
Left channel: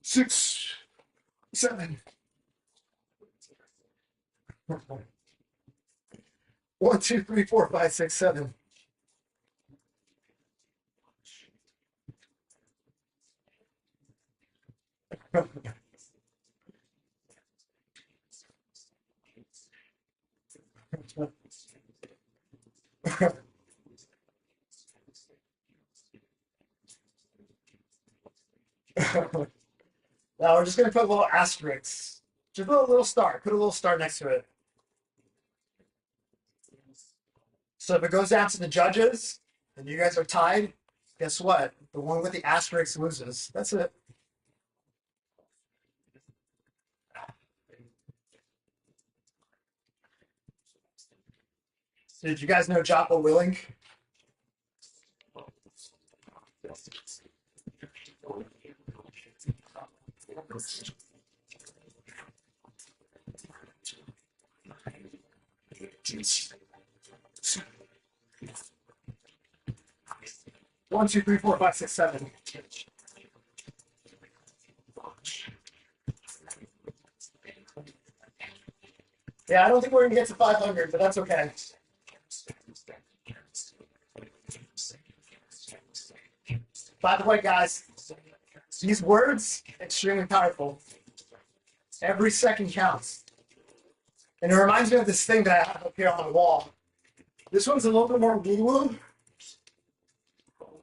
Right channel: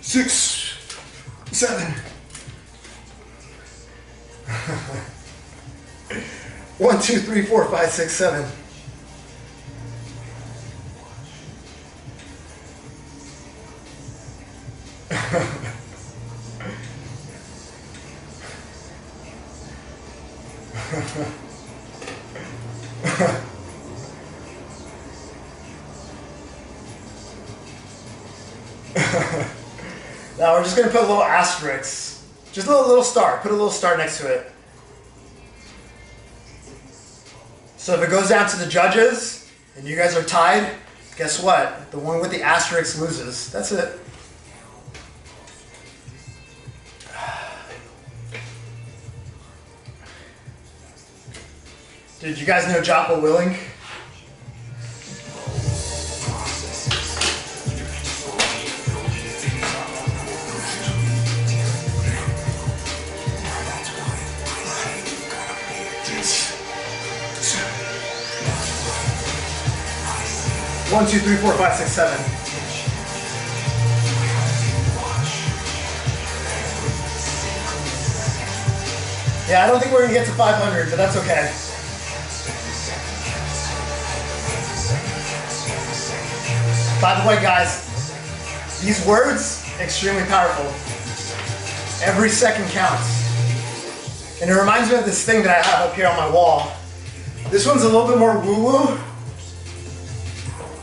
6, 7. 1, 2, 3, 4, 5, 6, 7. Now we're just going to put a little asterisk. Just a little star. Put a little star next to it. So if it goes down to the judges and you guys are tied, guess what? The one with the asterisk loses. That's it. Did you guys know Jocko Willink? One, two, three, four, five, six, seven. Yeah, I don't think we're gonna get to 500, but that's okay. By the way, guys, these words, extremely powerful. Every second counts. And it reminds me of this thing that I have up here on my wall. This one's a little bit more woo-woo,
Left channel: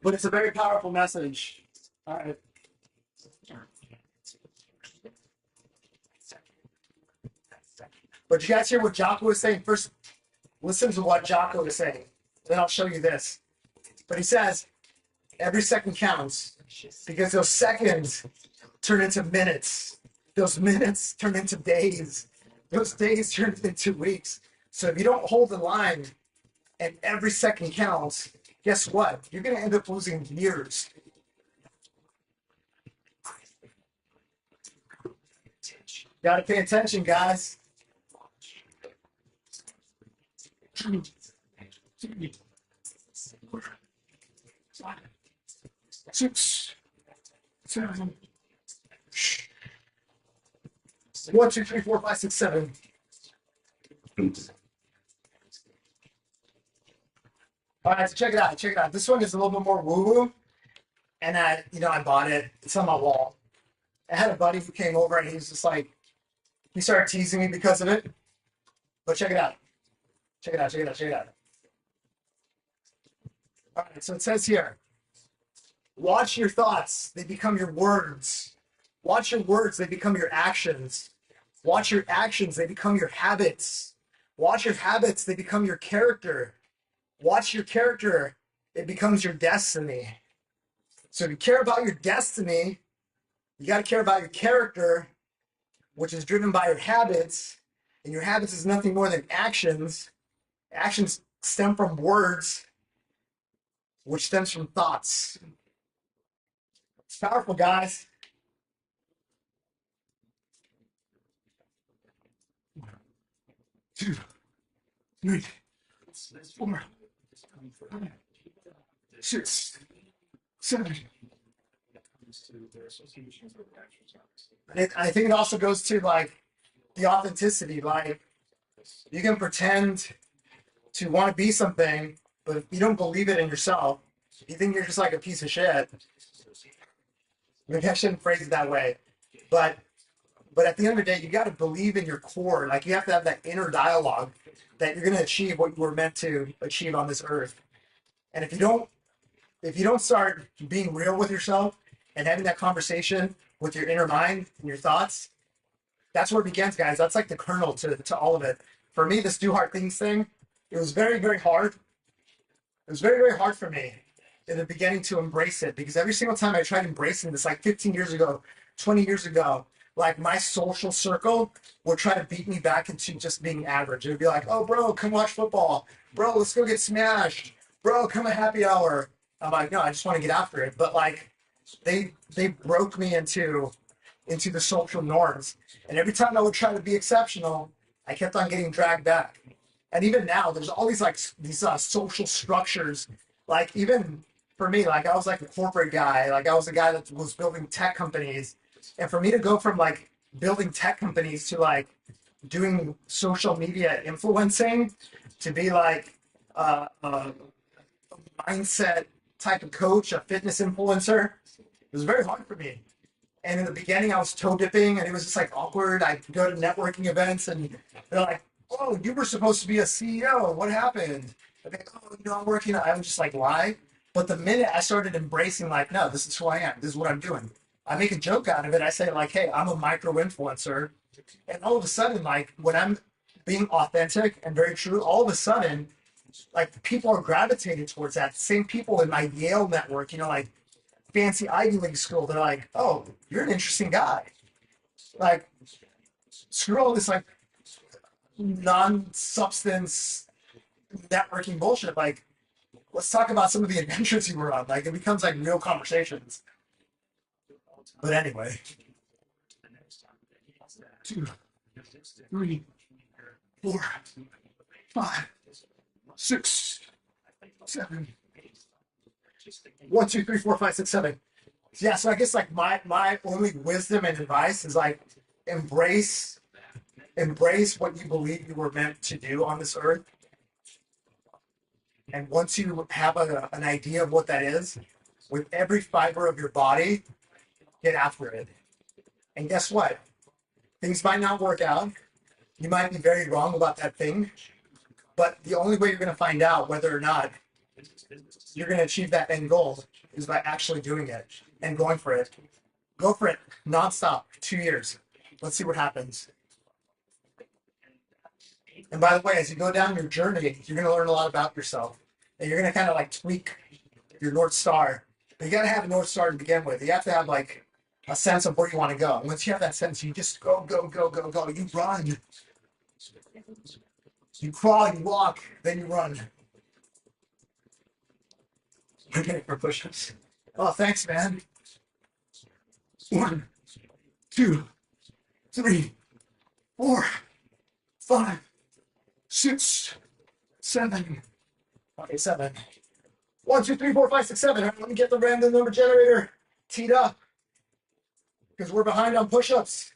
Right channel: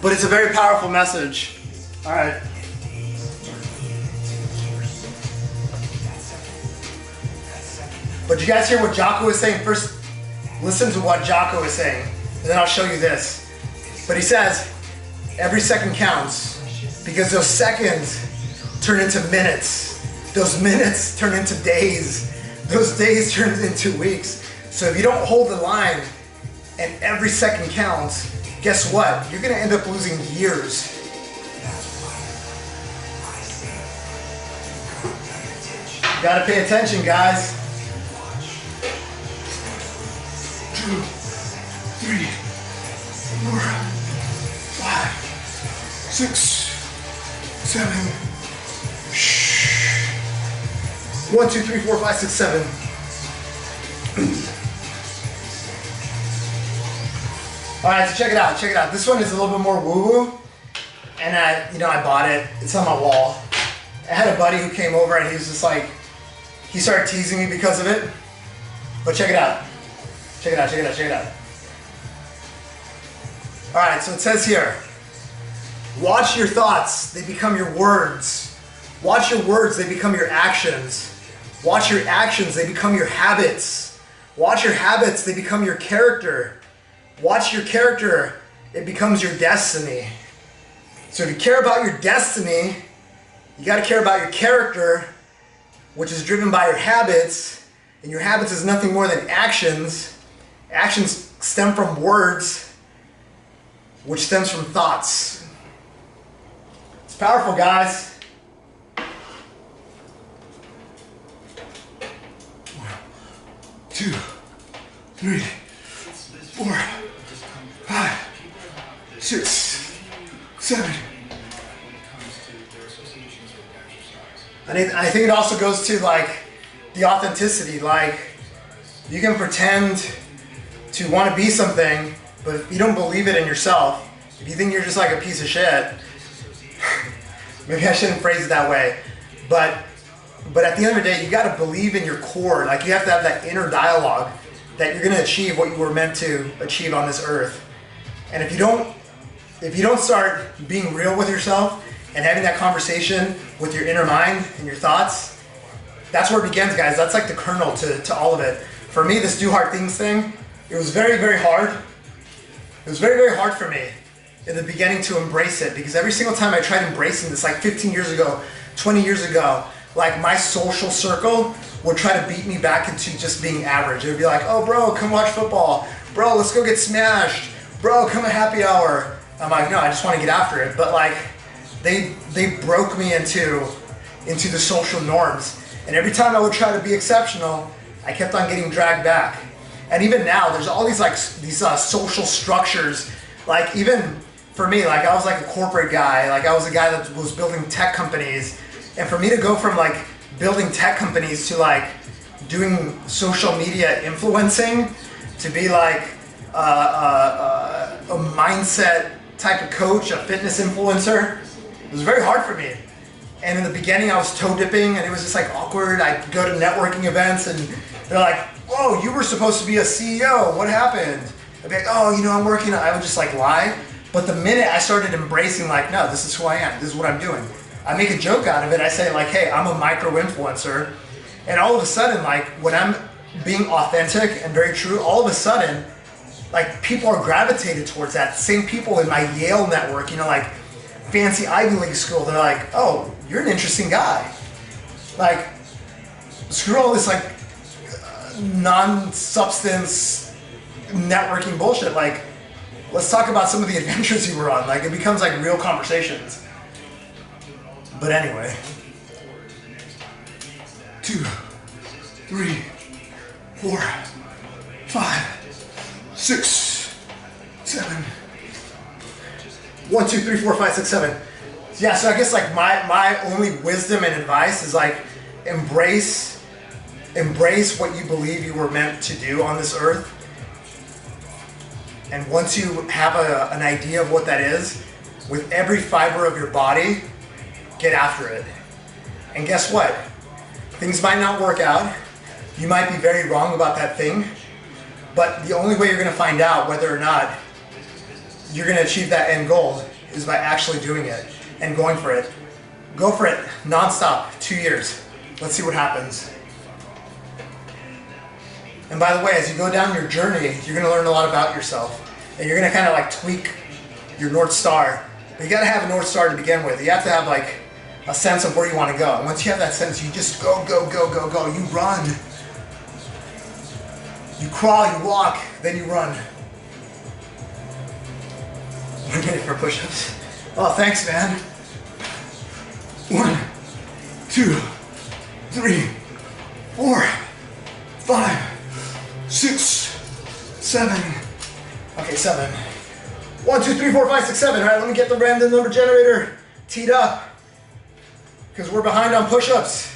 but it's a very powerful message. All right. But you guys hear what Jocko is saying? First, listen to what Jocko is saying, and then I'll show you this. But he says, every second counts, because those seconds turn into minutes. Those minutes turn into days. Those days turn into weeks. So if you don't hold the line and every second counts, guess what? You're gonna end up losing years. You gotta pay attention, guys. 2, 3, 4, 5, 6, 7. Shh. 1, 2, 3, 4, 5, 6, 7. All right, so check it out. Check it out. This one is a little bit more woo-woo, and I bought it. It's on my wall. I had a buddy who came over, and he was just like, he started teasing me because of it. But check it out. Check it out. Check it out. Check it out. All right, so it says here, watch your thoughts, they become your words. Watch your words, they become your actions. Watch your actions, they become your habits. Watch your habits, they become your character. Watch your character, it becomes your destiny. So if you care about your destiny, you got to care about your character, which is driven by your habits. And your habits is nothing more than actions. Actions stem from words, which stems from thoughts. It's powerful, guys. 1, 2, 3, 4, 5, 6, 7. And I think it also goes to like the authenticity. Like you can pretend to want to be something, but if you don't believe it in yourself, if you think you're just like a piece of shit, maybe I shouldn't phrase it that way, but at the end of the day, you got to believe in your core. Like you have to have that inner dialogue that you're going to achieve what you were meant to achieve on this earth. And if you don't start being real with yourself and having that conversation with your inner mind and your thoughts, that's where it begins, guys. That's like the kernel to all of it. For me, this do hard things thing, it was very, very hard. It was very, very hard for me in the beginning to embrace it, because every single time I tried embracing this, like 15 years ago, 20 years ago, like my social circle would try to beat me back into just being average. It would be like, oh bro, come watch football. Bro, let's go get smashed. Bro, come at happy hour. I'm like, no, I just want to get after it. But like, they broke me into the social norms. And every time I would try to be exceptional, I kept on getting dragged back. And even now, there's all these like social structures. Like even for me, like I was like a corporate guy. Like I was a guy that was building tech companies. And for me to go from like building tech companies to like doing social media influencing to be like a mindset type of coach, a fitness influencer, it was very hard for me. And in the beginning I was toe dipping and it was just like awkward. I'd go to networking events and they're like, whoa, you were supposed to be a CEO, what happened? I'd be like, oh, you know, I'm working. I would just like lie. But the minute I started embracing like, no, this is who I am, this is what I'm doing. I make a joke out of it. I say like, hey, I'm a micro-influencer. And all of a sudden, like when I'm being authentic and very true, all of a sudden, like people are gravitated towards that. Same people in my Yale network, you know, like fancy Ivy League school, they're like, oh, you're an interesting guy. Like, screw all this like non-substance networking bullshit. Like, let's talk about some of the adventures you were on. Like, it becomes like real conversations. But anyway, 2, 3, 4, 5, 6, 7. 1, 2, 3, 4, 5, 6, 7. Yeah, so I guess like my only wisdom and advice is like embrace what you believe you were meant to do on this earth. And once you have an idea of what that is, with every fiber of your body, get after it. And guess what? Things might not work out. You might be very wrong about that thing. But the only way you're going to find out whether or not you're going to achieve that end goal is by actually doing it and going for it. Go for it nonstop, 2 years. Let's see what happens. And by the way, as you go down your journey, you're going to learn a lot about yourself. And you're going to kind of like tweak your North Star. But you got to have a North Star to begin with. You have to have like a sense of where you want to go. And once you have that sense, you just go, go, go, go, go. You run. You crawl, you walk, then you run. I'm ready for push-ups. Oh, thanks, man. 1, 2, 3, 4, 5, 6, 7. Okay, 7. 1, 2, 3, 4, 5, 6, 7. All right, let me get the random number generator teed up because we're behind on push-ups.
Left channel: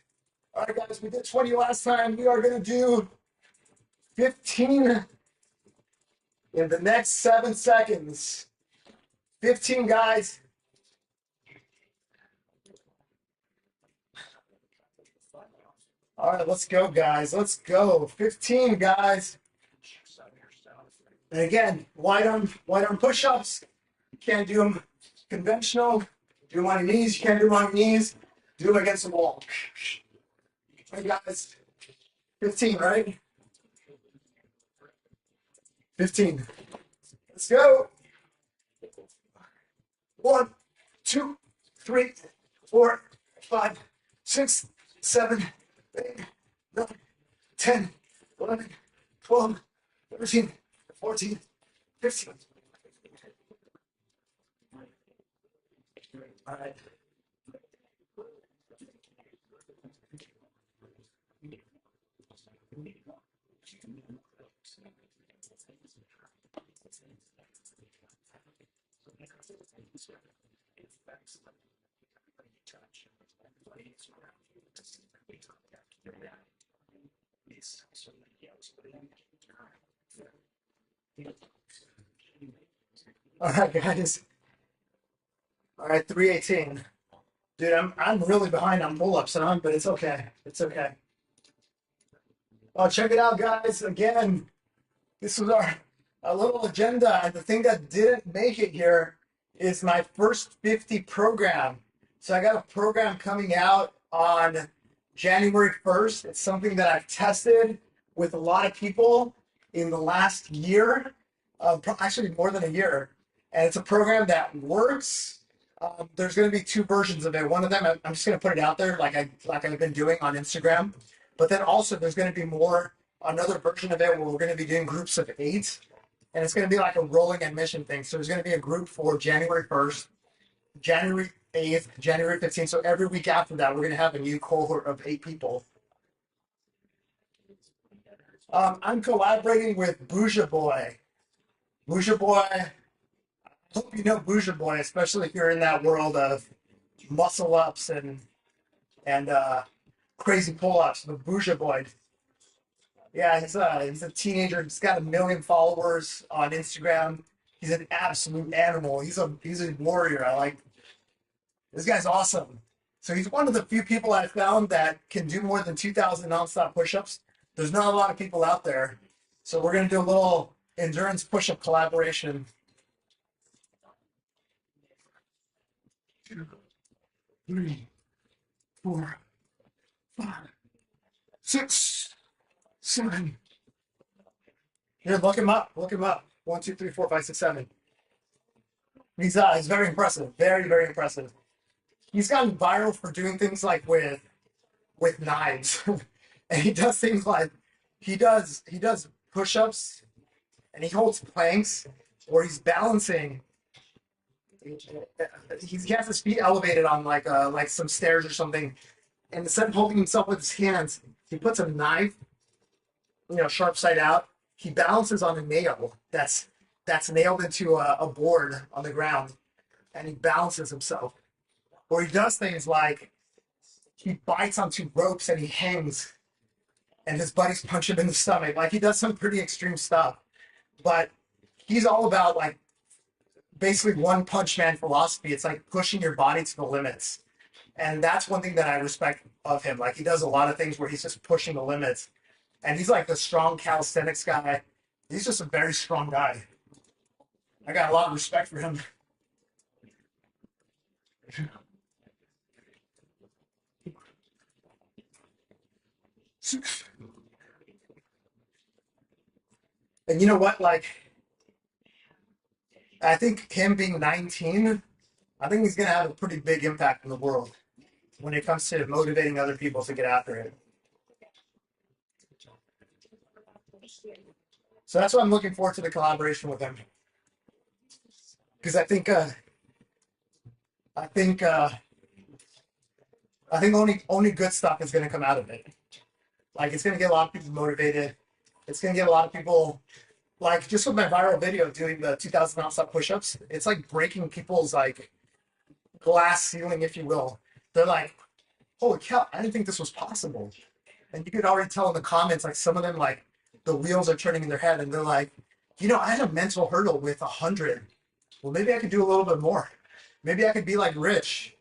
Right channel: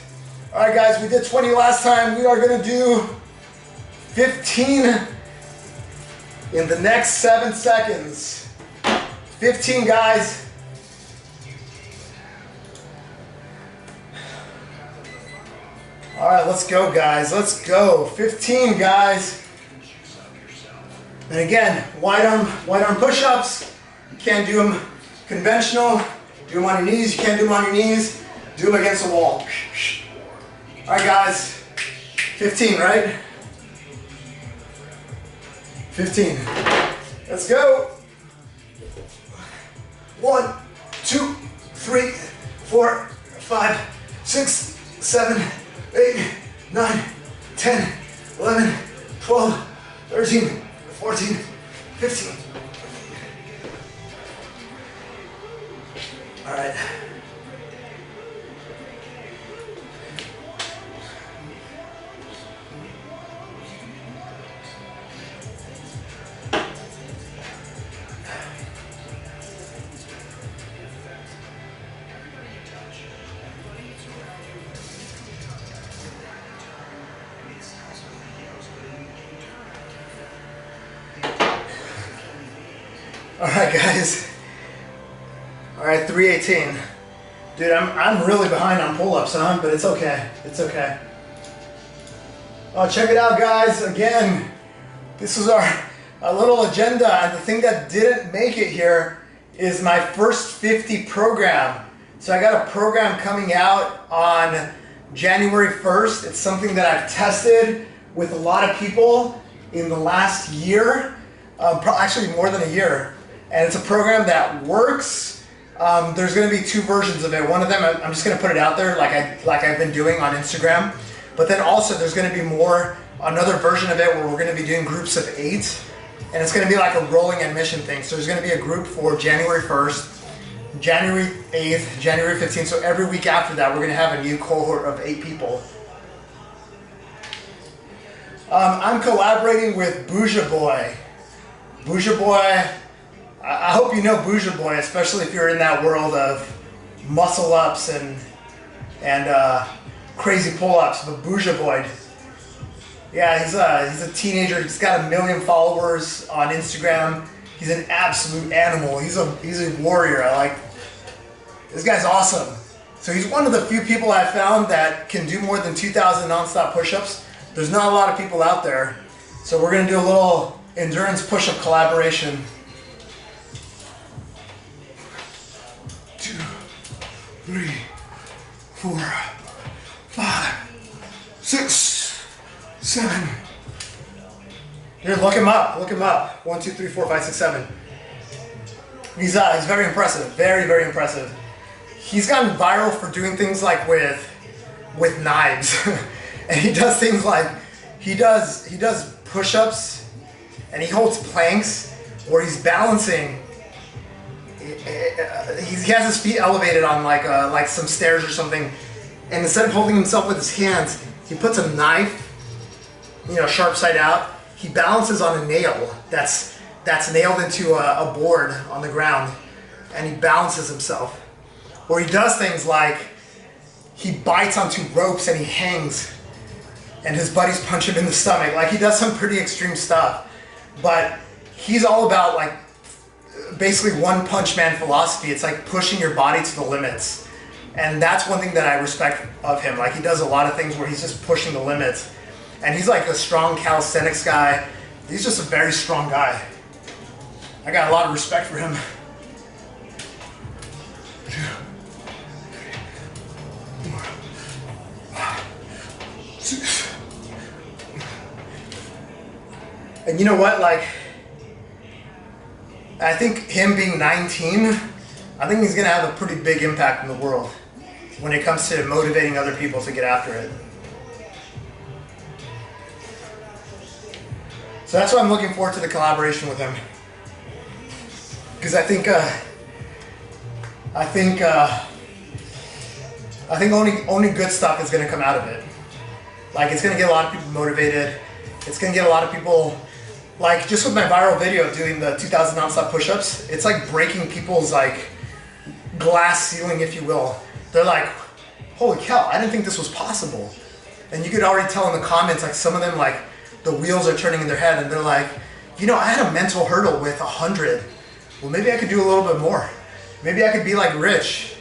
All right, guys, we did 20 last time. We are gonna do 15 in the next 7 seconds. 15, guys. All right, let's go, guys. Let's go. 15, guys. And again, wide arm push-ups. You can't do them conventional. Do them on your knees. You can't do them on your knees. Do them against the wall. All right, guys. 15, right? 15. Let's go. 1, 2, 3, 4, 5, 6, 7, 8, 9, 10, 11, 12, 13, 14, 15. All right. All right, guys. All right, 318. Dude, I'm really behind on pull-ups, huh? But it's okay. It's okay. Oh, check it out, guys. Again, this is our little agenda. And the thing that didn't make it here is my first 50 program. So I got a program coming out on January 1st. It's something that I've tested with a lot of people in the last year, actually more than a year. And it's a program that works. There's going to be 2 versions of it. One of them, I'm just going to put it out there like I've been doing on Instagram. But then also there's going to be another version of it where we're going to be doing groups of 8. And it's going to be like a rolling admission thing. So there's going to be a group for January 1st, January 8th, January 15th. So every week after that, we're going to have a new cohort of 8 people. I'm collaborating with Bouja Boy. Bouja Boy, I hope you know Bouja Boy, especially if you're in that world of muscle ups and crazy pull-ups. But Bouja Boy, yeah, he's a teenager. He's got 1 million followers on Instagram. He's an absolute animal. He's a warrior. This guy's awesome. So he's one of the few people I found that can do more than 2,000 nonstop push-ups. There's not a lot of people out there. So we're gonna do a little endurance push-up collaboration. 2, 3, 4, 5, 6, 7. Here, look him up. Look him up. 1, 2, 3, 4, 5, 6, 7. He's very impressive. Very, very impressive. He's gotten viral for doing things like with knives, and he does things like he does push-ups, and he holds planks where he's balancing. He has his feet elevated on like some stairs or something, and instead of holding himself with his hands, he puts a knife, sharp side out. He balances on a nail that's nailed into a board on the ground, and he balances himself. Or he does things like he bites onto ropes and he hangs, and his buddies punch him in the stomach. Like, he does some pretty extreme stuff, but he's all about basically one punch man philosophy. It's like pushing your body to the limits, and that's one thing that I respect of him. Like, he does a lot of things where he's just pushing the limits, and he's like a strong calisthenics guy. He's just a very strong guy. I got a lot of respect for him. 2, 3, 4, 5, 6. And you know what? I think him being 19, I think he's gonna have a pretty big impact in the world when it comes to motivating other people to get after it. So that's why I'm looking forward to the collaboration with him, because I think only good stuff is going to come out of it. Like, it's going to get a lot of people motivated. It's going to get a lot of people, like, just with my viral video doing the 2,000 nonstop push-ups, it's like breaking people's glass ceiling, if you will. They're like, holy cow, I didn't think this was possible. And you could already tell in the comments, some of them, the wheels are turning in their head, and they're like, I had a mental hurdle with 100. Well, maybe I could do a little bit more. Maybe I could be like Rich.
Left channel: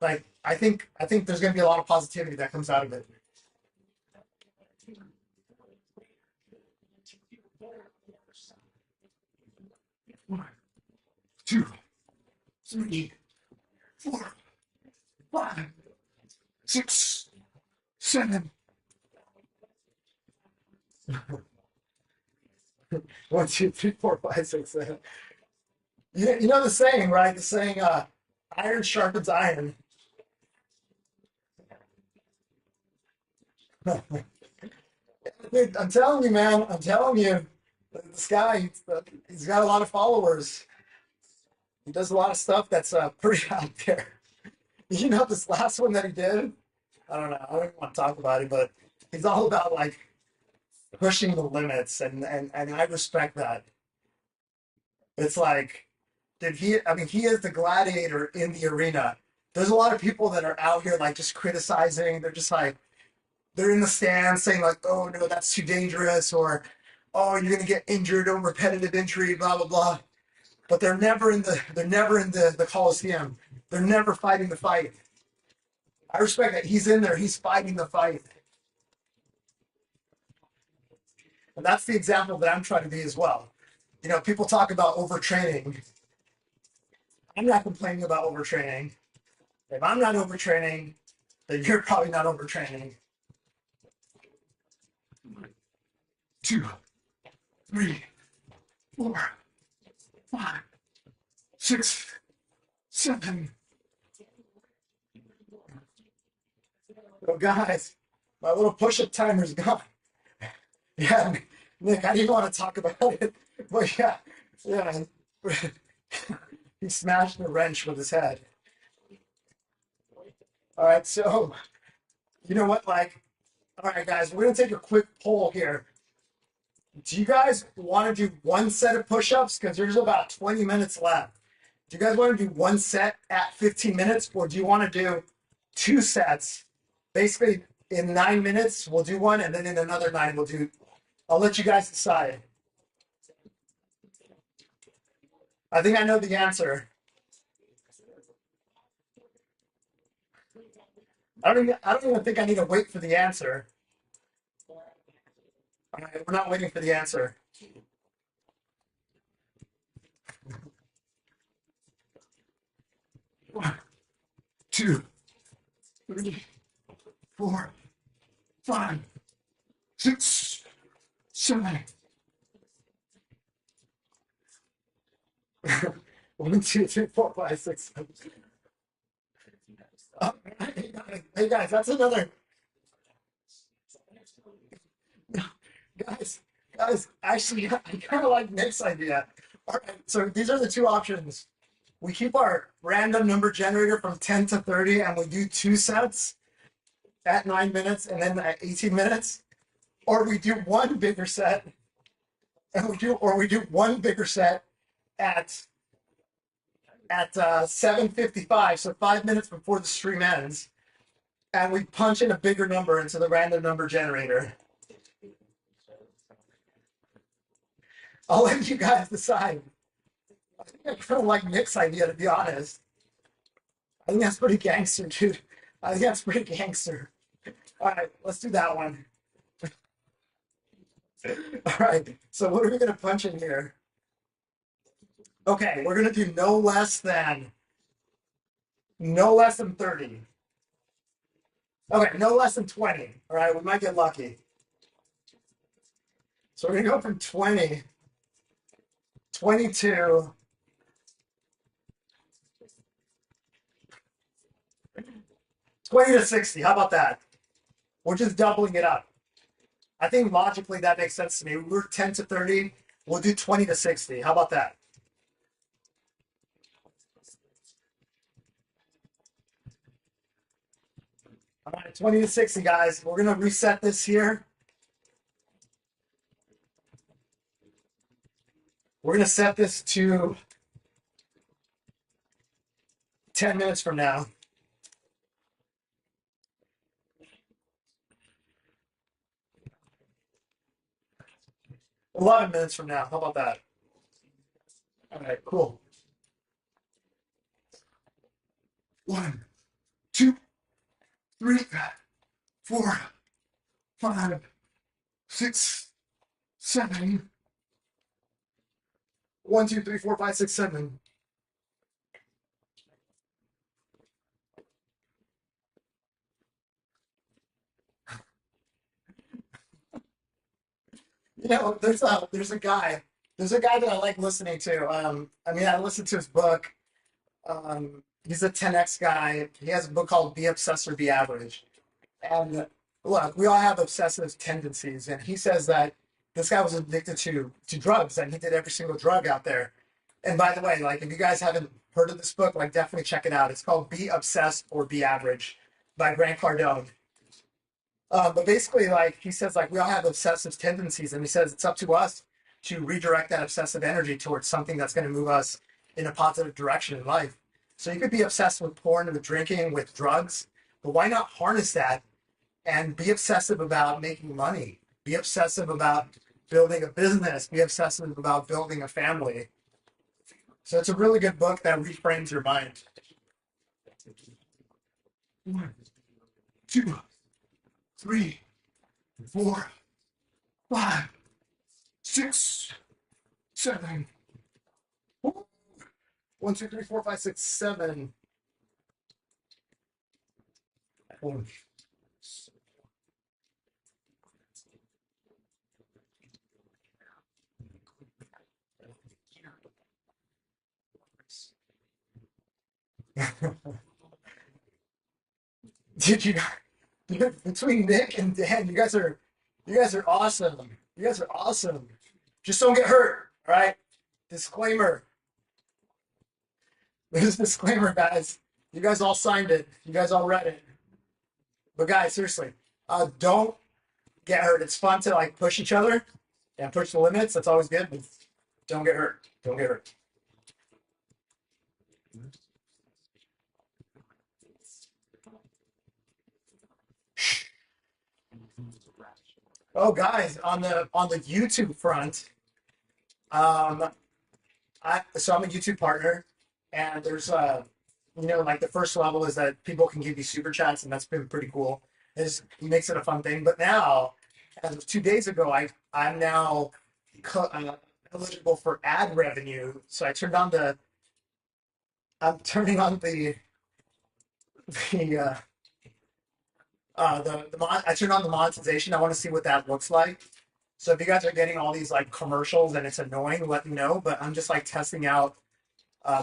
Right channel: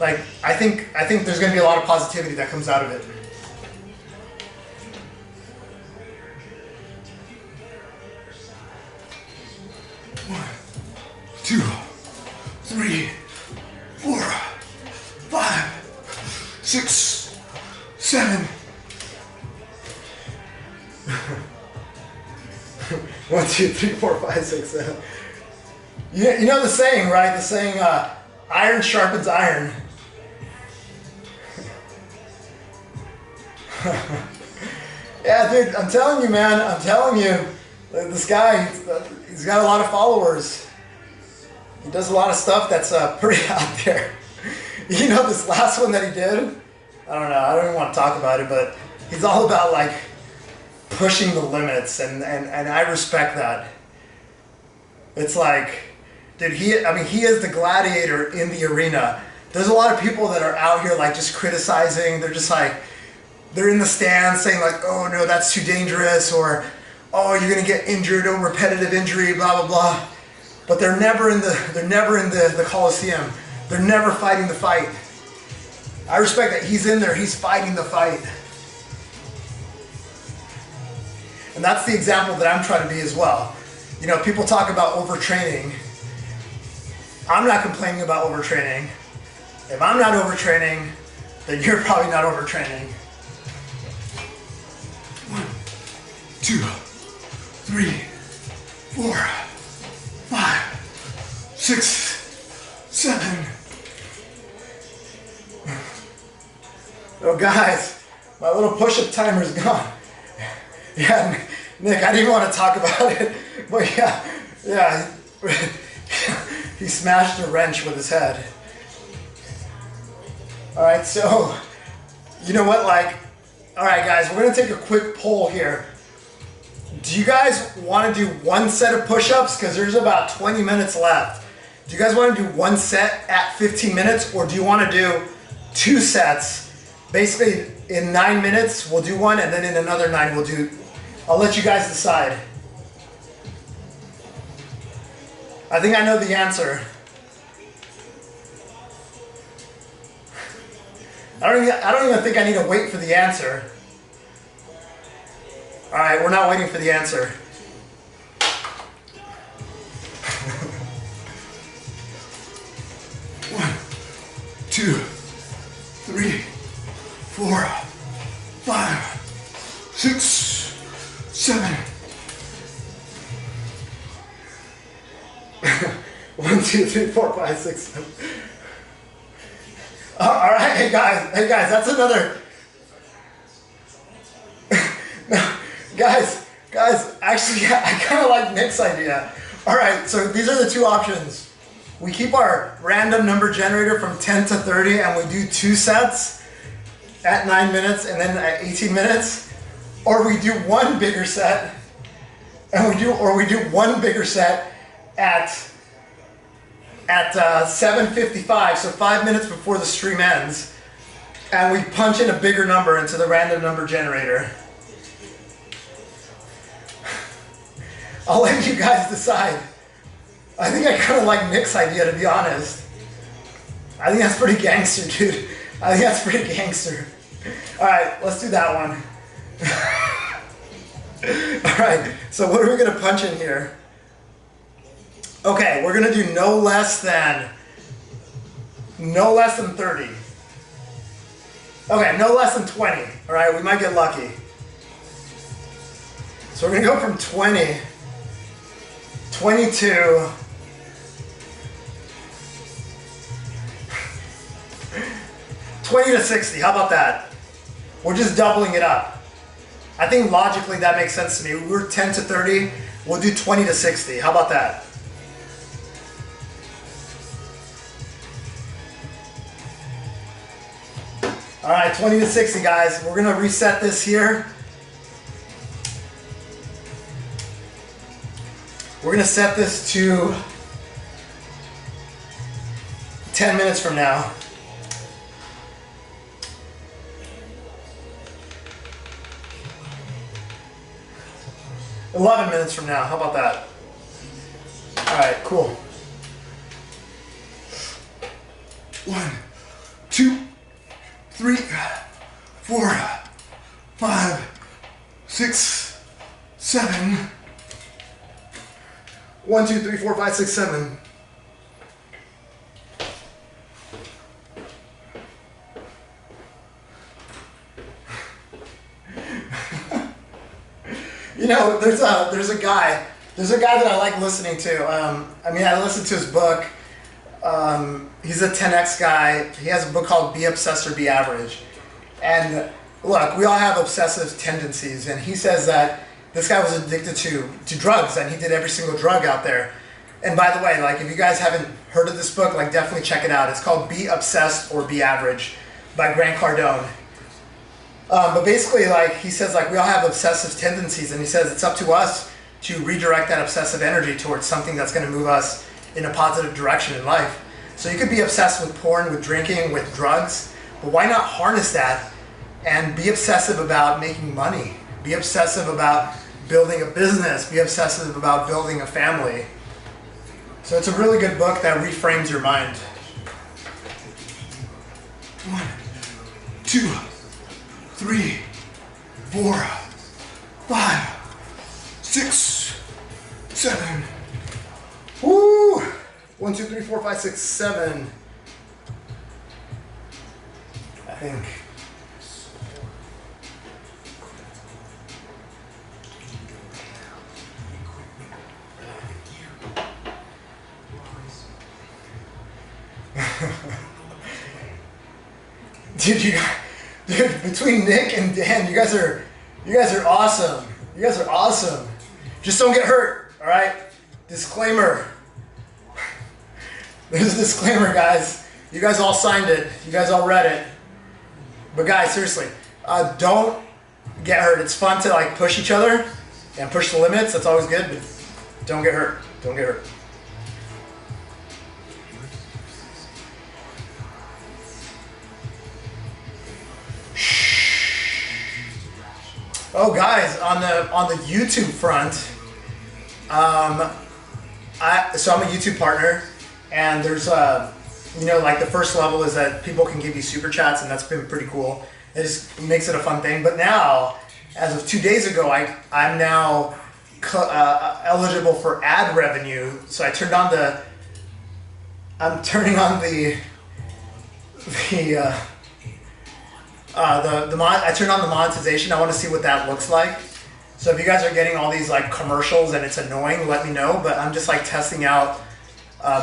I think there's going to be a lot of positivity that comes out of it. One, 2, 3, 4, 5, 6, 7. 1, 2, 3, 4, 5, 6, 7. You know the saying, right? The saying, iron sharpens iron. Yeah, dude, I'm telling you, man. I'm telling you. This guy, he's got a lot of followers. He does a lot of stuff that's pretty out there. This last one that he did? I don't know. I don't even want to talk about it, but he's all about, pushing the limits, and I respect that. It's dude, he is the gladiator in the arena. There's a lot of people that are out here just criticizing. They're just they're in the stands saying oh no, that's too dangerous, or oh, you're gonna get injured, or repetitive injury, blah blah blah. but they're never in the Coliseum. They're never fighting the fight. I respect that he's in there, he's fighting the fight. And that's the example that I'm trying to be as well. You know, people talk about overtraining. I'm not complaining about overtraining. If I'm not overtraining, then you're probably not overtraining. 1, 2, 3, 4, 5, 6, 7. Oh guys, my little push-up timer's gone. Yeah, Nick, I didn't want to talk about it, but yeah, he smashed a wrench with his head. All right, so, you know what, all right guys, we're gonna take a quick poll here. Do you guys want to do one set of push-ups? Because there's about 20 minutes left. Do you guys want to do one set at 15 minutes, or do you want to do 2 sets? Basically, in 9 minutes, we'll do one, and then in another 9, we'll do. I'll let you guys decide. I think I know the answer. I don't even think I need to wait for the answer. All right, we're not waiting for the answer. One, 2, 3, 4, 5, 6, 7. 1, 2, 3, 4, 5, 6, 7. All right, hey guys, that's another. No, guys, actually, I kind of like Nick's idea. All right, so these are the 2 options. We keep our random number generator from 10 to 30, and we do 2 sets at 9 minutes and then at 18 minutes, or we do one bigger set, and we do one bigger set at 7:55, so 5 minutes before the stream ends, and we punch in a bigger number into the random number generator. I'll let you guys decide. I think I kind of like Nick's idea, to be honest. I think that's pretty gangster, dude. I think that's pretty gangster. All right, let's do that one. All right, so what are we gonna punch in here? Okay, we're gonna do no less than 30. Okay, no less than 20. All right, we might get lucky. So we're gonna go from 20, 22, 20 to 60. How about that? We're just doubling it up. I think logically that makes sense to me. We're 10 to 30. We'll do 20 to 60. How about that? All right, 20 to 60, guys. We're gonna reset this here. We're gonna set this to 10 minutes from now. 11 minutes from now. How about that? All right, cool. 1, 2, 3, 4, 5, 6, 7. 1, 2, 3, 4, 5, 6, 7. You know, there's a guy that I like listening to. I mean, I listened to his book. He's a 10X guy. He has a book called Be Obsessed or Be Average. And look, we all have obsessive tendencies. And he says that this guy was addicted to drugs, and he did every single drug out there. And by the way, like, if you guys haven't heard of this book, like, definitely check it out. It's called Be Obsessed or Be Average by Grant Cardone. But basically, like, he says, like, we all have obsessive tendencies, and he says it's up to us to redirect that obsessive energy towards something that's going to move us in a positive direction in life. So you could be obsessed with porn, with drinking, with drugs, but why not harness that and be obsessive about making money? Be obsessive about building a business. Be obsessive about building a family. So it's a really good book that reframes your mind. 1, 2, 3, 4, 5, 6, 7. Woo! 1, 2, 3, 4, 5, 6, 7. I think. Dude, between Nick and Dan, you guys are awesome. You guys are awesome. Just don't get hurt, all right? Disclaimer. There's a disclaimer, guys. You guys all signed it. You guys all read it. But guys, seriously, don't get hurt. It's fun to like push each other and push the limits. That's always good, but don't get hurt. Don't get hurt. Oh, guys, on the YouTube front, so I'm a YouTube partner, and there's like the first level is that people can give you super chats, and that's been pretty cool. It just makes it a fun thing. But now, as of 2 days ago, I'm now eligible for ad revenue. So I turned on I turned on the monetization. I want to see what that looks like. So if you guys are getting all these like commercials and it's annoying, let me know. But I'm just like testing out.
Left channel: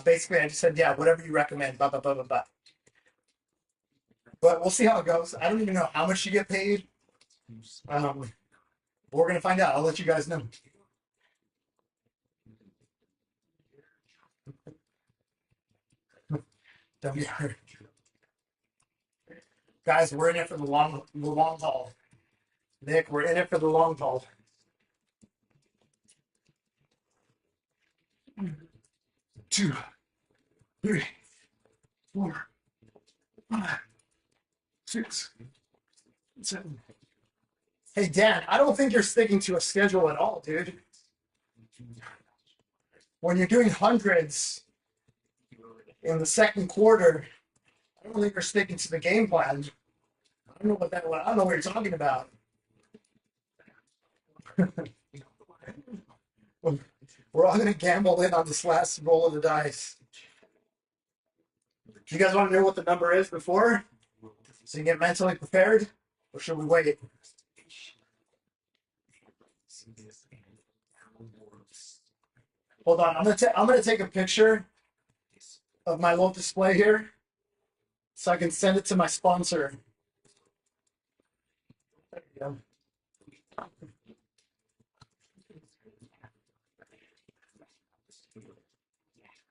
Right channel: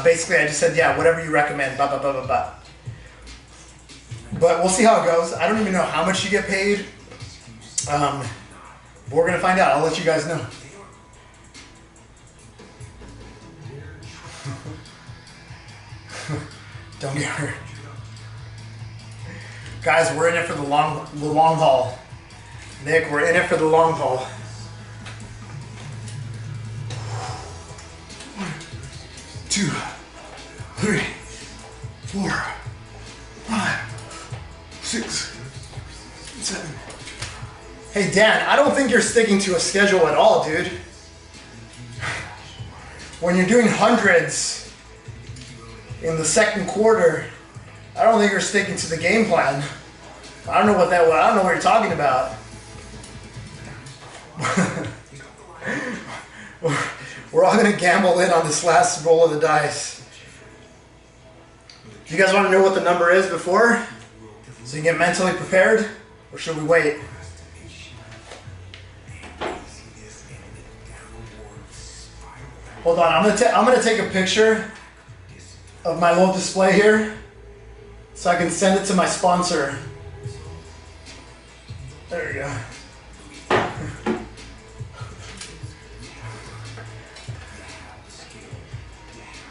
Basically, I just said, yeah, whatever you recommend, blah, blah, blah, blah, blah. But we'll see how it goes. I don't even know how much you get paid. But we're going to find out. I'll let you guys know. Don't get hurt. Guys, we're in it for the long haul. Nick, we're in it for the long haul. 1, 2, 3, 4, 5, 6, 7. Hey Dan, I don't think you're sticking to a schedule at all, dude. When you're doing hundreds in the second quarter, I don't think you're sticking to the game plan. I don't know what you're talking about. We're all gonna gamble in on this last roll of the dice. Do you guys want to know what the number is before? So you can get mentally prepared? Or should we wait? Hold on, I'm gonna take a picture of my little display here so I can send it to my sponsor. There you go.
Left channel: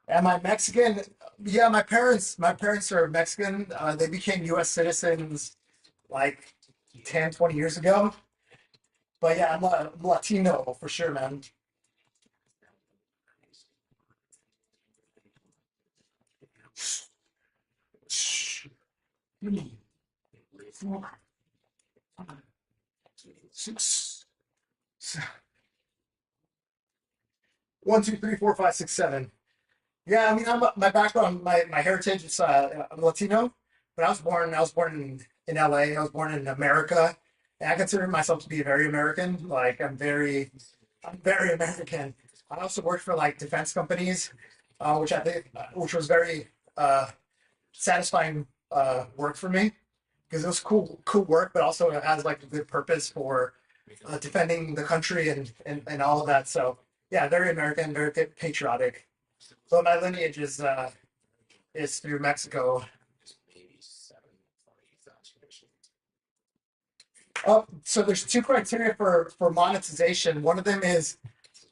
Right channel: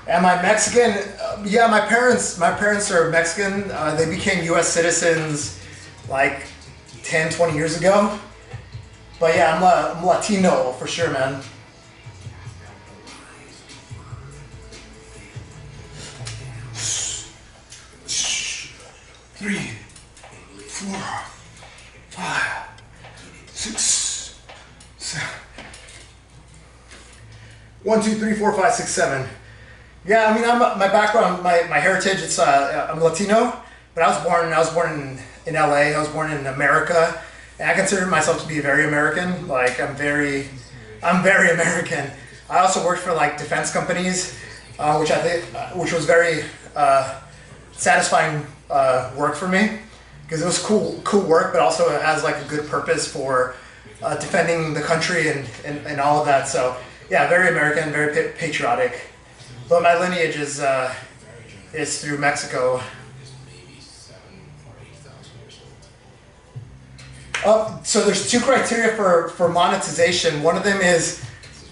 Am I Mexican? Yeah, my parents are Mexican. They became U.S. citizens like 10, 20 years ago. But yeah, I'm Latino for sure, man. Three, 4, 5, 6, 7. 1, 2, 3, 4, 5, 6, 7. Yeah, I mean, my background, my heritage. It's I'm Latino, but I was born in LA. I was born in America, and I consider myself to be very American. Like I'm very American. I also worked for like defense companies, which was very satisfying work for me because it was cool work, but also it has like a good purpose for defending the country and all of that. So yeah, very American, very patriotic. But my lineage is through Mexico. So there's 2 criteria for monetization. One of them is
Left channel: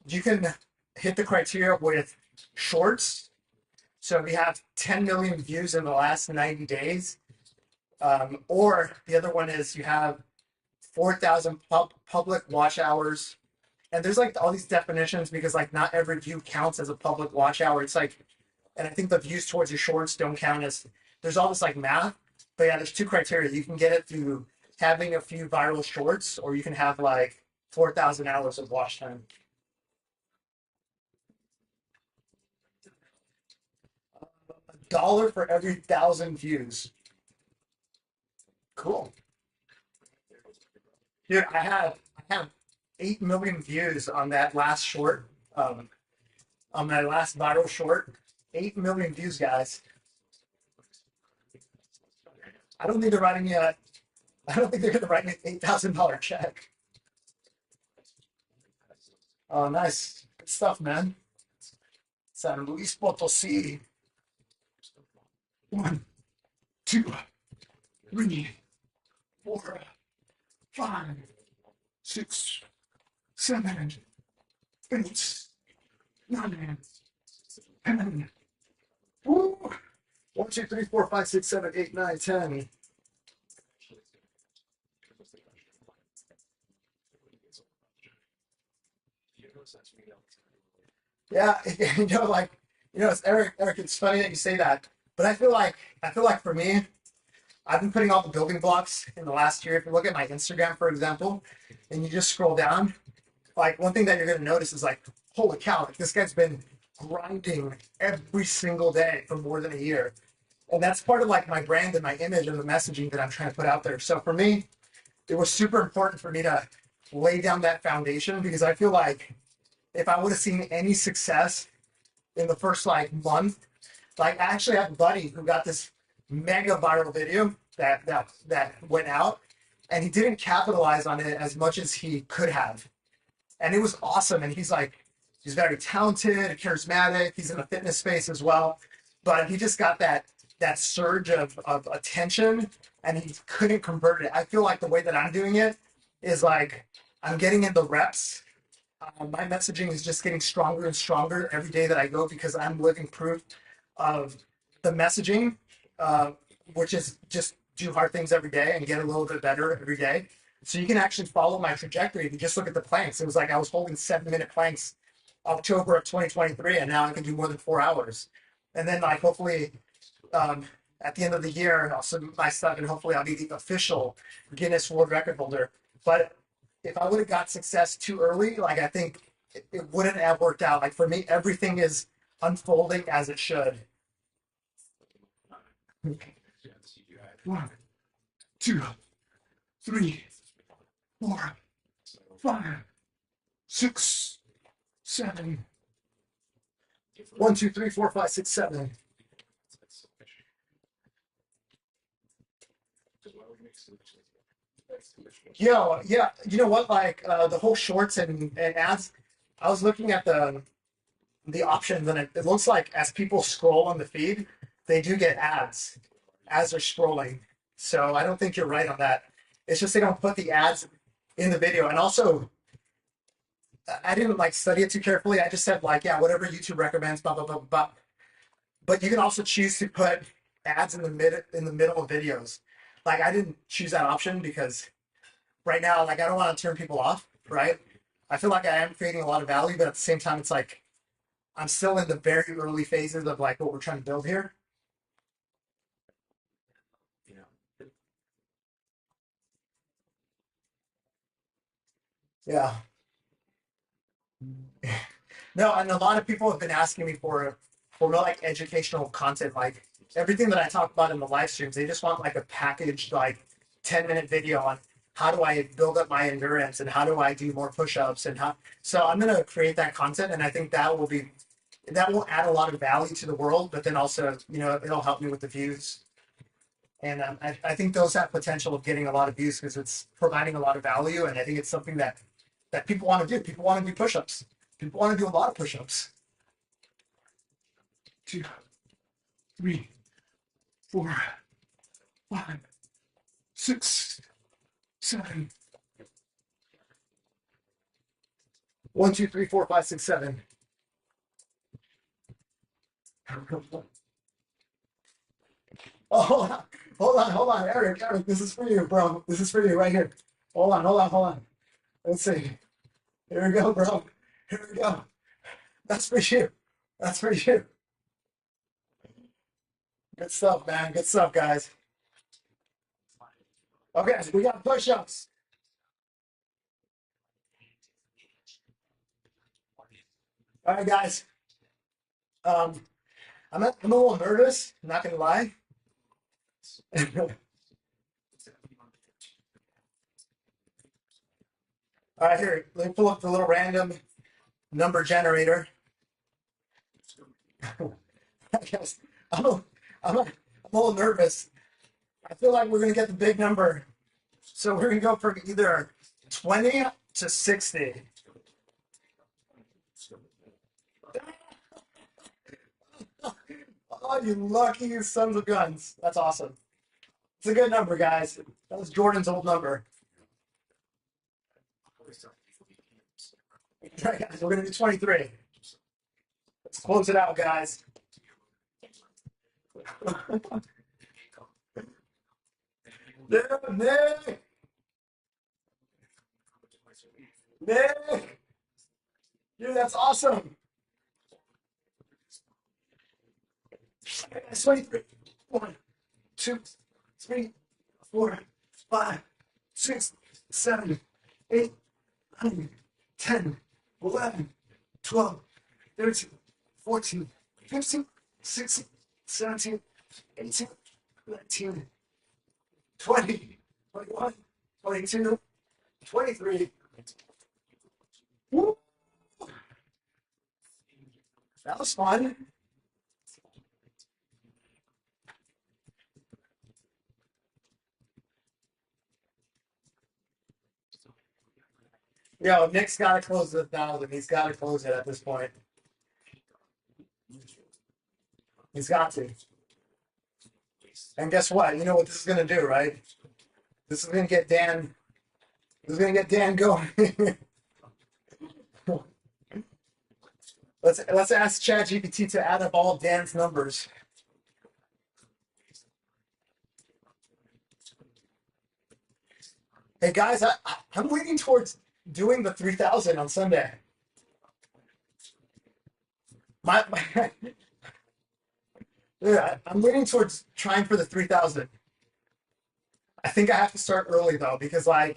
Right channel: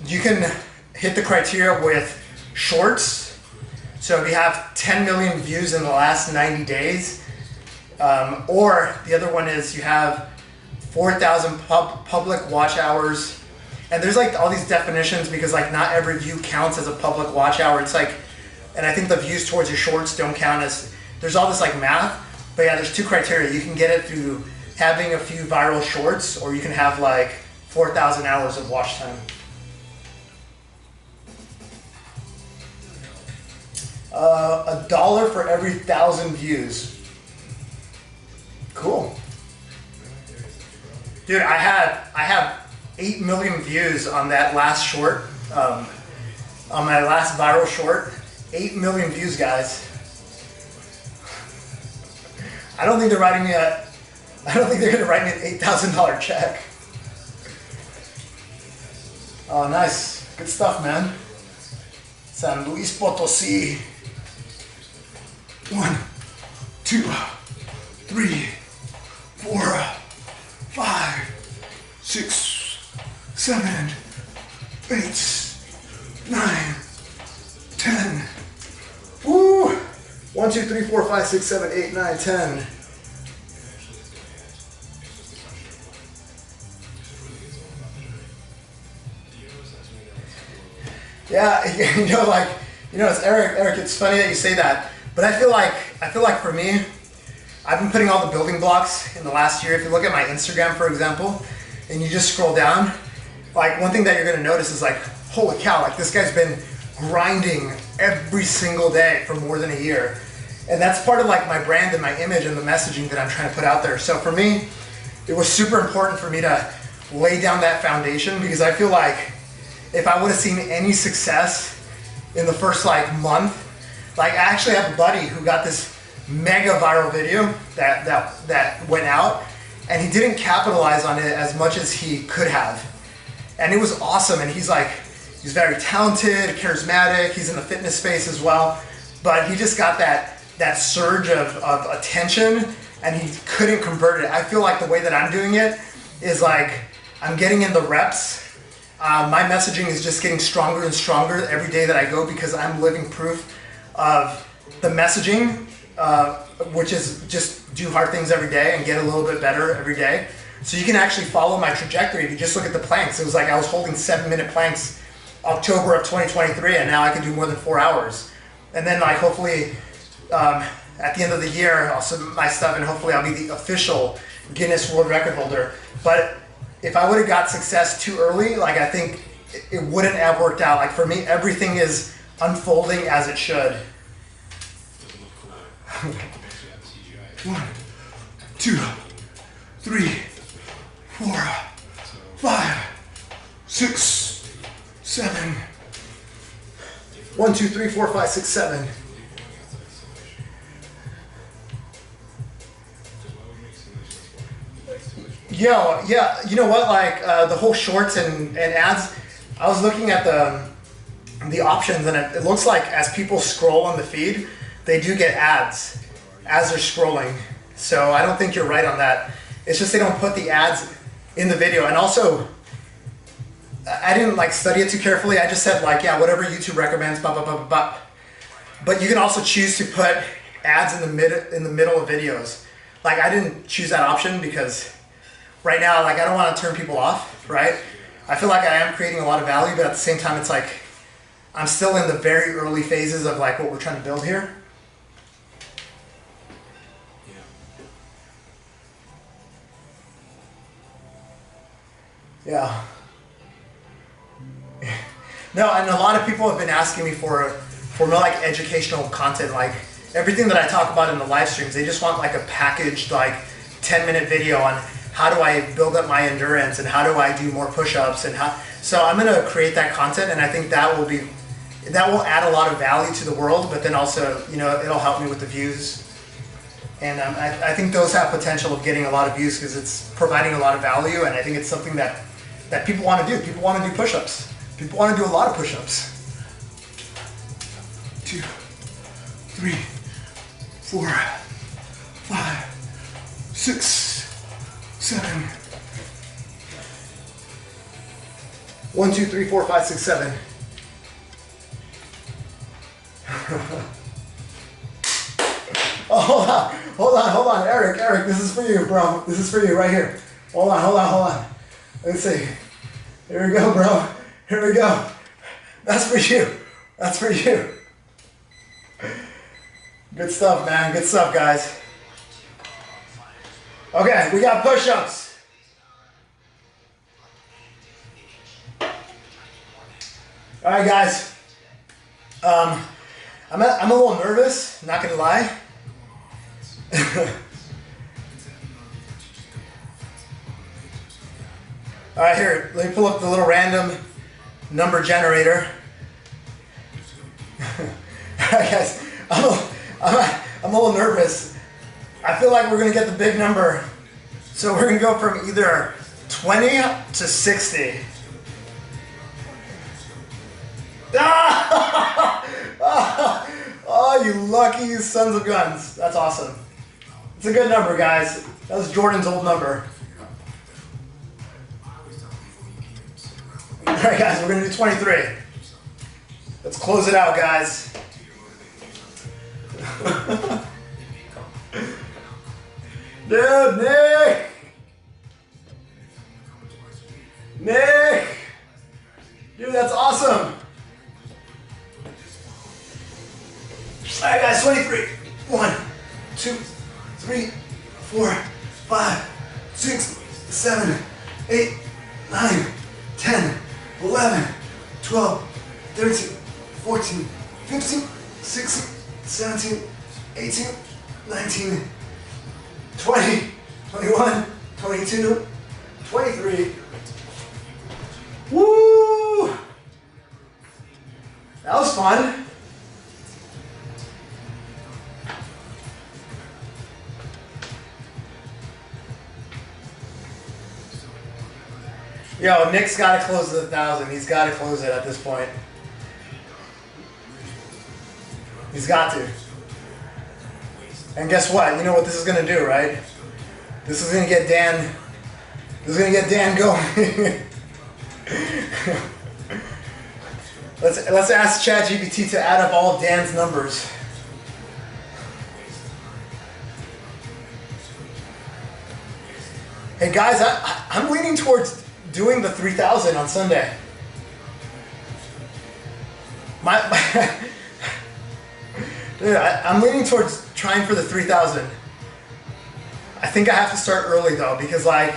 you can hit the criteria with shorts. So if you have 10 million views in the last 90 days, or the other one is you have 4,000 public watch hours. And there's like all these definitions because like not every view counts as a public watch hour. It's like, and I think the views towards your shorts don't count as, there's all this like math. But yeah, there's 2 criteria. You can get it through having a few viral shorts, or you can have like 4,000 hours of watch time. $1 for every 1,000 views. Cool. Dude, I have 8 million views on that last short, on my last viral short. 8 million views, guys. I don't think they're writing me I don't think they're gonna write me an $8,000 check. Oh, nice. Good stuff, man. San Luis Potosí. 1, 2, 3, 4, 5, 6, 7, 8, 9, 10. Woo! 1, 2, 3, 4, 5, 6, 7, 8, 9, 10. Yeah, it's Eric, it's funny that you say that, but I feel like for me, I've been putting all the building blocks in the last year. If you look at my Instagram, for example, and you just scroll down, like one thing that you're gonna notice is like, holy cow, like this guy's been grinding every single day for more than a year. And that's part of like my brand and my image and the messaging that I'm trying to put out there. So for me, it was super important for me to lay down that foundation, because I feel like if I would have seen any success in the first like month, like I actually have a buddy who got this mega viral video that went out, and he didn't capitalize on it as much as he could have. And it was awesome, and he's very talented, charismatic, he's in the fitness space as well, but he just got that surge of attention, and he couldn't convert it. I feel like the way that I'm doing it is like, I'm getting in the reps. My messaging is just getting stronger and stronger every day that I go, because I'm living proof of the messaging, which is just do hard things every day and get a little bit better every day. So you can actually follow my trajectory if you just look at the planks. It was like I was holding 7-minute planks October of 2023, and now I can do more than 4 hours. And then like hopefully at the end of the year, I'll submit my stuff, and hopefully I'll be the official Guinness World Record holder. But if I would have got success too early, like I think it wouldn't have worked out. Like for me, everything is unfolding as it should. 1, 2, 3, 4, 5, 6, 7. 1, 2, 3, 4, 5, 6, 7. Yo, yeah, you know what, like the whole shorts and ads, I was looking at the options, and it looks like as people scroll on the feed, they do get ads as they're scrolling. So I don't think you're right on that. It's just they don't put the ads in the video. And also, I didn't like study it too carefully. I just said like, yeah, whatever YouTube recommends, blah, blah, blah, blah, blah. But you can also choose to put ads in the middle of videos. Like I didn't choose that option because right now, like I don't want to turn people off, right? I feel like I am creating a lot of value, but at the same time, it's like I'm still in the very early phases of like what we're trying to build here. Yeah. No, and a lot of people have been asking me for more like educational content, like everything that I talk about in the live streams. They just want like a packaged like 10-minute video on how do I build up my endurance and how do I do more push-ups and how. So I'm gonna create that content, and I think that will add a lot of value to the world. But then also, you know, it'll help me with the views. And I think those have potential of getting a lot of views because it's providing a lot of value, and I think it's something that people want to do. People want to do push-ups. People want to do a lot of push-ups. 2, 3, 4, 5, 6, 7. 1, 2, 3, 4, 5, 6, 7. Oh, hold on, Eric, this is for you, bro. This is for you right here. Hold on. Let's see. Here we go, bro. Here we go. That's for you. Good stuff, man. Good stuff, guys. Okay, we got push-ups. All right, guys. I'm a little nervous, not gonna lie. All right, here, let me pull up the little random number generator. All right, guys, I'm a little nervous. I feel like we're gonna get the big number. So we're gonna go from either 20 to 60. Oh, you lucky sons of guns. That's awesome. It's a good number, guys. That was Jordan's old number. All right, guys, we're gonna do 23. Let's close it out, guys. Dude, Nick! Nick! Dude, that's awesome! Alright, guys, 23. 1, 2, 3, 4, 5, 6, 7, 8, 9, 10, 11, 12, 13, 14, 15, 16, 17, 18, 19, 20, 21, 22, 23. Woo! That was fun. Yo, Nick's got to close the 1,000. He's got to close it at this point. He's got to. And guess what? You know what this is going to do, right? This is going to get Dan. This is going to get Dan going. Let's ask ChatGPT to add up all of Dan's numbers. Hey guys, I'm leaning towards doing the 3,000 on Sunday. Dude, I'm leaning towards trying for the 3,000. I think I have to start early though, because like,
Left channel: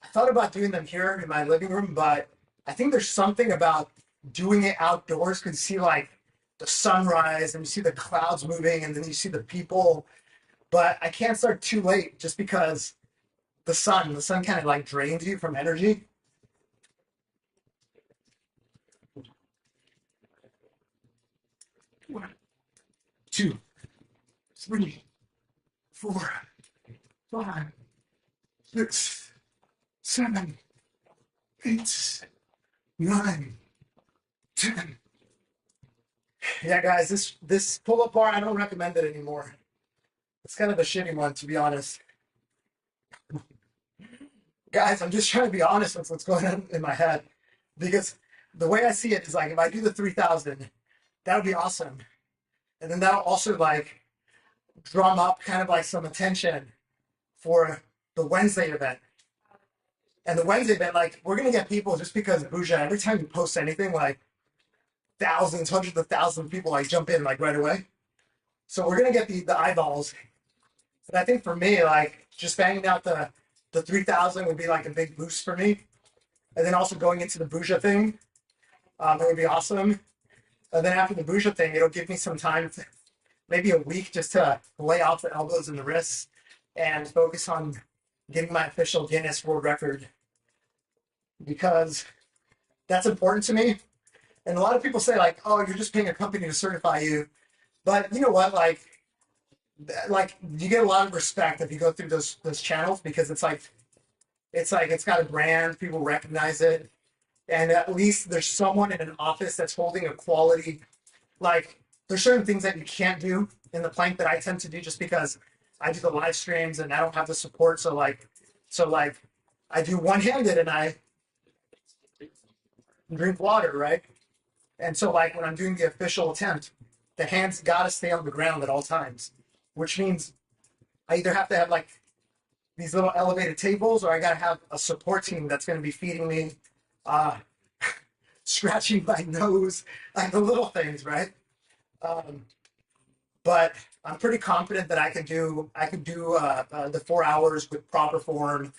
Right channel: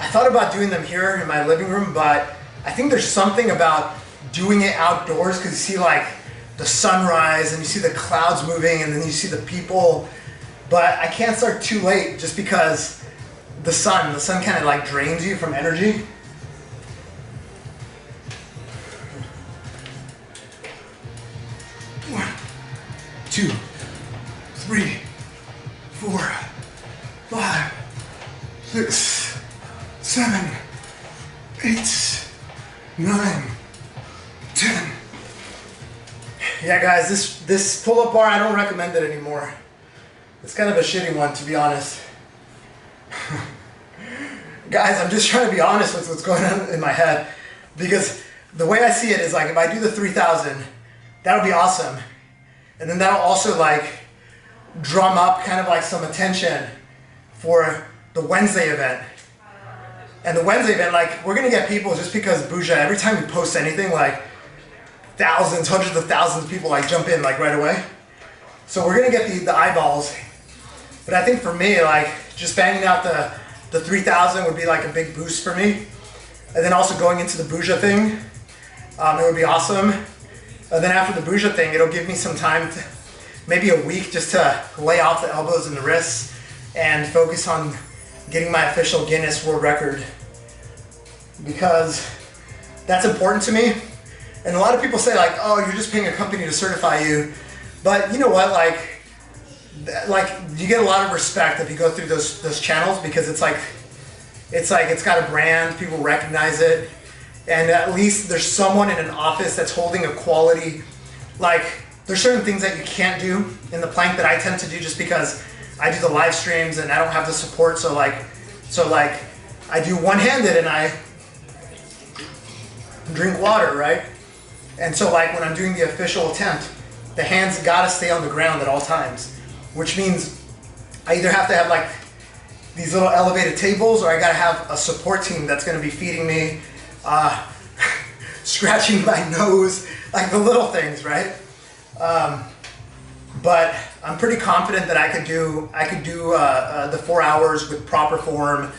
I thought about doing them here in my living room, but I think there's something about doing it outdoors because you see like the sunrise and you see the clouds moving and then you see the people. But I can't start too late just because the sun kind of like drains you from energy. One, 2, 3, 4, 5, 6, 7, 8, 9, 10. Yeah, guys, this pull-up bar, I don't recommend it anymore. It's kind of a shitty one, to be honest. Guys, I'm just trying to be honest with what's going on in my head, because the way I see it is like, if I do the 3,000, that'll be awesome. And then that'll also like drum up kind of like some attention for the Wednesday event. And the Wednesday event, like, we're gonna get people just because Buja, every time we post anything, like thousands, hundreds of thousands of people like jump in like right away. So we're gonna get the eyeballs. But I think for me, like just banging out the 3,000 would be like a big boost for me. And then also going into the Buja thing, it would be awesome. And then after the Buja thing, it'll give me some time, maybe a week, just to lay off the elbows and the wrists and focus on getting my official Guinness World Record, because that's important to me. And a lot of people say like, oh, you're just paying a company to certify you. But you know what, like you get a lot of respect if you go through those channels, because it's got a brand, people recognize it, and at least there's someone in an office that's holding a quality. Like there's certain things that you can't do in the plank that I tend to do just because I do the live streams and I don't have the support. So like I do one-handed and I drink water, right? And so like when I'm doing the official attempt, the hands gotta stay on the ground at all times, which means I either have to have like these little elevated tables, or I gotta have a support team that's gonna be feeding me, scratching my nose, like the little things, right? But I'm pretty confident that I could do the 4 hours with proper form,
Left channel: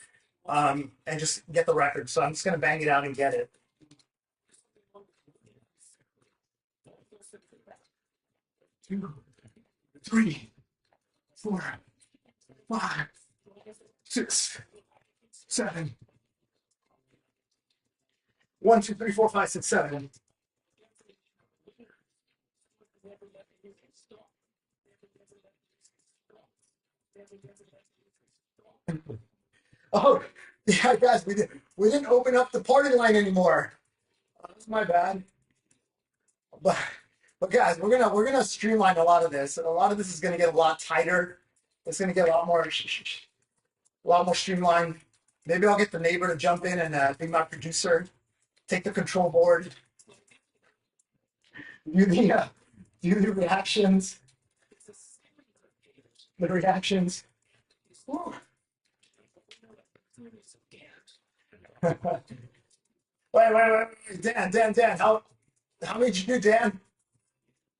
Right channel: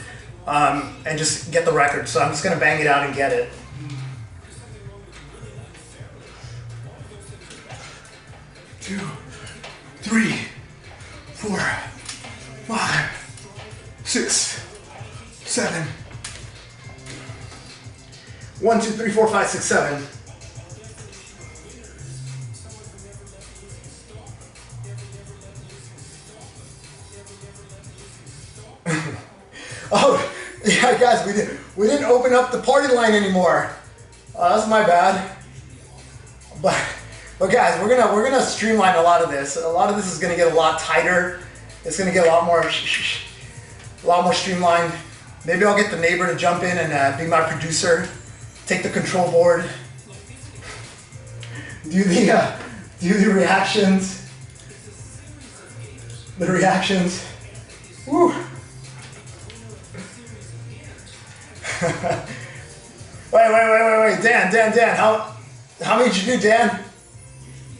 and just get the record. So I'm just gonna bang it out and get it. 2, 3, 4, 5, 6, 7. 1, 2, 3, 4, 5, 6, 7. Oh, yeah, guys, we didn't open up the party line anymore. That's my bad. But guys, we're gonna streamline a lot of this. A lot of this is gonna get a lot tighter. It's gonna get a lot more streamlined. Maybe I'll get the neighbor to jump in and be my producer, take the control board, do the reactions. The reactions. Woo. Wait, Dan, how many did you do, Dan?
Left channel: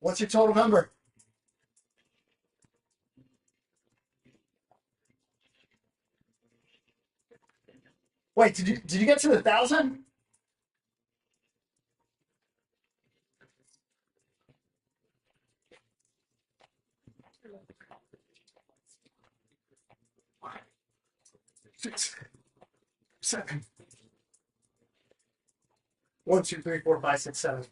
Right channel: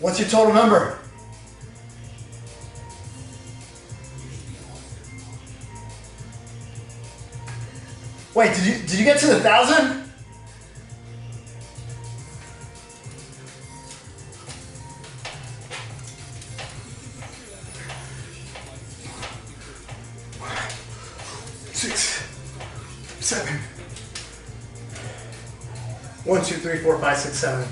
What's your total number? Wait, did you get to the 1,000? Six, 7. 1, 2, 3, 4, 5, 6, 7.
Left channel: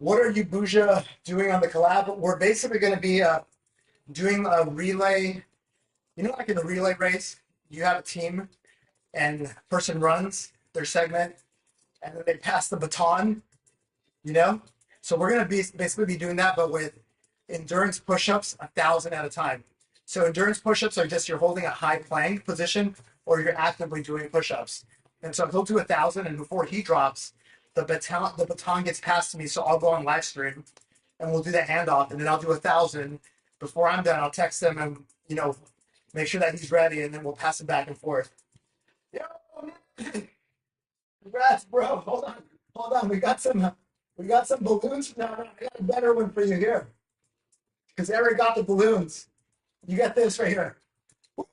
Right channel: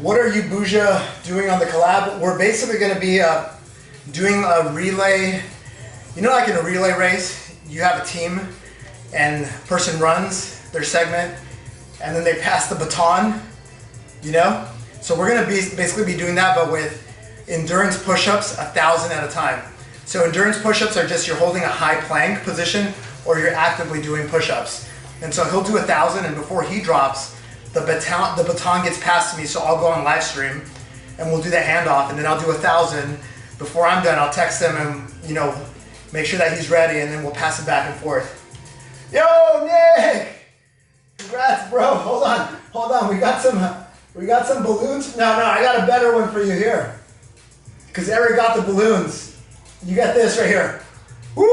What are you, Bouja, doing on the collab? We're basically going to be doing a relay. You know, like in a relay race, you have a team and the person runs their segment and then they pass the baton, you know? So we're going to basically be doing that, but with endurance push-ups 1,000 at a time. So endurance push-ups are just you're holding a high plank position or you're actively doing push-ups. And so he'll do 1,000 and before he drops, the baton gets passed to me, so I'll go on live stream and we'll do the handoff and then I'll do 1,000. Before I'm done, I'll text him and, you know, make sure that he's ready and then we'll pass it back and forth. Yo, Nick! Congrats, bro. Hold on. We got some balloons. No, I got a better one for you here. Because Eric got the balloons. You got this right here. Woo!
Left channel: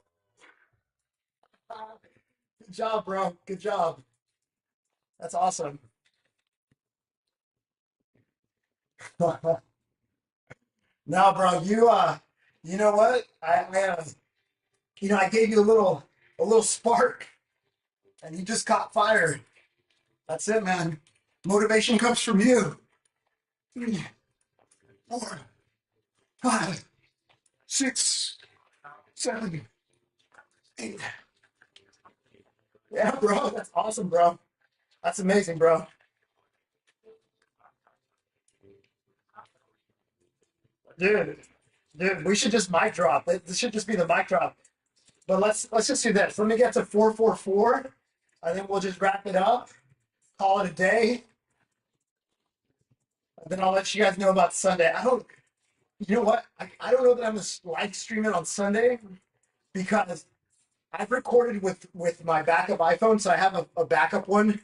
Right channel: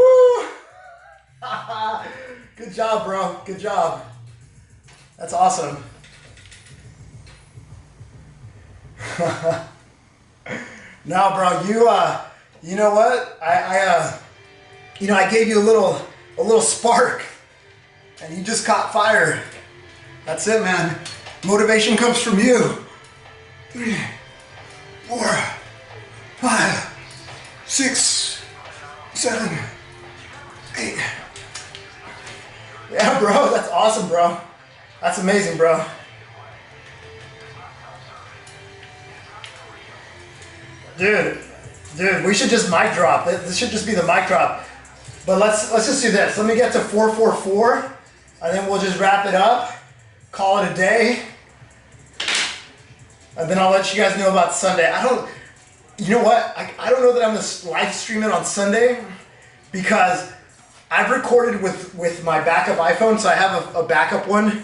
Good job, bro. Good job. That's awesome. No, bro, you know what? I gave you a little spark, and you just caught fire. That's it, man. Motivation comes from you. 3, 4, 5, 6, 7, 8. Yeah, bro, that's awesome, bro. That's amazing, bro. Dude, we should just mic drop. This should just be the mic drop. But let's just do this. Let me get to 444, and then we'll just wrap it up, call it a day, and then I'll let you guys know about Sunday. You know what? I don't know that I'm going to live stream it on Sunday because I've recorded with my backup iPhone, so I have a backup one,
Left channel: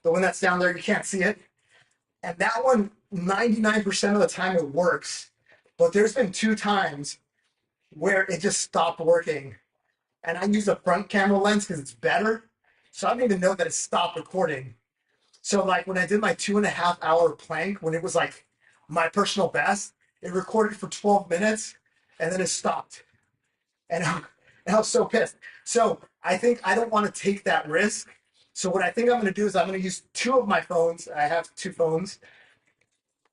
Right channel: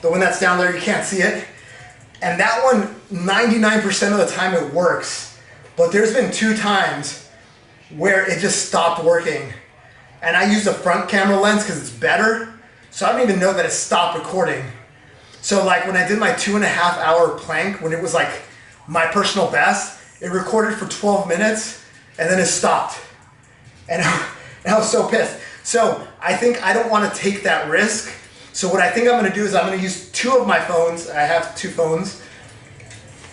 the one that's down there, you can't see it. And that one, 99% of the time it works. But there's been 2 times where it just stopped working. And I use the front camera lens because it's better. So I don't even know that it stopped recording. So like when I did my 2.5 hour plank, when it was like my personal best, it recorded for 12 minutes and then it stopped. And I was so pissed. So I think I don't want to take that risk. So what I think I'm going to do is I'm going to use 2 of my phones. I have 2 phones.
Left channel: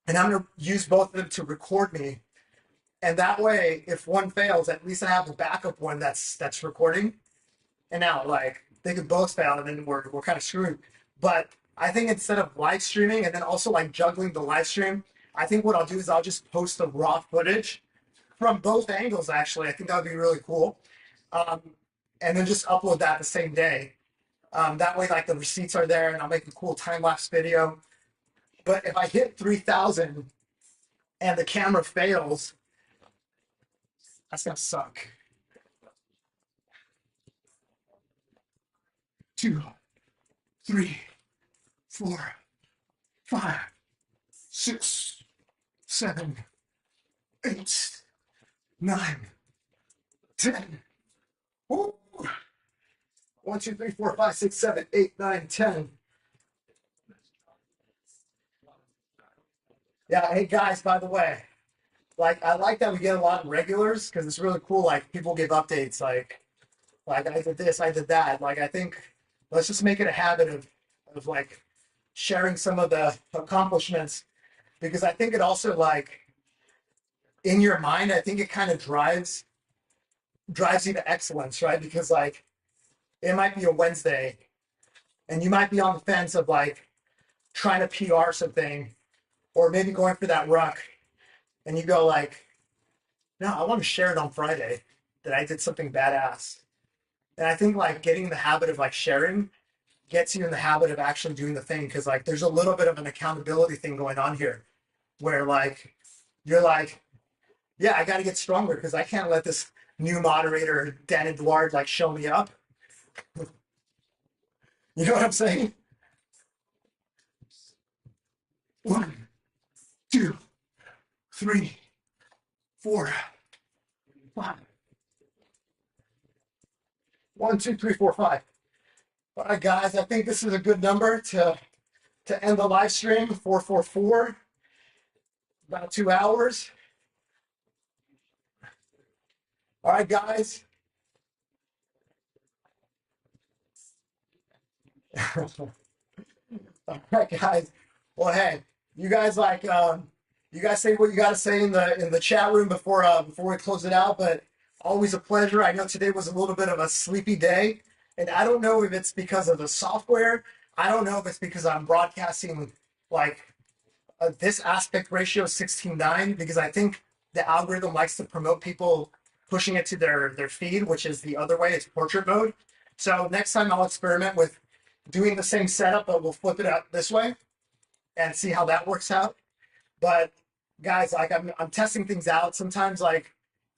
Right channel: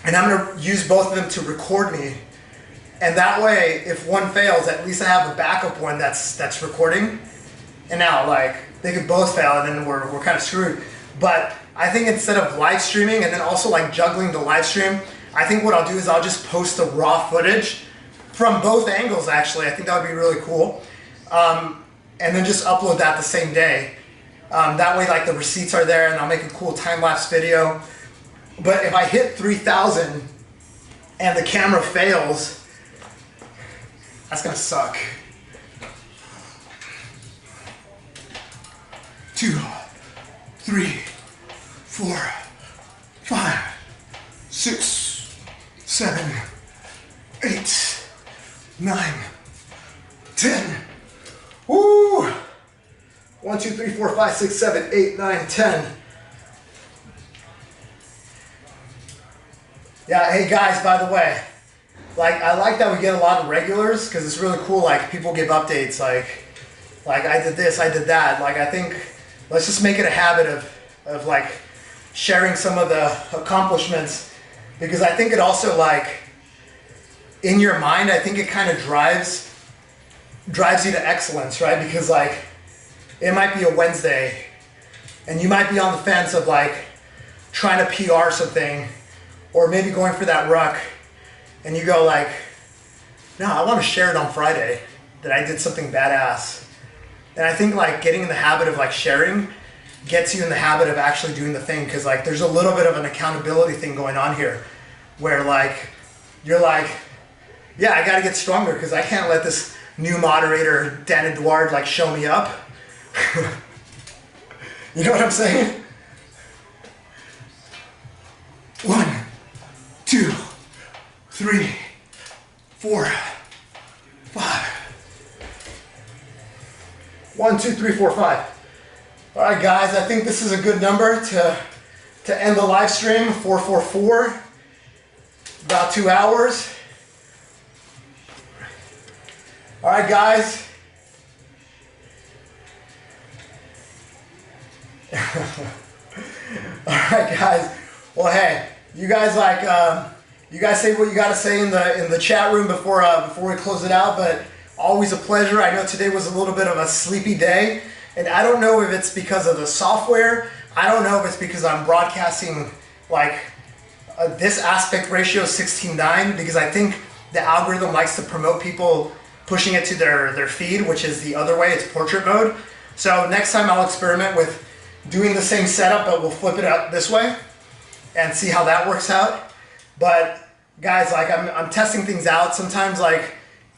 And I'm going to use both of them to record me. And that way, if one fails, at least I have a backup one that's recording. And now, like, they could both fail and then we're kind of screwed. But I think instead of live streaming and then also like juggling the live stream, I think what I'll do is I'll just post the raw footage from both angles, actually. I think that would be really cool. And then just upload that the same day. That way, like, the receipts are there and I'll make a cool time-lapse video. But if I hit 3,000 and the camera fails, that's gonna suck. 2, 3, 4, 5, 6, 7, 8, 9, 10. Woo! 1, 2, 3, 4, 5, 6, 7, 8, 9, 10. Yeah, hey guys, by the way, like I like that we get a lot of regulars because it's really cool. Like people give updates, like I did this, I did that. Like I think let's just make it a habit of like sharing some of the accomplishments, because I think it also, like, in your mind, I think it kind of drives you to excellence, right? Because like it might be a Wednesday and you might be on the fence of like trying to PR something, or maybe going for that ruck, and you go like, no, I want to share it on Friday that I did something badass. And I think like getting in the habit of like sharing gets you in the habit of actually doing the thing, because like there's a little bit of an accountability thing going on here where like you're like, yeah, I gotta get stronger because I can't let this new moderator Dan Edouard like show me up. You know what I'm saying? 1, 2, 3, 4, 5. 1, 2, 3, 4, 5. All right, guys, I think this is a good number to end the live stream. 444, about 2 hours. All right, guys. All right, guys. Well, hey, you guys like you guys say what you got to say in the chat room before we close it out. But always a pleasure. I know today was a little bit of a sleepy day, and I don't know if it's because of the software. I don't know if it's because I'm broadcasting like this aspect ratio 16:9, because I think the algorithm likes to promote people pushing it to their feed, which is the other way. It's portrait mode. So next time I'll experiment with doing the same setup, but we'll flip it out this way and see how that works out. But guys, like I'm testing things out. Sometimes like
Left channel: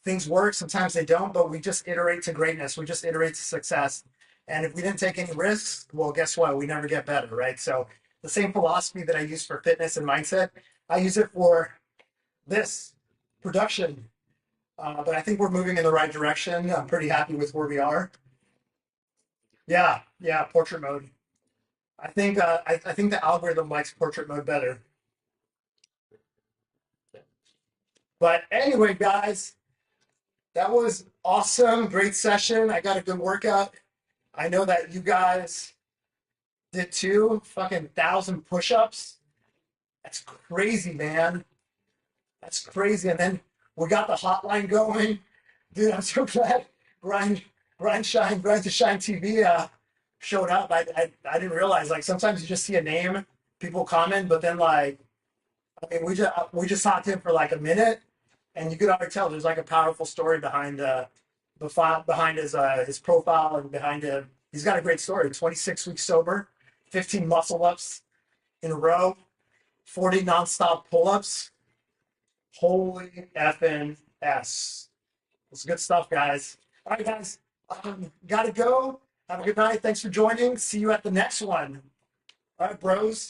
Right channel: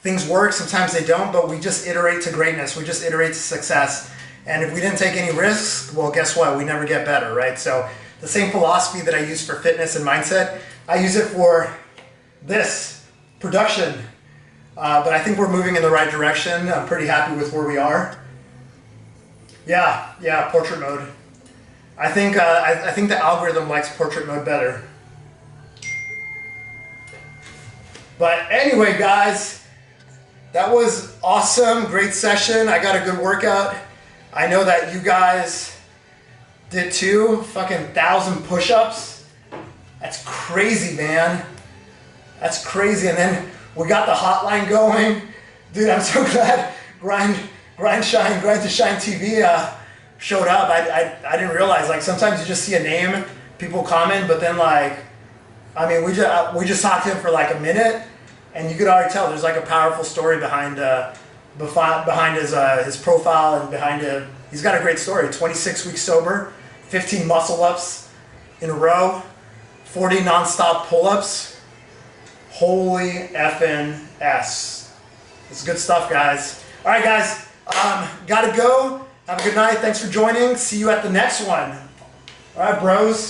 things work, sometimes they don't, but we just iterate to greatness. We just iterate to success. And if we didn't take any risks, well, guess what? We never get better, right? So the same philosophy that I use for fitness and mindset, I use it for this production. But I think we're moving in the right direction. I'm pretty happy with where we are. Yeah, portrait mode. I think the algorithm likes portrait mode better. But anyway, guys, that was awesome. Great session. I got a good workout. I know that you guys did too. Fucking 1,000 push-ups. That's crazy, man. That's crazy. And then we got the hotline going. Dude, I'm so glad Grind to Shine TV showed up. I didn't realize, like, sometimes you just see a name, people comment, but then like, I mean, we just talked to him for like a minute, and you could already tell there's like a powerful story behind his profile, and behind it. He's got a great story. 26 weeks sober, 15 muscle ups in a row, 40 nonstop pull-ups. Holy effing S. It's good stuff, guys. All right, guys. Gotta go. Have a good night. Thanks for joining. See you at the next one. All right, bros.